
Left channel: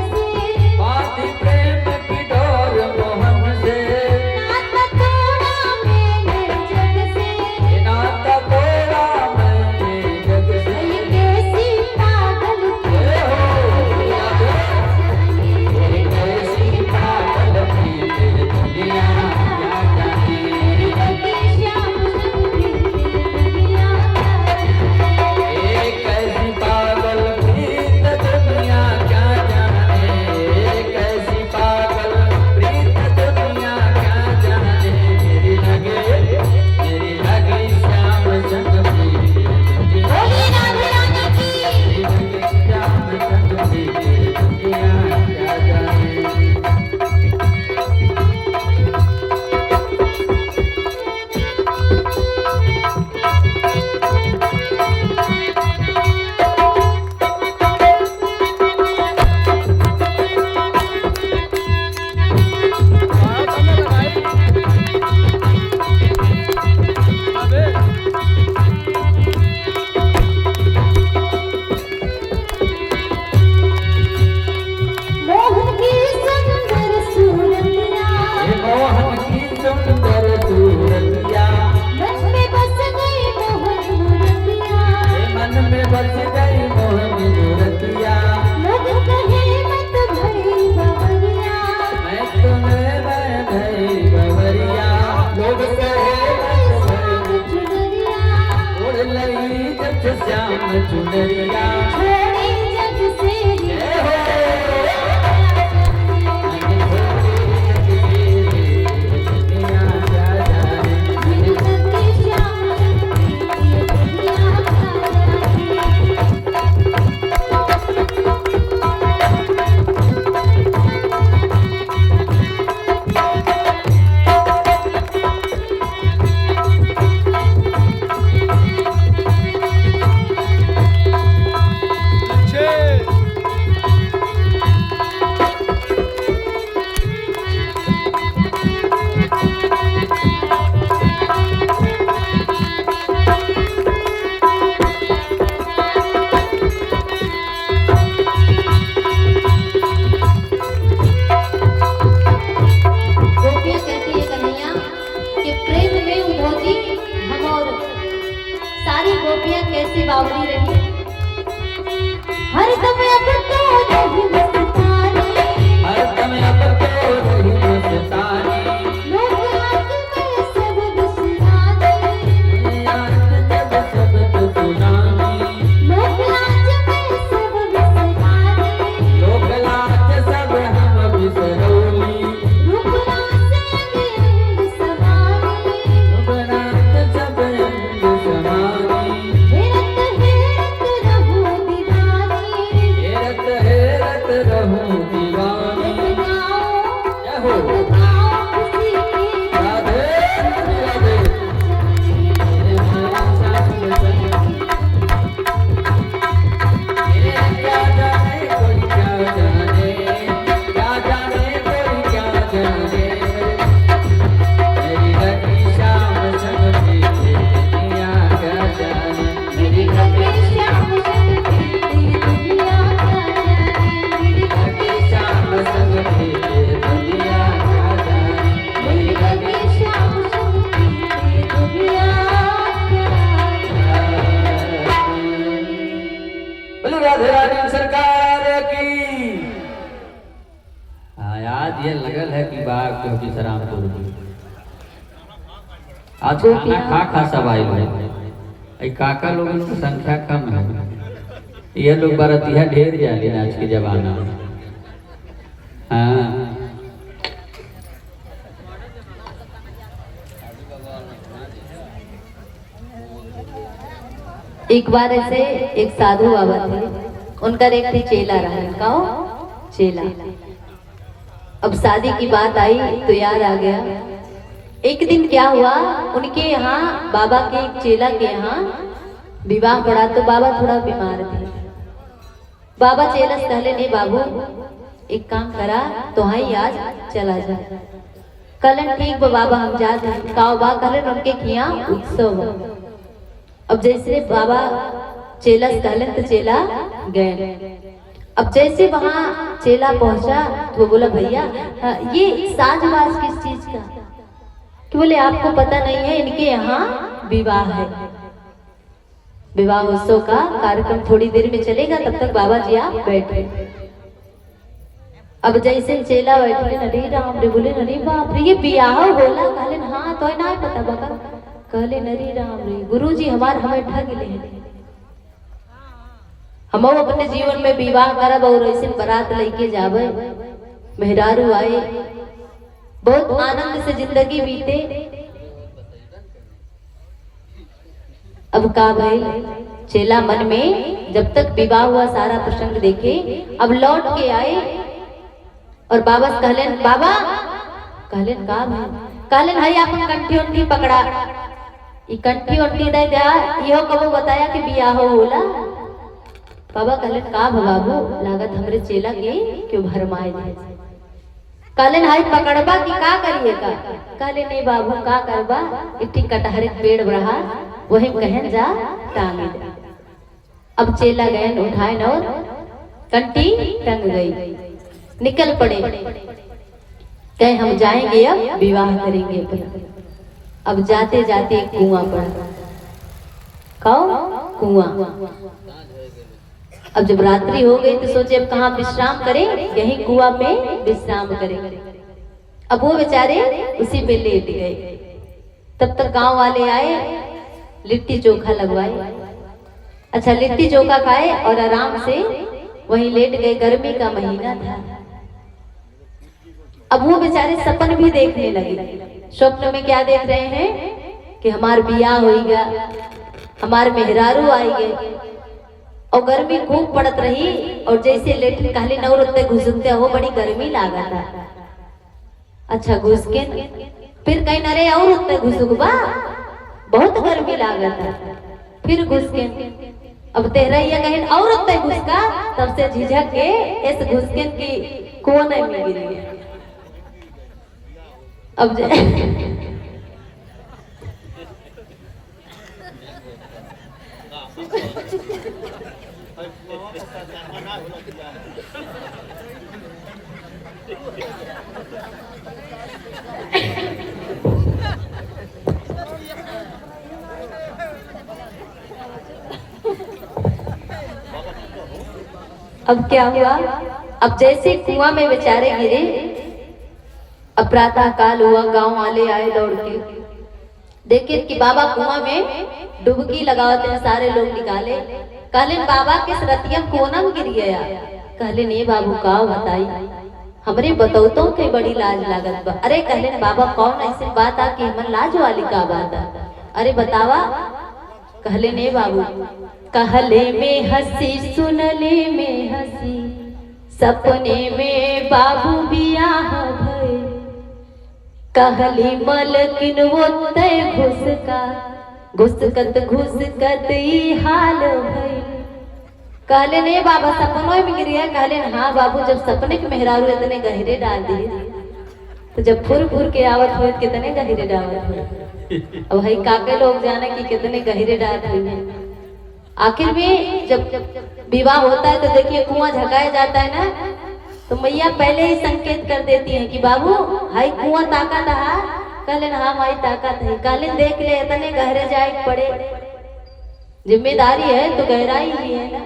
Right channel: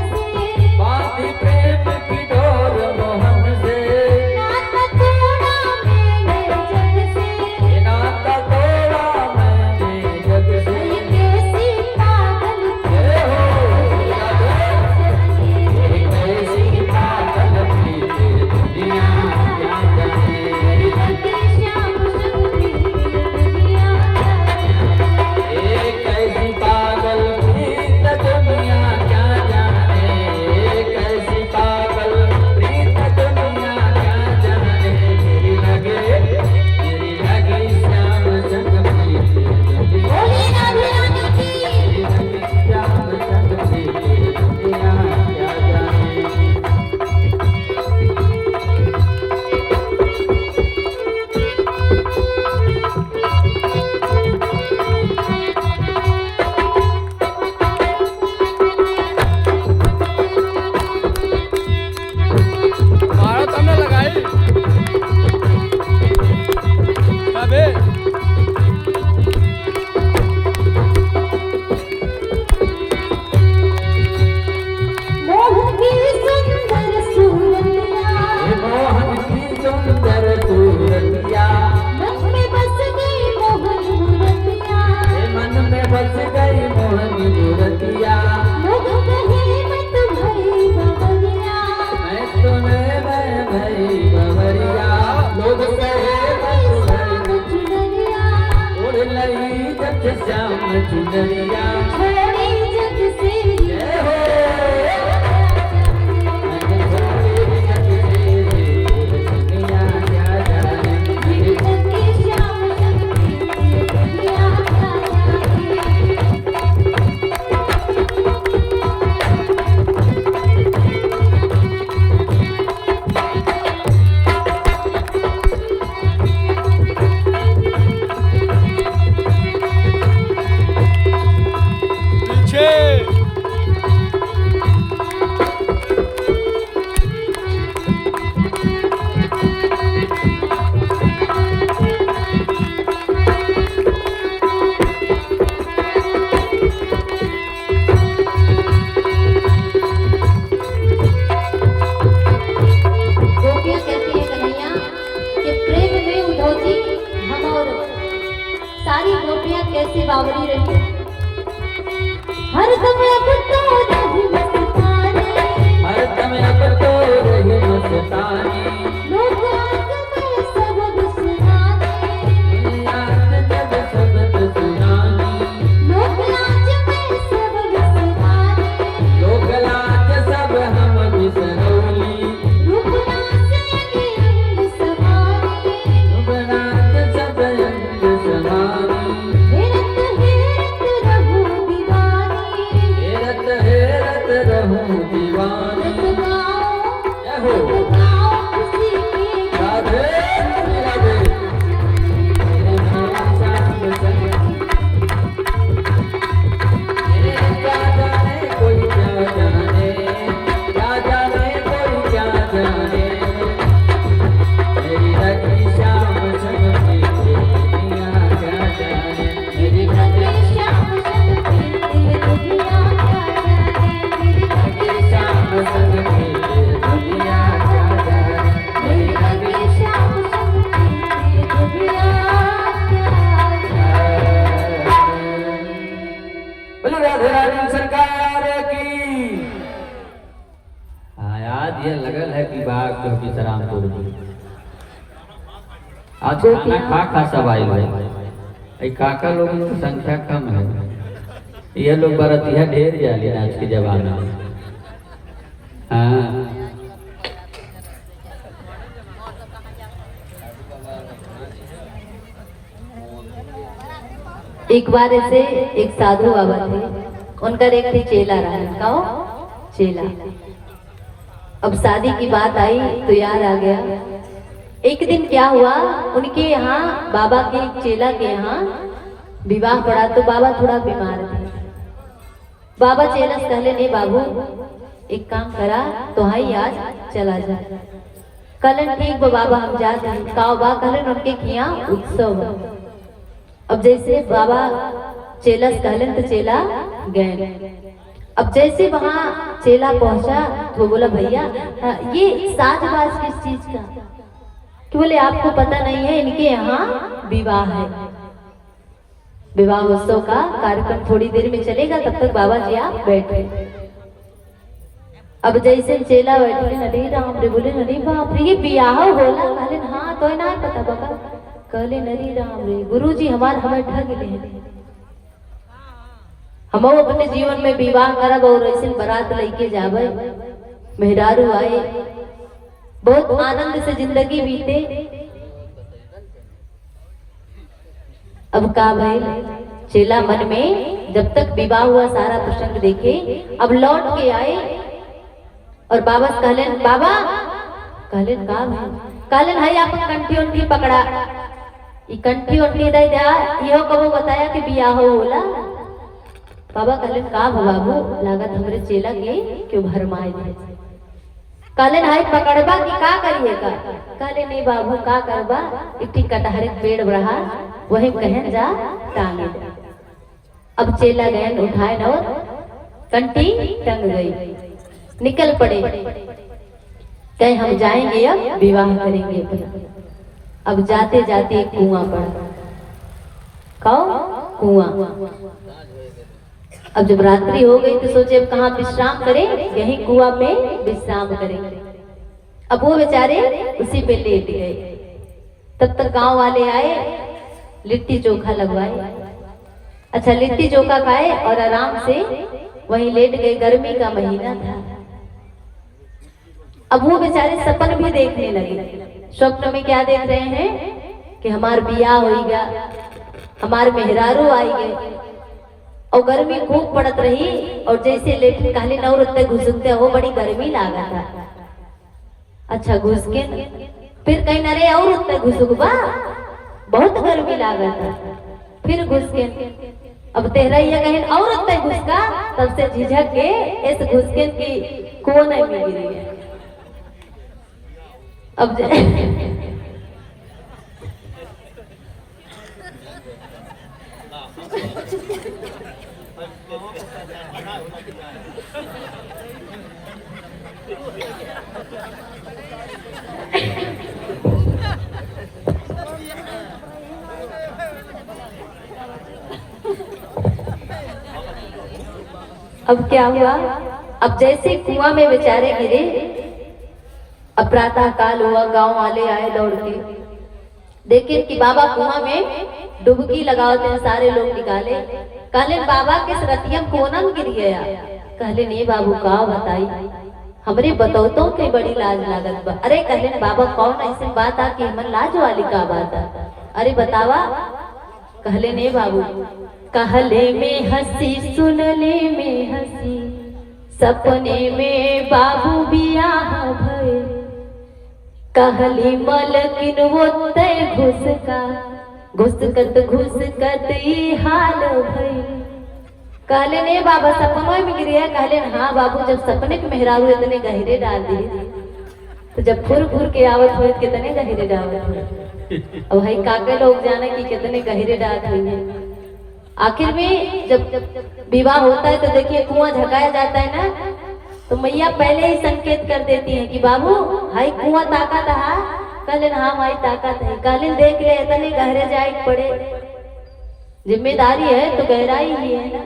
खूब सहे बस भर चुनरिया उड़ लई जब श्याम चुनरिया छोड़े जग से जय हो मेरी तकी श्याम ये दुनिया क्या जाने पीछे गोपियां कहती है कन्हैया कि प्रेम में उधोजी हम और सारी गोपियां कैसी बावरी रही हर दम अब तो रही मस्तानी हर दम अब तो रही मस्तानी लोग आग में सब बिसरानी याद जब सबक सुनानी लोग लाज में सब बिसरानी लोक लाज सब हम बिसरौली रुकना से अंग समानी रुबनाथ सब अंग समानी हेरत रहूं दीवानी हेरत हेरत रहूं दीवानी जय हो राधे राधे मेरे श्याम संग मेरे क्या जाने कोई क्या जाने कोई क्या जाने मेरी रखी श्याम संग की दुनिया क्या जाने मेरी रखी श्याम संग की दुनिया क्या जाने मेरी रखी श्याम संग की दुनिया क्या जाने मेरी रखी श्याम संग की दुनिया बोले राधे रानी सरकार की। हाँ याद ये लगल है कि बाग क्योंकि सराम तोड़ दी आज खाना खा खा सब आए भाई काका लोगों की संख्या कम है ये लोग बरतिया ढेर जाली आज के जमाना में हाँ एक बार ऐसे एक साधु बाबा थे उनका एक थे चेला रहा कहो चेला अब शादी की बात आई तो याद आ गया एक दिन क्या हुआ उनके यहाँ बाबा के एक चेला के यहाँ विवाह पड़ा तो बाबा थोड़ा बीमार थे बाबा चेला से कहले नहीं बाबू एक काम करा तो हाई आज चला जा कलन ठीक बा बाबा हम जाते हैं काव बा कलन उनके किया उत्सव अब जैसे बाबा चेला से कहलन तो चेला गए अब जैसे वहां चेला पहुंचा तो वो बोला भैया ये साजबाज किस चीज का कि बोले आपको पता नहीं है इनके यहाँ विवाह है विवाह उत्सव का कार्यक्रम थोड़ी देर में चलेगा तब तक बाबा जी आप बैठे अब जैसे चेला बैठे नरी राम रे बोले नरी बाप रे ये बियाह बोला कहले हाँ तो ना पता बाबा कहले नरी राम रे गुरुजी हमार हमें ठग ले हम अपने जीवन में विवाह करब और ऐसे बारात लेके जावे मेहरारू आए बहुत आनंद से जिंदगी बीते अब का भाई चेला मन में जब तक विवाह हुआ सारा प्रसंग देखे अब लौट के आए और बाबा से कहलेन बाबा कहलेन का भाई कहलेन हाय अपन कंठी उंठी पकड़ा ई कंठी उंठी दे दिया इहो कबो बताया कि बियाह हो होला बाबा कहलेन का बाबू लागत हमरे चेला के क्यों भरमाए दे कहलेन हाय पकड़बा कि का करिएगा कहले नहीं बाबू का करबा इट्टी कटहरे पेड़ बढ़ा वही कहन जा टांगे दे अब चेला गए उठाए न और कंठी टंग गई निकल पड़े कहे हम जाएंगे अब विवाह करेंगे अब जाते जाते एक कुआं पड़ा कहो कुआं अब जब रात्रि हो गई तो सोचे अब कहाँ विश्राम करें यही कुआं में विश्राम करें अब वो बेचारे उसी पे लेट गए तब तक गांव वाले आए, लिट्टी चोखा लगवाए। अच्छा, लिट्टी चोखा खाए और आराम से वहीं लेट गए। गर्मी का महीना था। अब वो बेचारे सपन भी देखने लगे। स्वप्न में क्या देख रहे हैं कि हमार बियाह होइगा, हमार मेहरारू आएंगे, और गर्मी खूब पड़त रही। और जैसे लेटिन कहले न उतने घुसकते हो, बड़ी गर्मी लागत है। अच्छा, घुस के फिर कहीं न रे और उतने घुसुकबा, बहुत गर्मी लागत है। फिर घुस के अब तेहरैया कहीं और उतने घुसका, तब से झिझक के इस घुसके की कोने में गिरी है। अब अब क्या हुआ? अब जैसे कुआं में बेचारे गिरे, अब प्रातः काल हुआ, गांव वाले आए दौड़ के, देखे कि बाबा कुआं में डुबकी लगाते हैं। सारे लोग निकाले, कहले बाबा किस रतियम कोनम गिर गया। कहले नहीं बाबू, का बताई, हमरे बतौतों के बड़ी लाज लागत बा। अरे कहले बाबा कौन ऐसी बात आ कि हमन लाज वाली का बात आ? अरे बतावा। कहले नहीं बाबू, कहले में हंसी सुनले में हंसी, सपने में बाबू बियाह भय। कहली मलकिन वो तय घुसका, घुसकत ई हाल भय। कहले नहीं बाबा, सपनों में गिर गया। कहले हाँ बाबू, जब सपने के मेहरारू इतने गहरे डाल दिए, तो जब फुर फुर के आवत हुए कितने गहरे डालत हुए। और भाई काके लोग जाने कि कितने गहरे डाल हुए। आखिर में जब विवाह होता है तो देखिए कुआं झकाया जाता है ना, तो मैया पहले ही संकेत कर देती है कि बाबू हाई कुआं ताकत है। कहले हाँ माई ताकत है। कहले देख ले, इतने गहरे जाए पड़े, जिम्मेदारी है तो गहराई ही है ना।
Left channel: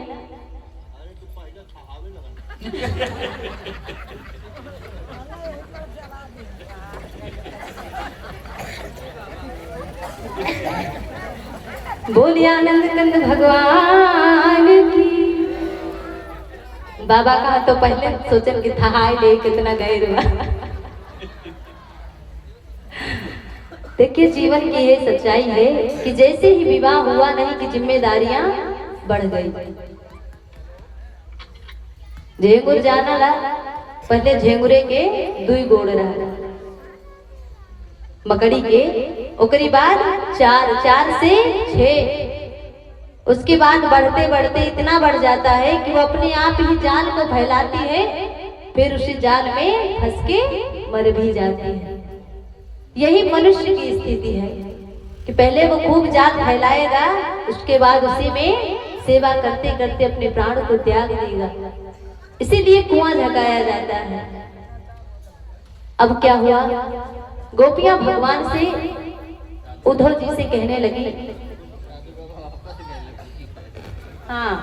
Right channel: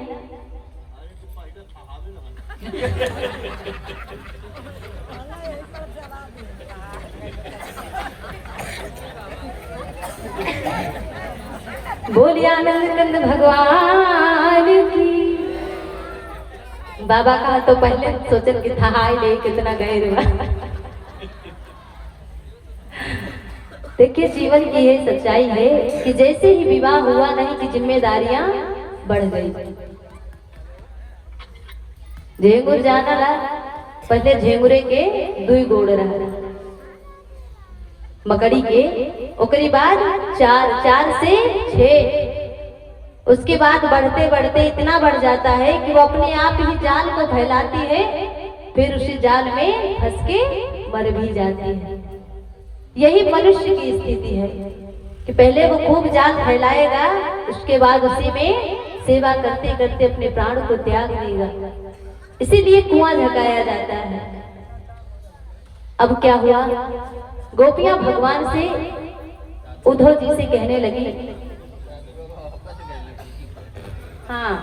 बोलिए आनंद कंद भगवान की। बाबा कहा तो पहले सोचन कि था हाय ले कितना गैर हुआ। देखिए जीवन की ये सच्चाई है कि जैसे ही विवाह हुआ नहीं कि जिम्मेदारियां बढ़ गई। झेंगुर जाना ला, पहले झेंगुरे के दुई गोड़ रहा, मकड़ी के, उसके बाद 4 से 6, उसके बाद बढ़ते बढ़ते इतना बढ़ जाता है कि वो अपने आप ही जाल को फैलाती है, फिर उसी जाल में फंस के मर भी जाती है। यही मनुष्य की स्थिति है कि पहले वो खूब जाल फैलाएगा, उसके बाद उसी में सेवा करते करते अपने प्राण को त्याग देगा। इसीलिए कुआं झकाया जाता है। अब क्या हुआ? गोपियां भगवान से, उद्धव जी से कहने लगी, हाँ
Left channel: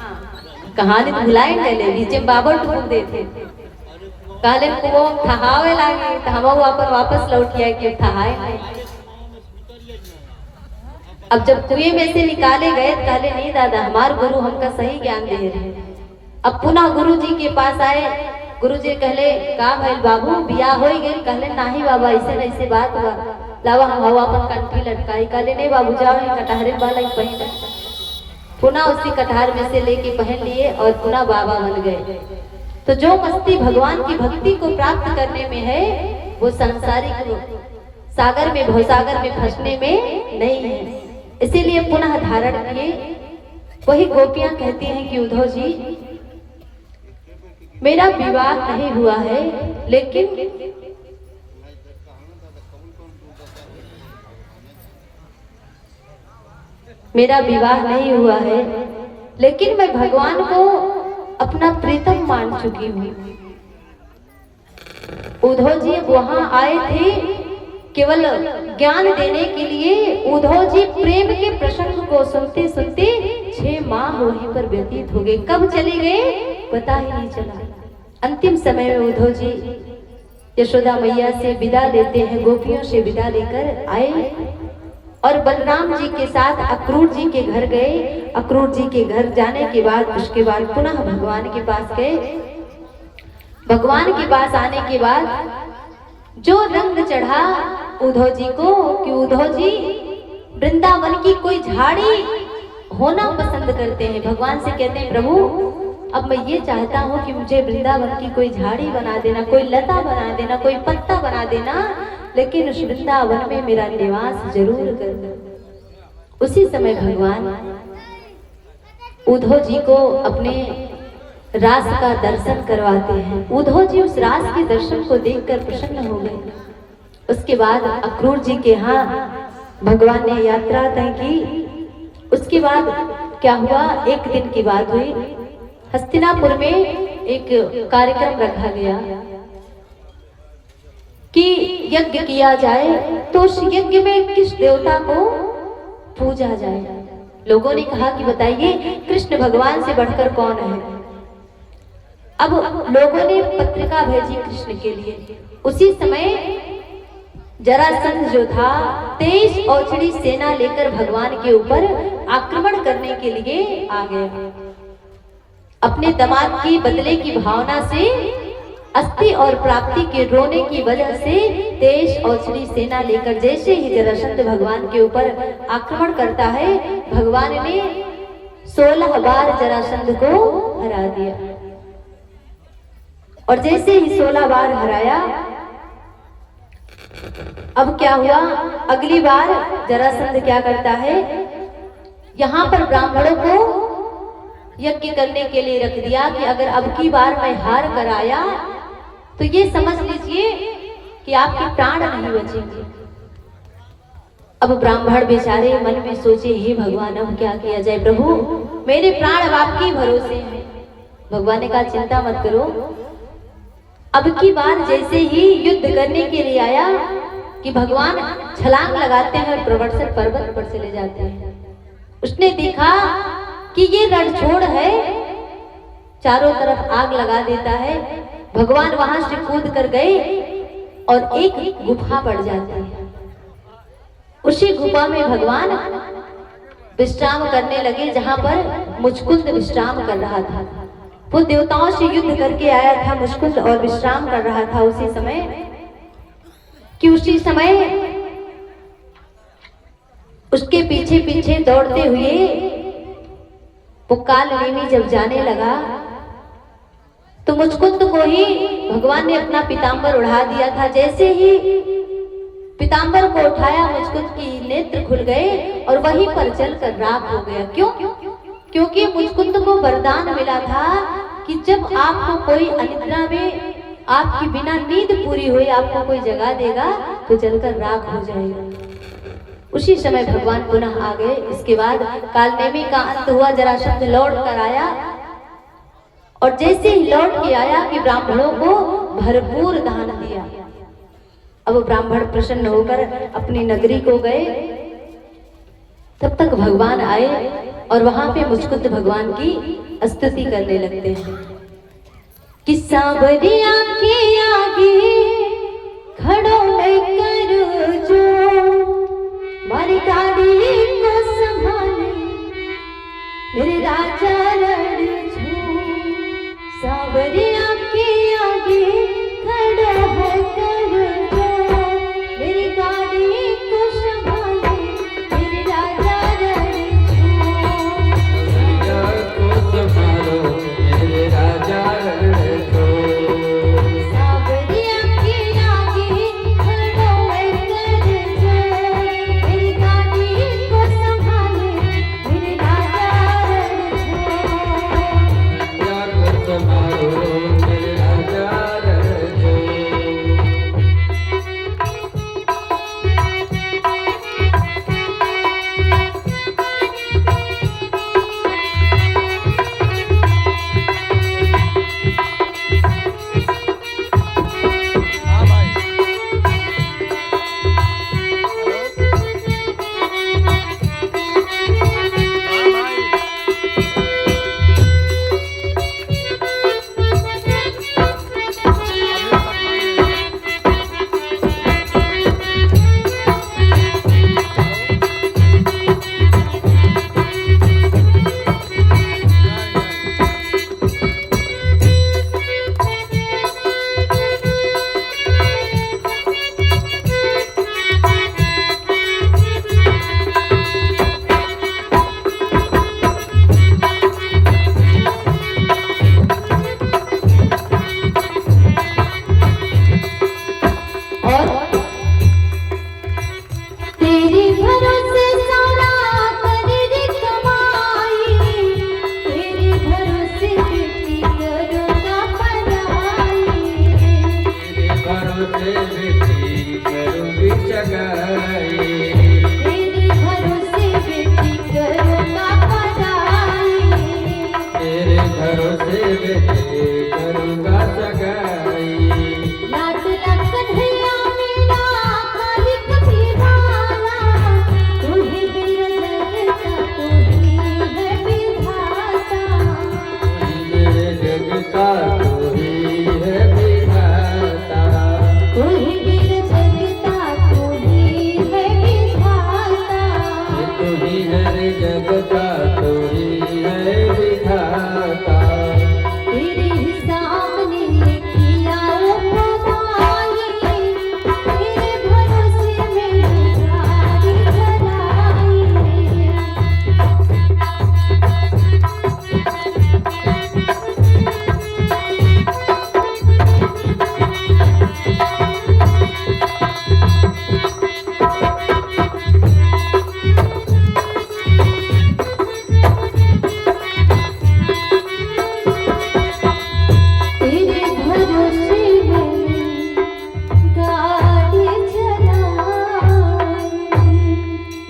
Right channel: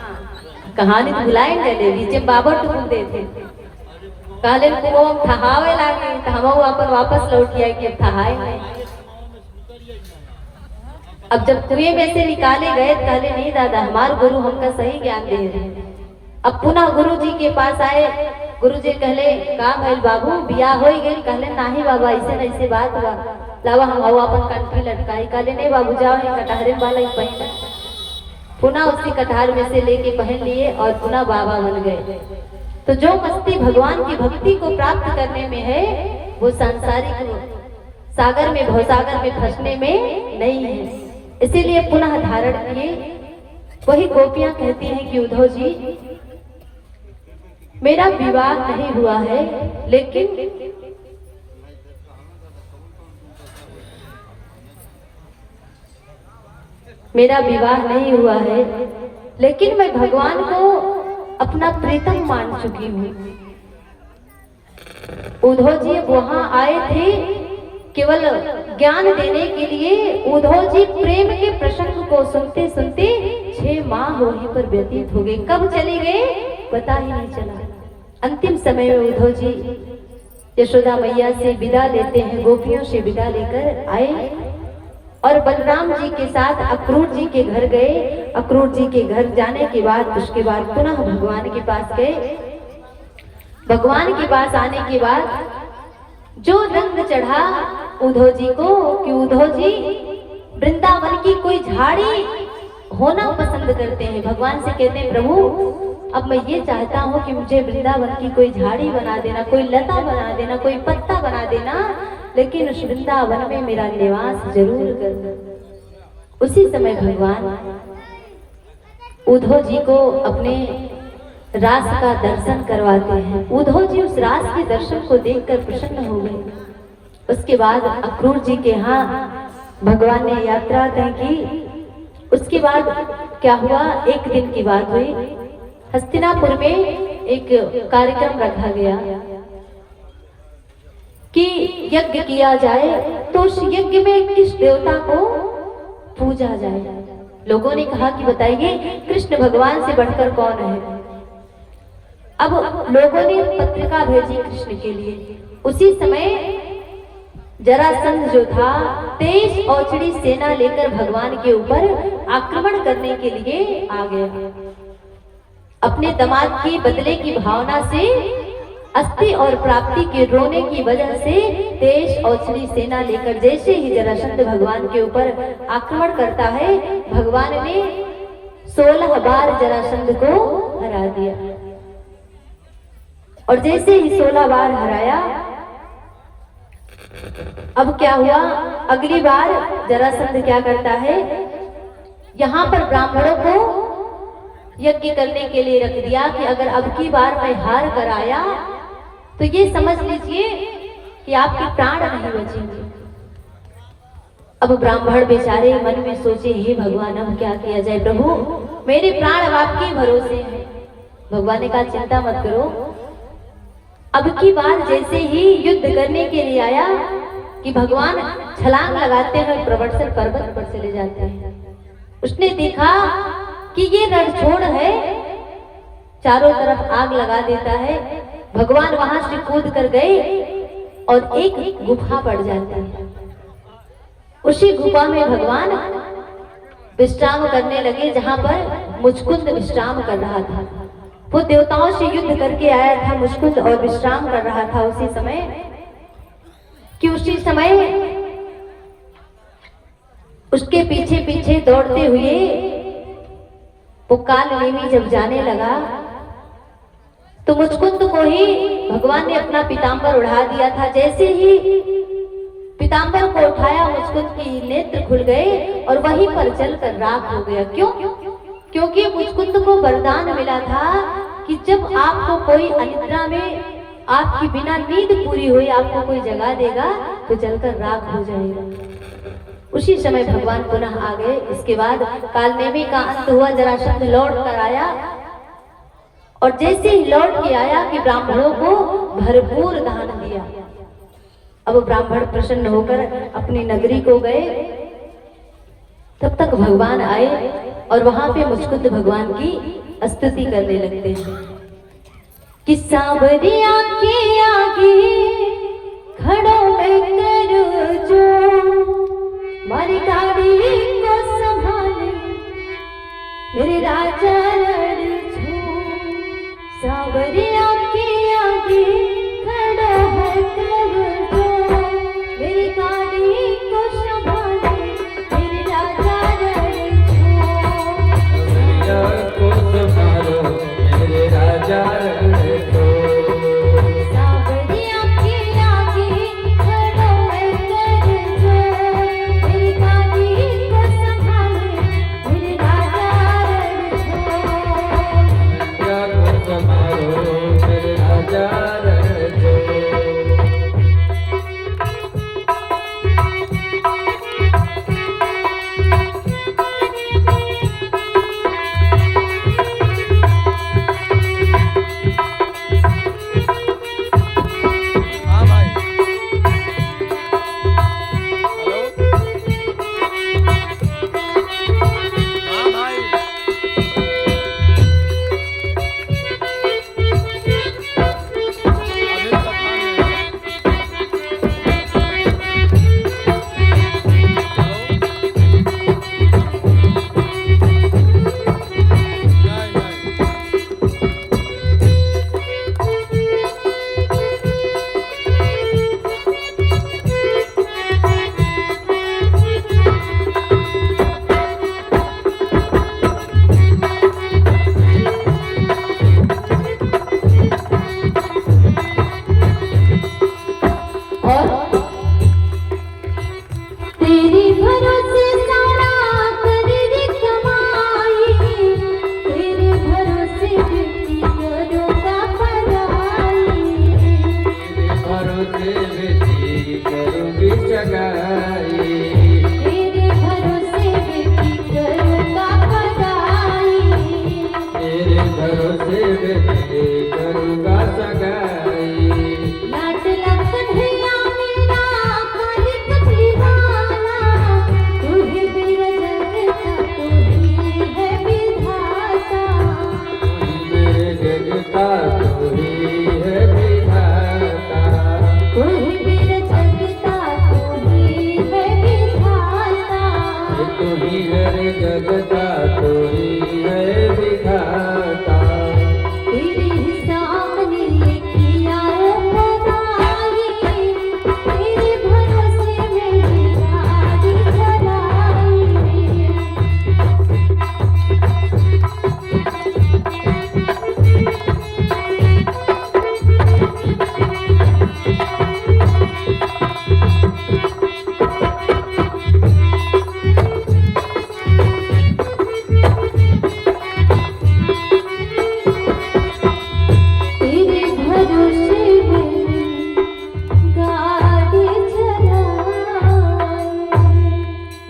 कहानी तो भुलाए गए बीच बाबा टूट देते। कहले को ठहावे लागे तो हम अपन वापस लौट गया कि ठहाए नहीं। अब जब कुएं में से निकाले गए, कहले नहीं दादा, हमारे गुरु हमका सही ज्ञान दे रहे। अब पुनः गुरु जी के पास आए। गुरु जी कहले का भइल बाबू, बियाह हो गई? कहले नहीं बाबा, ऐसे न ऐसे बात हुआ, लावा हम हवा अपन कंठी लटकाई। कहले नहीं बाबू, जाओ कटहरे वाला ही पहन। पुनः उसी कटहर में से लेके पहन लिए और पुनः बाबा बन गए। तो जो मस्ती भगवान की भक्ति को प्राप्त करने में है, वो सांसारिक सागर में, भवसागर में फंसने में नहीं है। इसीलिए पुनः धारण किए। वही गोपियां कहती हैं कि उद्धव जी, मेरा विवाह नहीं हुआ है, लेकिन मेरा विवाह नहीं हुआ है, लेकिन मैं भगवान को अपना प्रीतम मान चुकी हूँ। उद्धव जी वहां आए थे केवल ज्ञान देने के लिए। उद्धव जी प्रेम के प्रसंग को सुनते सुनते 6 माह वहीं पर व्यतीत हो गए। कब चले गए पता ही नहीं चला। अंतिम समय में उद्धव जी यशोदा मैया से विदा लेते हैं, गोपियों से विदा लेकर आए और बलराम जी के साथ अक्रूर जी के घर गए। अक्रूर जी के घर जाने के बाद उसके बाद पुनः भगवान के पास गए। भगवान के पास आने के बाद जो रंग चढ़ा उद्धव जी को कि उद्धव जी वृंदावन की कोई झाड़ी होना पसंद करते हैं। भगवान से कहते हैं प्रभु अब मैं ये चाहता हूँ कि मुझे वृंदावन की कोई झाड़ी बना देना, कोई लता बना देना, कोई पत्ता बना देना, लेकिन उस वृंदावन में मेरा निवास जरूर कर। उसी समय भगवान उद्धव जी को अपने रास का दर्शन करवाते हैं। उद्धव जी उस रास के दर्शन को देखकर प्रसन्न हो गए। उसके बाद अक्रूर जी के यहाँ भगवान ने यात्रा तय की। उसके बाद क्या हुआ, एक दिन की बात हुई, हस्तिनापुर में एक कार्यक्रम रखा गया कि यज्ञ किया जाए, तो उस यज्ञ में किस देवता को पूजा जाए। लोगों ने कहा कि बताइए कृष्ण भगवान से बढ़कर कौन है। अब लोगों ने पत्रिका भेजी कृष्ण के लिए। उसी समय जरासंध जो था 23 औचड़ी सेना लेकर भगवान के ऊपर आक्रमण करने के लिए आ गया। अपने दामाद की बदले की भावना से, अस्थि और प्राप्ति के रोने की वजह से 23 औचड़ी सेना लेकर जैसे ही जरासंध भगवान के ऊपर आक्रमण करता है, भगवान ने 16 बार जरासंध को हरा दिया। और जैसे ही 16 बार हराया, अब क्या हुआ, अगली बार जरासंध क्या करता है, यहाँ पर ब्राह्मणों को यज्ञ करने के लिए रख दिया कि अगर अब की बार मैं हार कर आया तो ये समझ लीजिए कि आपके प्राण नहीं बचेंगे। अब ब्राह्मण बेचारे मन में सोचे हे भगवान अब क्या किया जाए, प्रभु मेरे प्राण आपके भरोसे हैं। भगवान ने कहा चिंता मत करो, अब की बार जैसे ही युद्ध करने के लिए आया कि भगवान छलांग लगाते हैं और प्रवर्तक पर्वत पर चले जाते हैं। उसने देखा कि ये रणछोड़ है, चारों तरफ आग लगा देता है। भगवान वहां से कूद कर गए और एक गुफा पड़ जाती है। उसी गुफा में भगवान विश्राम करने लगे, जहां पर मुचकुंद विश्राम कर रहा था। वो देवताओं से युद्ध करके आया था मुचकुंद और विश्राम कर रहा था उसी समय उसके पीछे पीछे दौड़ते हुए वो कालनेमी जब जाने लगा तो मुचकुंद को ही भगवान ने अपना पीतांबर उड़ा दिया था। जैसे ही पीतांबर को उठाया, मुचकुंद की नेत्र खुल गए और वहीं पर जलकर राख हो गया। क्यों? क्योंकि मुचकुंद को वरदान मिला था कि जब आपको कोई अनिद्रा में आपकी बिना नींद पूरी हुई आपको कोई जगा देगा तो जलकर राख हो जाएगा। उसी समय भगवान पुनः आ गए। इसके बाद कालनेमी का अंत हुआ, जरासंध लौट कर आया और जैसे ही लौट के आया कि ब्राह्मणों को भरपूर दान दिया। अब ब्राह्मण प्रसन्न होकर अपनी नगरी को गए। तब तक भगवान आए और वहां पे मुचकुंद भगवान की स्तुति करने लगते हैं कि सांवरिया के आगे खड़ो मैं करूं जो, मारी गाड़ी को संभाले मेरे राजा रणछोड़। सांवरिया के आगे खड़ा है करूं जो, मेरी गाड़ी को संभाले मेरे राजा रणछोड़।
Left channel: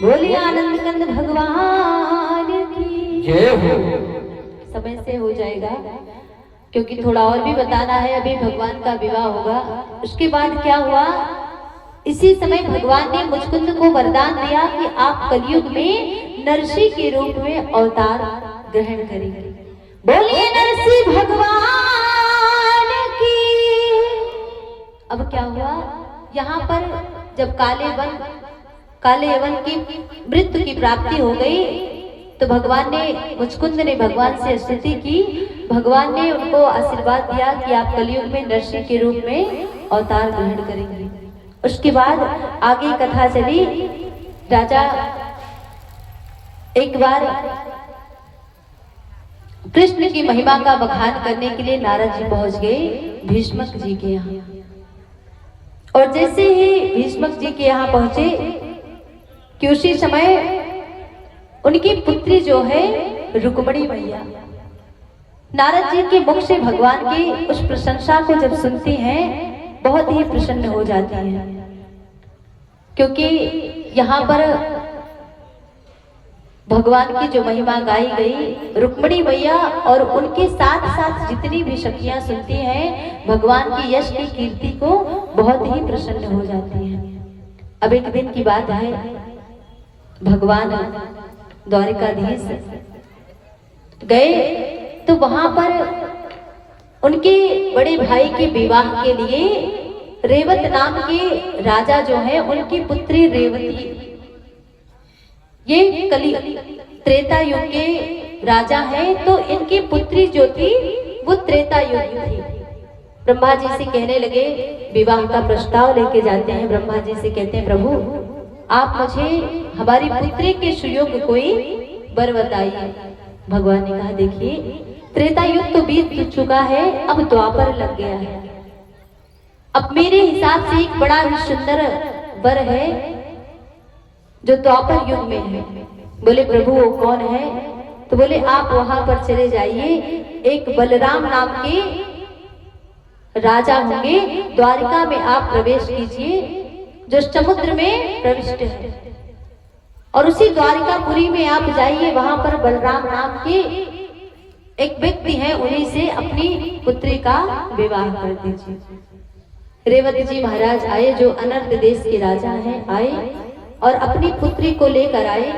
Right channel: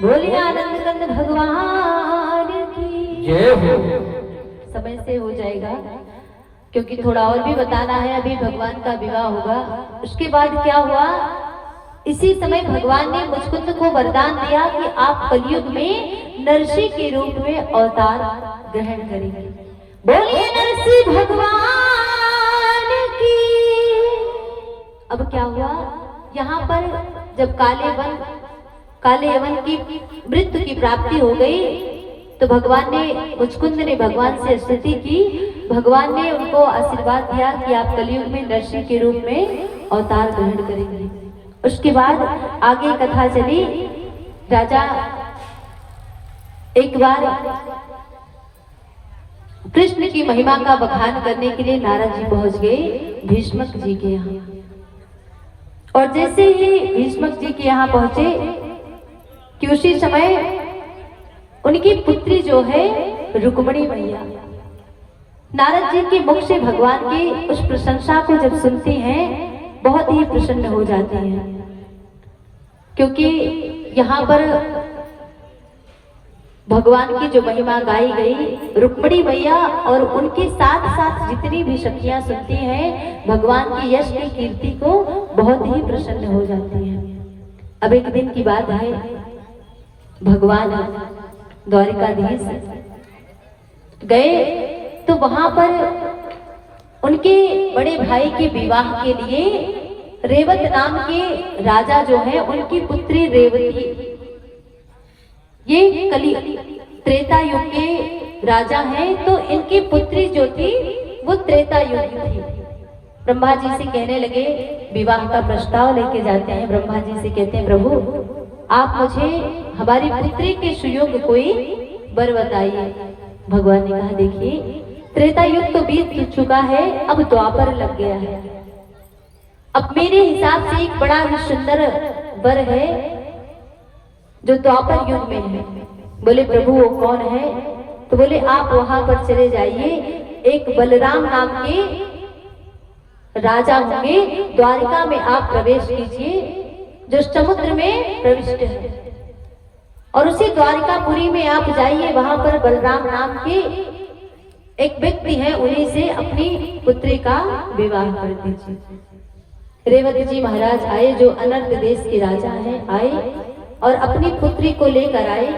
बोले आनंद कंद भगवान की जय हो। समय से हो जाएगा क्योंकि थोड़ा और भी बताना है। अभी भगवान का विवाह होगा, उसके बाद क्या हुआ, इसी समय भगवान ने मुचकुंद को वरदान दिया कि आप कलयुग में नरसिंह के रूप में अवतार ग्रहण करेंगे। बोलिए नरसिंह भगवान की। अब क्या हुआ, यहाँ पर जब काले यवन की मृत्यु की प्राप्ति हो गई तो भगवान ने, मुचकुंद ने भगवान से स्तुति की। भगवान ने उनको आशीर्वाद दिया कि आप कलयुग में नरसिंह के रूप में अवतार ग्रहण करेंगे। उसके बाद आगे कथा चली। राजा एक बार कृष्ण की महिमा का बखान करने के लिए नारद जी पहुंच गए भीष्मक जी के यहाँ। और जैसे ही भीष्मक जी के यहाँ पहुंचे कि उसी समय उनकी पुत्री जो है रुक्मिणी मैया, नारद जी के मुख से भगवान की उस प्रशंसा को जब सुनती हैं बहुत ही प्रसन्न हो जाती हैं। क्योंकि यहाँ पर भगवान की जो महिमा गाई गई, रुक्मिणी मैया और उनके साथ साथ जितनी भी सखियां सुनती हैं भगवान की यश की कीर्ति को बहुत ही प्रसन्न हो जाती हैं। अब एक दिन की बात है, भगवान द्वारिकाधीश गए तो वहां पर उनके बड़े भाई के विवाह के लिए रेवत नाम के राजा जो है, उनकी पुत्री रेवती, ये कली त्रेता युग के राजा हैं, तो इनकी पुत्री जो थी वो त्रेता युग की थी। ब्रह्मा जी से कहने लगे, विवाह का प्रस्ताव लेके जाते हैं, ब्रह्मा जी से कहते हैं प्रभु आप मुझे हमारी पुत्री के सुयोग कोई वर बताइए। भगवान ने कहा देखिए त्रेता युग तो बीत चुका है, अब द्वापर लग गया है। अब मेरे हिसाब से एक बड़ा ही सुंदर वर है जो द्वापर युग में है। बोले प्रभु वो कौन है? तो बोले आप वहां पर चले जाइए, एक बलराम नाम के राजा होंगे, द्वारिका में आप प्रवेश कीजिए जो समुद्र में प्रविष्ट है, और उसी द्वारिकापुरी में आप जाइए, वहां पर बलराम नाम के एक व्यक्ति है, उन्हीं से अपनी पुत्री का विवाह कर दीजिए। रेवती जी महाराज आए जो अनर्थ देश के राजा हैं, आए और अपनी पुत्री को लेकर आए।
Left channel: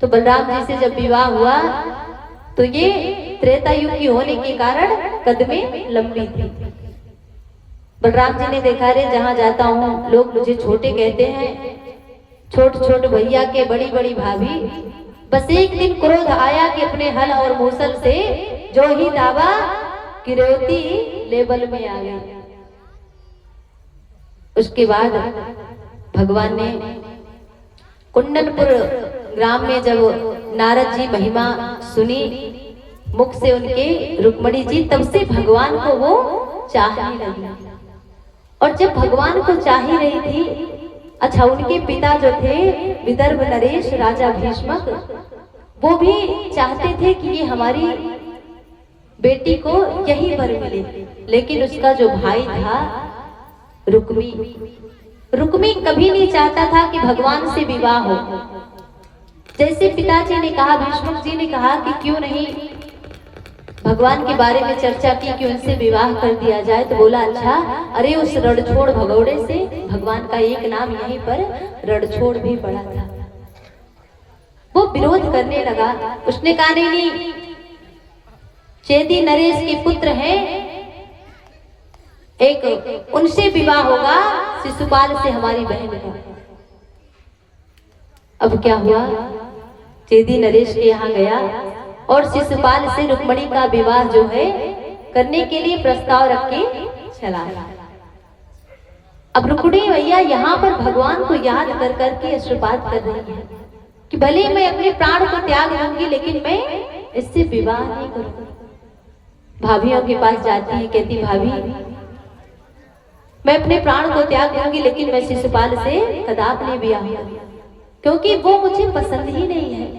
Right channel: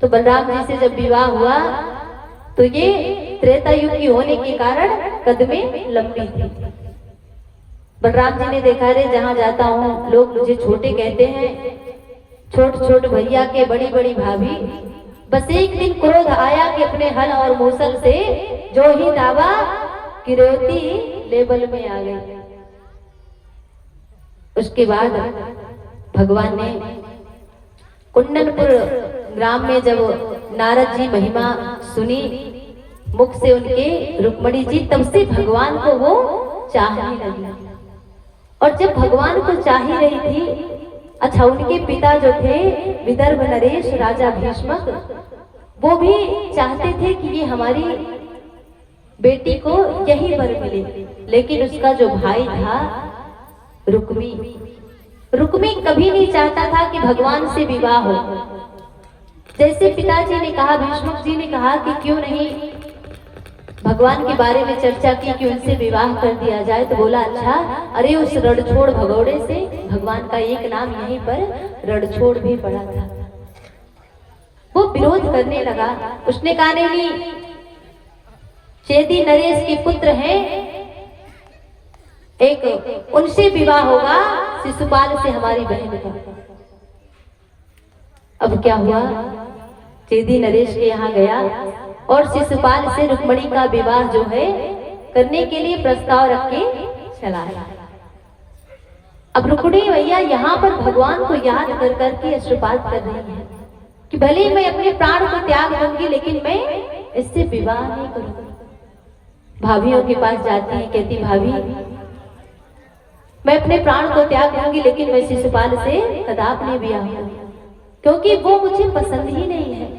तो बलराम जी से जब विवाह हुआ तो ये त्रेता युग की होने के कारण कदमें लंबी थी। बलराम जी ने देखा रे जहां जाता हूँ लोग मुझे छोटे कहते हैं, छोट छोट भैया के बड़ी बड़ी भाभी। बस एक दिन क्रोध आया कि अपने हल और मूसल से जो ही दावा कि रेवती लेवल में आ गई। उसके बाद भगवान ने कुंडनपुर ग्राम में जब नारद जी महिमा सुनी मुख से उनके रुक्मिणी जी, तब से भगवान को वो चाहने लगी। और जब भगवान को चाह ही रही थी, अच्छा उनके पिता जो थे विदर्भ नरेश राजा भीष्मक, वो भी चाहते थे कि ये हमारी बेटी को यही वर मिले। लेकिन उसका जो भाई था रुक्मी कभी नहीं चाहता था कि भगवान से विवाह हो। जैसे पिताजी ने कहा, भीष्मक जी ने कहा कि क्यों नहीं भगवान के बारे में चर्चा की कि उनसे विवाह कर दिया जाए, तो बोला अच्छा, अरे उस रणछोड़ भगौड़े से, भगवान का एक नाम यहीं पर रणछोड़ भी पड़ा था, वो विरोध करने लगा। उसने कहा नहीं, चेदी नरेश के पुत्र हैं, एक उनसे विवाह होगा, शिशुपाल से हमारी बहन का। अब क्या हुआ, चेदी नरेश के यहाँ गया और शिशुपाल से रुक्मिणी का विवाह जो है करने के लिए प्रस्ताव रख के चला आया। अब रुक्मिणी भैया यहाँ पर भगवान को याद कर करके आशीर्वाद कर रही है कि भले मैं अपने प्राण को त्याग दूंगी लेकिन मैं इससे विवाह नहीं करूंगी। भाभियों के पास जाती है, कहती भाभी मैं अपने प्राण को त्याग दूंगी लेकिन मैं शिशुपाल से कदापि नहीं विवाह करूंगी, क्योंकि वो मुझे पसंद ही नहीं है,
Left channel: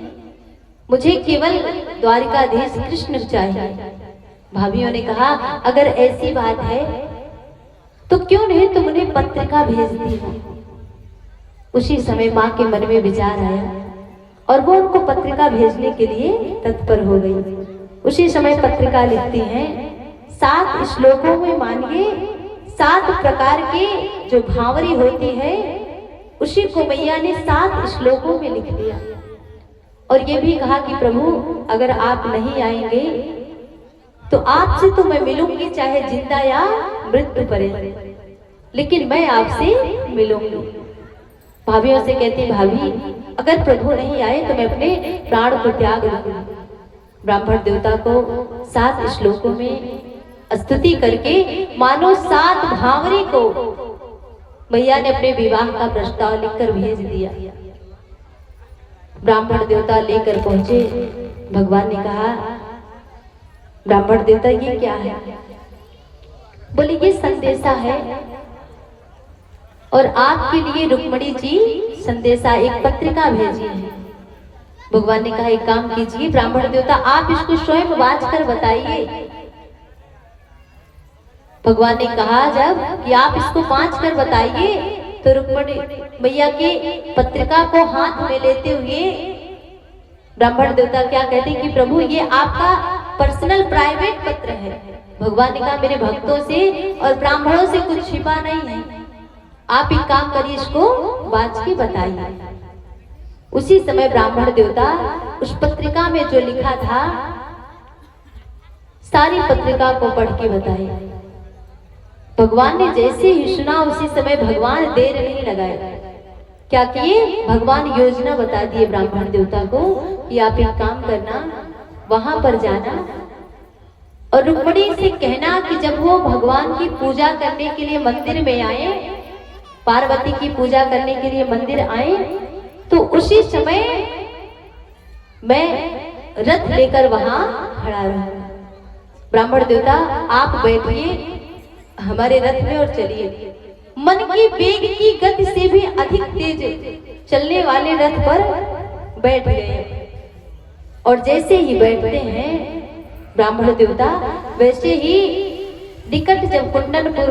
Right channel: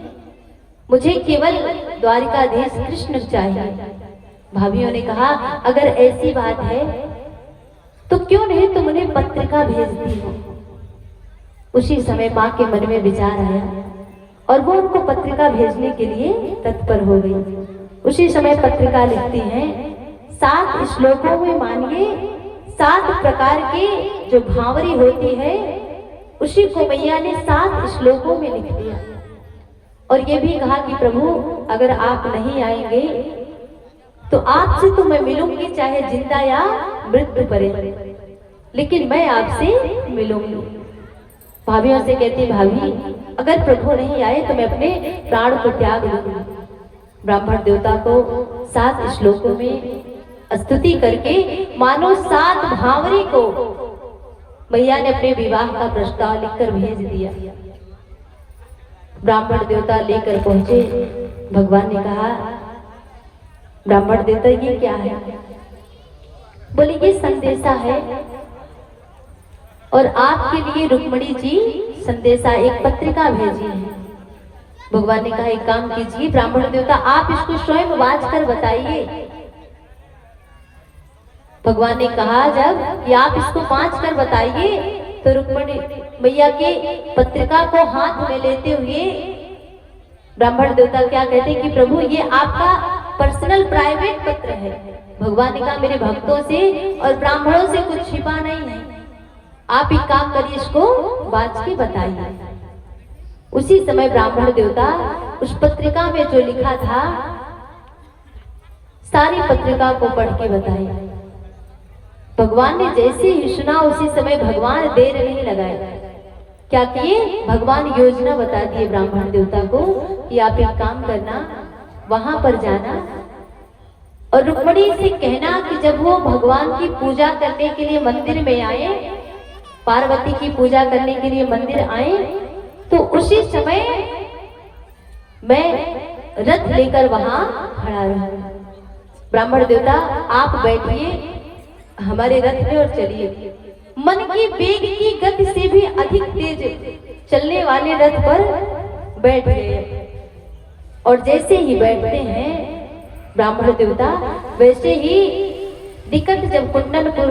मुझे केवल द्वारिकाधीश कृष्ण चाहिए। भाभियों ने कहा अगर ऐसी बात है तो क्यों नहीं तुम उन्हें पत्रिका भेज दी हो, उसी समय माँ के मन में विचार आया और वो उनको पत्रिका भेजने के लिए तत्पर हो गई। उसी समय पत्रिका लिखती हैं, 7 श्लोकों में मानिए 7 प्रकार के जो भावरी होती है उसी को मैया ने 7 श्लोकों में लिख दिया और ये भी कहा कि प्रभु अगर आप नहीं आएंगे तो आपसे तो मैं मिलूंगी चाहे जिंदा या मृत्यु पर्यंत, लेकिन मैं आपसे मिलूंगी। भाभियों से कहती, भाभी अगर प्रभु नहीं आए तो मैं अपने प्राण को त्याग दूंगी। ब्राह्मण देवता को 7 श्लोकों में स्तुति करके मानो 7 भावरी को मैया ने अपने विवाह का प्रस्ताव लिखकर भेज दिया। ब्राह्मण देवता लेकर पहुंचे। भगवान ने कहा, ब्राह्मण देवता ये क्या है? बोले ये संदेशा है और आपके लिए रुक्मणी जी संदेशा एक पत्रिका भेजी है। भगवान ने कहा एक काम कीजिए ब्राह्मण देवता, आप इसको स्वयं वाच कर बताइए। भगवान ने कहा जब कि आप इसको वाच कर बताइए, तो रुक्मणी मैया के पत्रिका को हाथ में लेते हुए ब्राह्मण देवता क्या कहते हैं कि प्रभु ये आपका पर्सनल प्राइवेट पत्र है। भगवान ने कहा मेरे भक्तों से और ब्राह्मणों से कुछ छिपा नहीं है, आप एक काम करिए इसको वाच के बताइए। उसी समय ब्राह्मण देवता उस पत्रिका में जो लिखा था सारी पत्रिका को पढ़ के बताए। भगवान ने जैसे ही सुना उसी समय भगवान देर नहीं लगाए, क्या किए? भगवान योजना बता दिए ब्राह्मण देवता को कि आप एक काम करना, वहां पर जाना और रुक्मणी से कहना कि जब वो भगवान की पूजा करने के लिए मंदिर में आए, पार्वती की पूजा करने के लिए मंदिर आए, तो उसी समय मैं रथ लेकर वहां खड़ा रहूं। ब्राह्मण देवता आप बैठिए हमारे रथ में और चलिए। मन की वेग की गति से भी अधिक तेज चलने वाले रथ पर बैठ गए और जैसे ही बैठते हैं ब्राह्मण देवता, वैसे ही निकट जब कुंडनपुर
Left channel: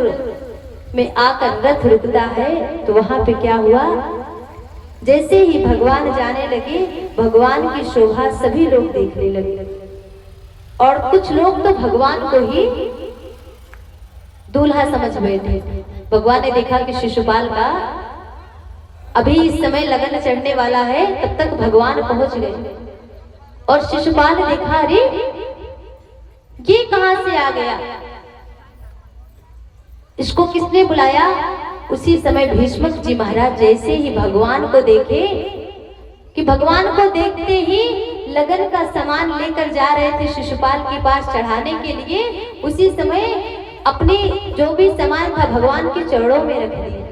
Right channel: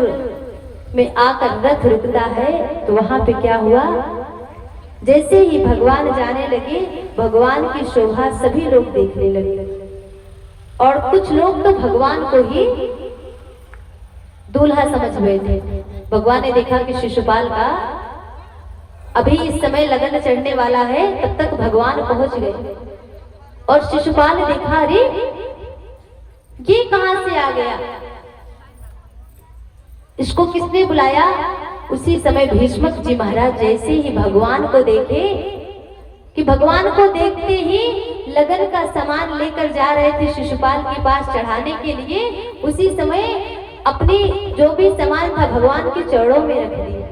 में आकर रथ रुकता है तो वहां पे क्या हुआ? जैसे ही भगवान जाने लगे, भगवान की शोभा सभी लोग देखने लगे और कुछ लोग तो भगवान को ही दूल्हा समझ बैठे। भगवान ने देखा कि शिशुपाल का अभी इस समय लगन चढ़ने वाला है, तब तक भगवान पहुंच गए और शिशुपाल ने देखा अरे ये कहां से आ गया, इसको किसने बुलाया? उसी समय भीष्मक जी महाराज जैसे ही भगवान को देखे कि भगवान को देखते ही लगन का सामान लेकर जा रहे थे शिशुपाल के पास चढ़ाने के लिए, उसी समय अपनी जो भी सामान था भगवान के चरणों में रख दिया।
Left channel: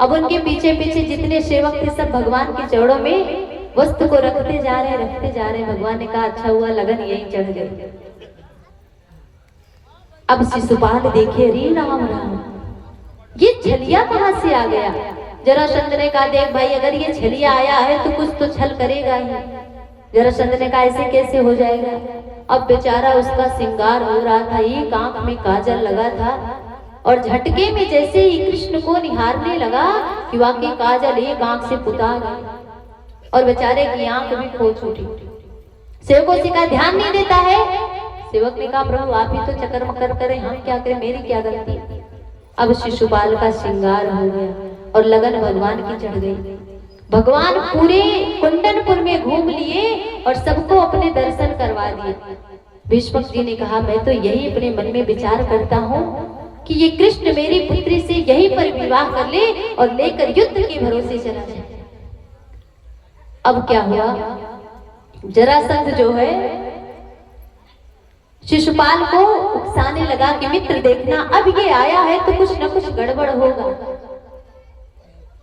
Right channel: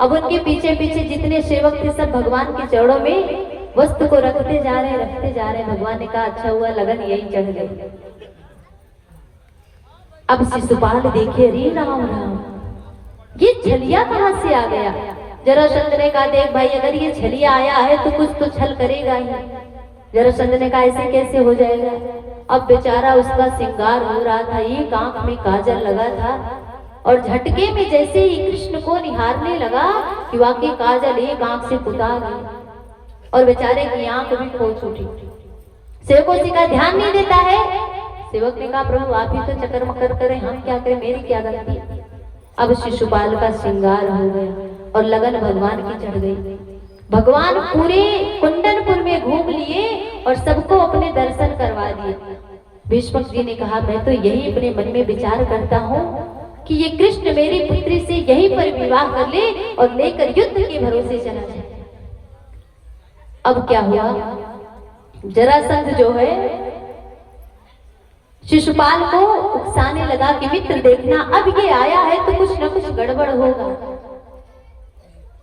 अब उनके पीछे पीछे जितने सेवक थे सब भगवान के चरणों में वस्तु को रखते जा रहे। भगवान ने कहा अच्छा हुआ लगन यही चढ़ गई। अब शिशुपाल देखे, अरे राम राम ये छलिया कहां से आ गया? जरासंध ने कहा देख भाई अगर ये छलिया आया है तो कुछ तो छल करेगा ही। जरासंध ने कहा ऐसे कैसे हो जाएगा? अब बेचारा उसका श्रृंगार हो रहा था, एक आंख में काजल लगा था और झटके में जैसे ही कृष्ण को निहारने लगा कि वाकई काजल एक आंख से पुता गई और बेचारे की आंख भी खो छूटी। सेवकों से कहा ध्यान नहीं देता है। सेवक ने कहा प्रभु आप ही तो चक्कर मकर करें, हम क्या करें, मेरी क्या गलती। अब शिशुपाल का श्रृंगार हो गया और लगन भगवान की चढ़ गई। भगवान पूरे कुंडनपुर में घूम लिए और सबको अपने दर्शन करवा दिए। भीष्मक जी ने कहा मैं तो यही अपने मन में विचार करता हूँ कि ये कृष्ण मेरी पुत्री से यहीं पर विवाह कर ले और लेकर युद्ध के भरोसे चला जाए। अब क्या हुआ? जरासंध जो है शिशुपाल को उकसाने लगा कि मित्र देखना अब ये आया है तो कुछ न कुछ गड़बड़ होगा।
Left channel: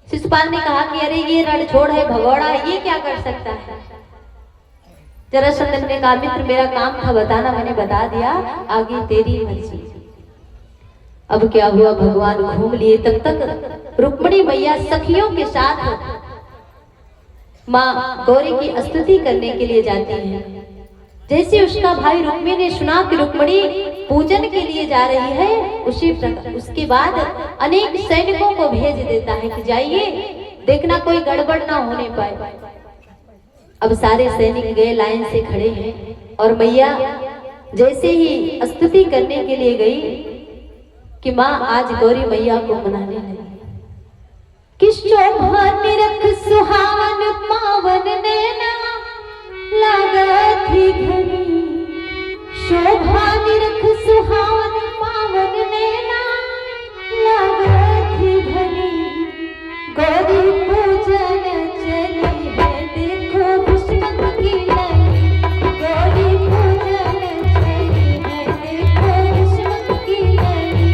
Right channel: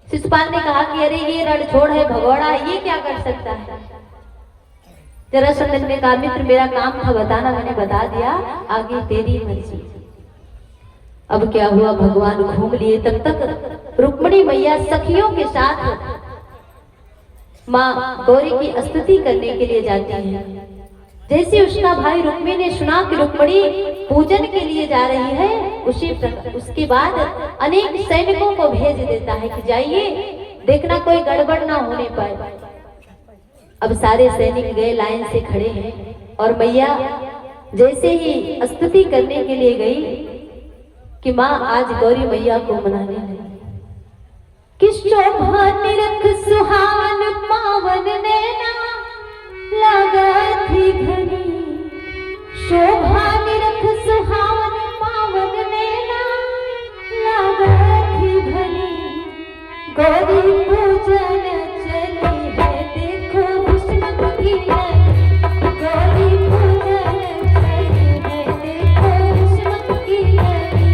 शिशुपाल ने कहा कि अरे ये रणछोड़ है, भगोड़ा है, ये क्या कर सकता है? जरासंध ने कहा मित्र मेरा काम था बताना, मैंने बता दिया, आगे तेरी मर्जी। अब क्या हुआ? भगवान घूम लिए। तब तक रुक्मिणी मैया सखियों के साथ माँ गौरी की स्तुति करने के लिए जाती हैं। जैसे उसका भाई रुक्मी ने सुना कि रुक्मिणी पूजन के लिए जा रही है, उसी उसके बाद अनेक सैनिकों को भेज देता है कि जाइए देखना कोई गड़बड़ ना होने पाए। अब सारे सैनिक गए, लाइन से खड़े हैं और मैया जैसे ही स्तुति करने के लिए गई कि माँ आज गौरी मैया को मनाने लगी कि शोभा निरख सुहावन पावन नैना लगा थी घनी, शोभा निरख सुहावन पावन नैना लगा थी घनी, गौरी पूजन चली है देखो बिस्मत की नगरी, गौरी पूजन चली है देखो बिस्मत की नगरी।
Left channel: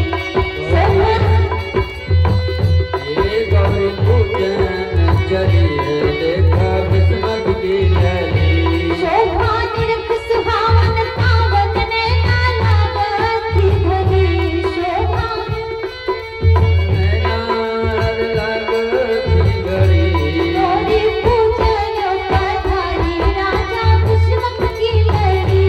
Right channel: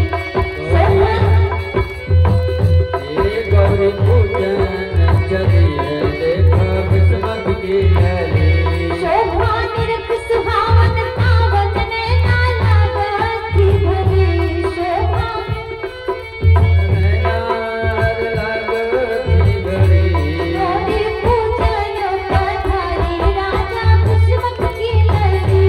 ये गौरी पूजन चली है देखा बिस्मत की लहरी। शोभा निरख सुहावन पावन नैना लगा थी घनी, शोभा नैनार लगती घड़ी। गौरी पूजन पधारी राजा बिस्मत की लहरी।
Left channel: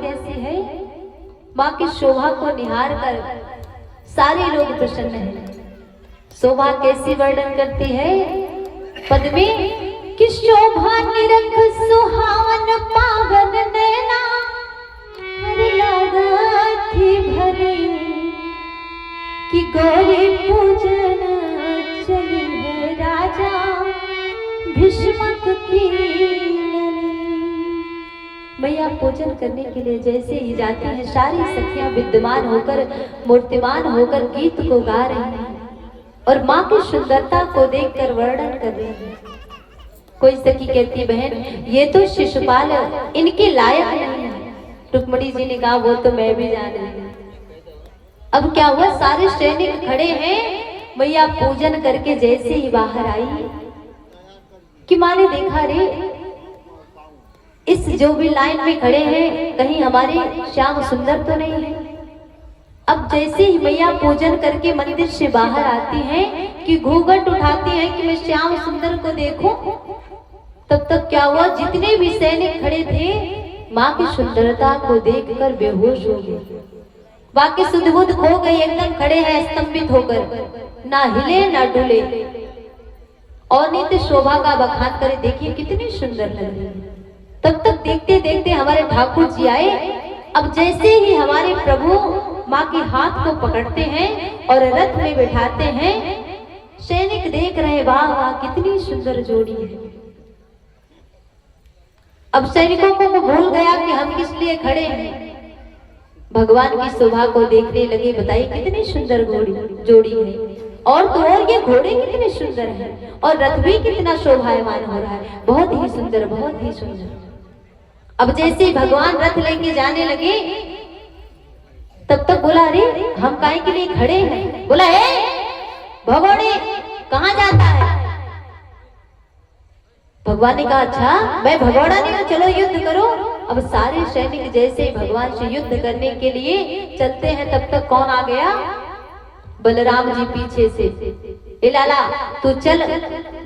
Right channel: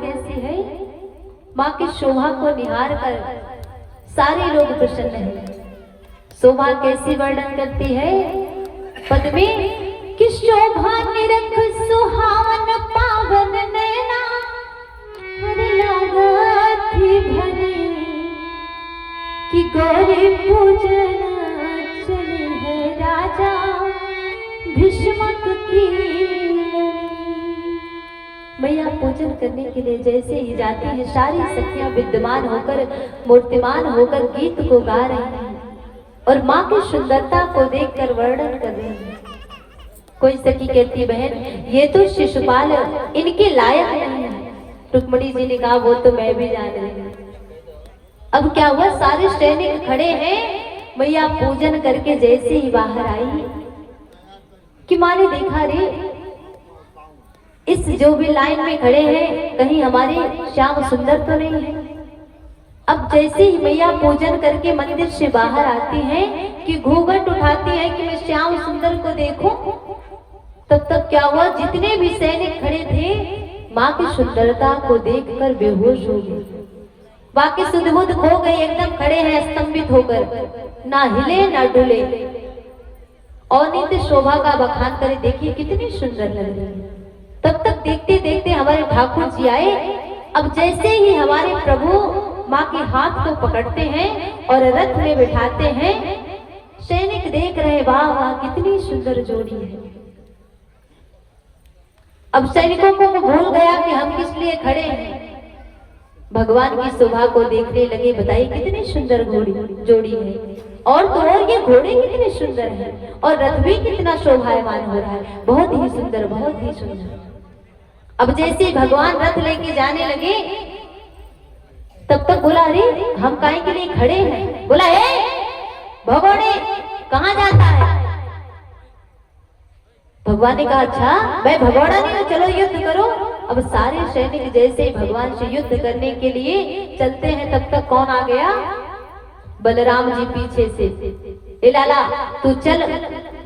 कैसी है? माँ की शोभा को निहार कर सारे लोग प्रसन्न हैं। शोभा कैसी वर्णन करती है पद में कि शोभा निरख सुहावन पावन नैना थी भरी कि गौरी पूजन चली है राजा भीष्मक की लड़ी। मैया पूजन करने के लिए जैसे ही जाती है सारी सखियां विद्यमान होकर मूर्तिमान होकर गीत को गा रही हैं और माँ की सुंदरता को देखकर वर्णन कर रही हैं। कोई सखी कहती बहन ये तो शिशुपाल इनके लायक नहीं है। रुक्मणी जी ने कहा वो तो मैं भी जान रही हूँ। अब क्या हुआ सारे सैनिक खड़े हैं। मैया पूजन करके जैसे ही बाहर आई कि माँ ने देखा रे इस जो भी लाइन में खड़े हैं कहीं हमारे श्याम सुंदर तो नहीं है। अब जैसे ही मैया पूजन करके मंदिर से बाहर आती हैं कि घूंघट उठाती है कि मैं श्याम सुंदर को देखूं, तब तक क्या हुआ जितने भी सैनिक खड़े थे माँ की सुंदरता को देखकर बेहोश हो गए। बाकी सुध-बुध खो गए, एकदम खड़े हैं स्तंभित होकर, ना हिले ना डुले। अनित शोभा का बखान करे, देखिए कितनी सुंदर लग रही है। तब तक देखते देखते हमारे ठाकुर जी आए। अब जैसे ही हमारे प्रभु माँ के हाथ को पकड़ते हैं और रथ में बिठाते हैं, सैनिक देख रहे वाह वाह कितनी सुंदर जोड़ी है। अब सैनिकों को भूल गया कि हम किस लिए खड़े हैं, भगवान की शोभा को देखने लगे। बताइए कितनी सुंदर जोड़ी है। और तो और ये घोड़े कितने सुंदर हैं और रथ भी कितना शोभायमान हो रहा है। बहुत ही सुंदर, बहुत ही सुंदर। अब जैसे भगवान रथ लेके जाने लगे तब तक बोला अरे हम काहे के लिए खड़े हैं। बोला भगवाने कहाँ जाता है। भगवान ने कहा अच्छा मैं भगवाना नहीं हूं, चलो युद्ध करो। अब सारे सैनिक जैसे भगवान से युद्ध करने के लिए चलते हैं तब तक कौन आ गया, बलराम जी पीछे से। ए लाला तू चल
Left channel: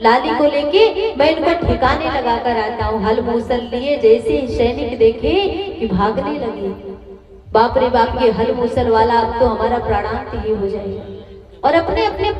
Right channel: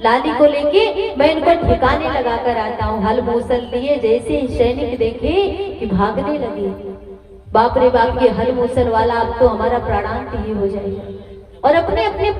लाली को लेके मैं इनको ठिकाने लगा कर आता हूँ। हल मूसल लिए जैसे ही सैनिक देखे कि भागने लगे। बाप रे बाप ये हल मूसल वाला अब तो हमारा प्राणांत ही हो जाएगा। और अपने अपने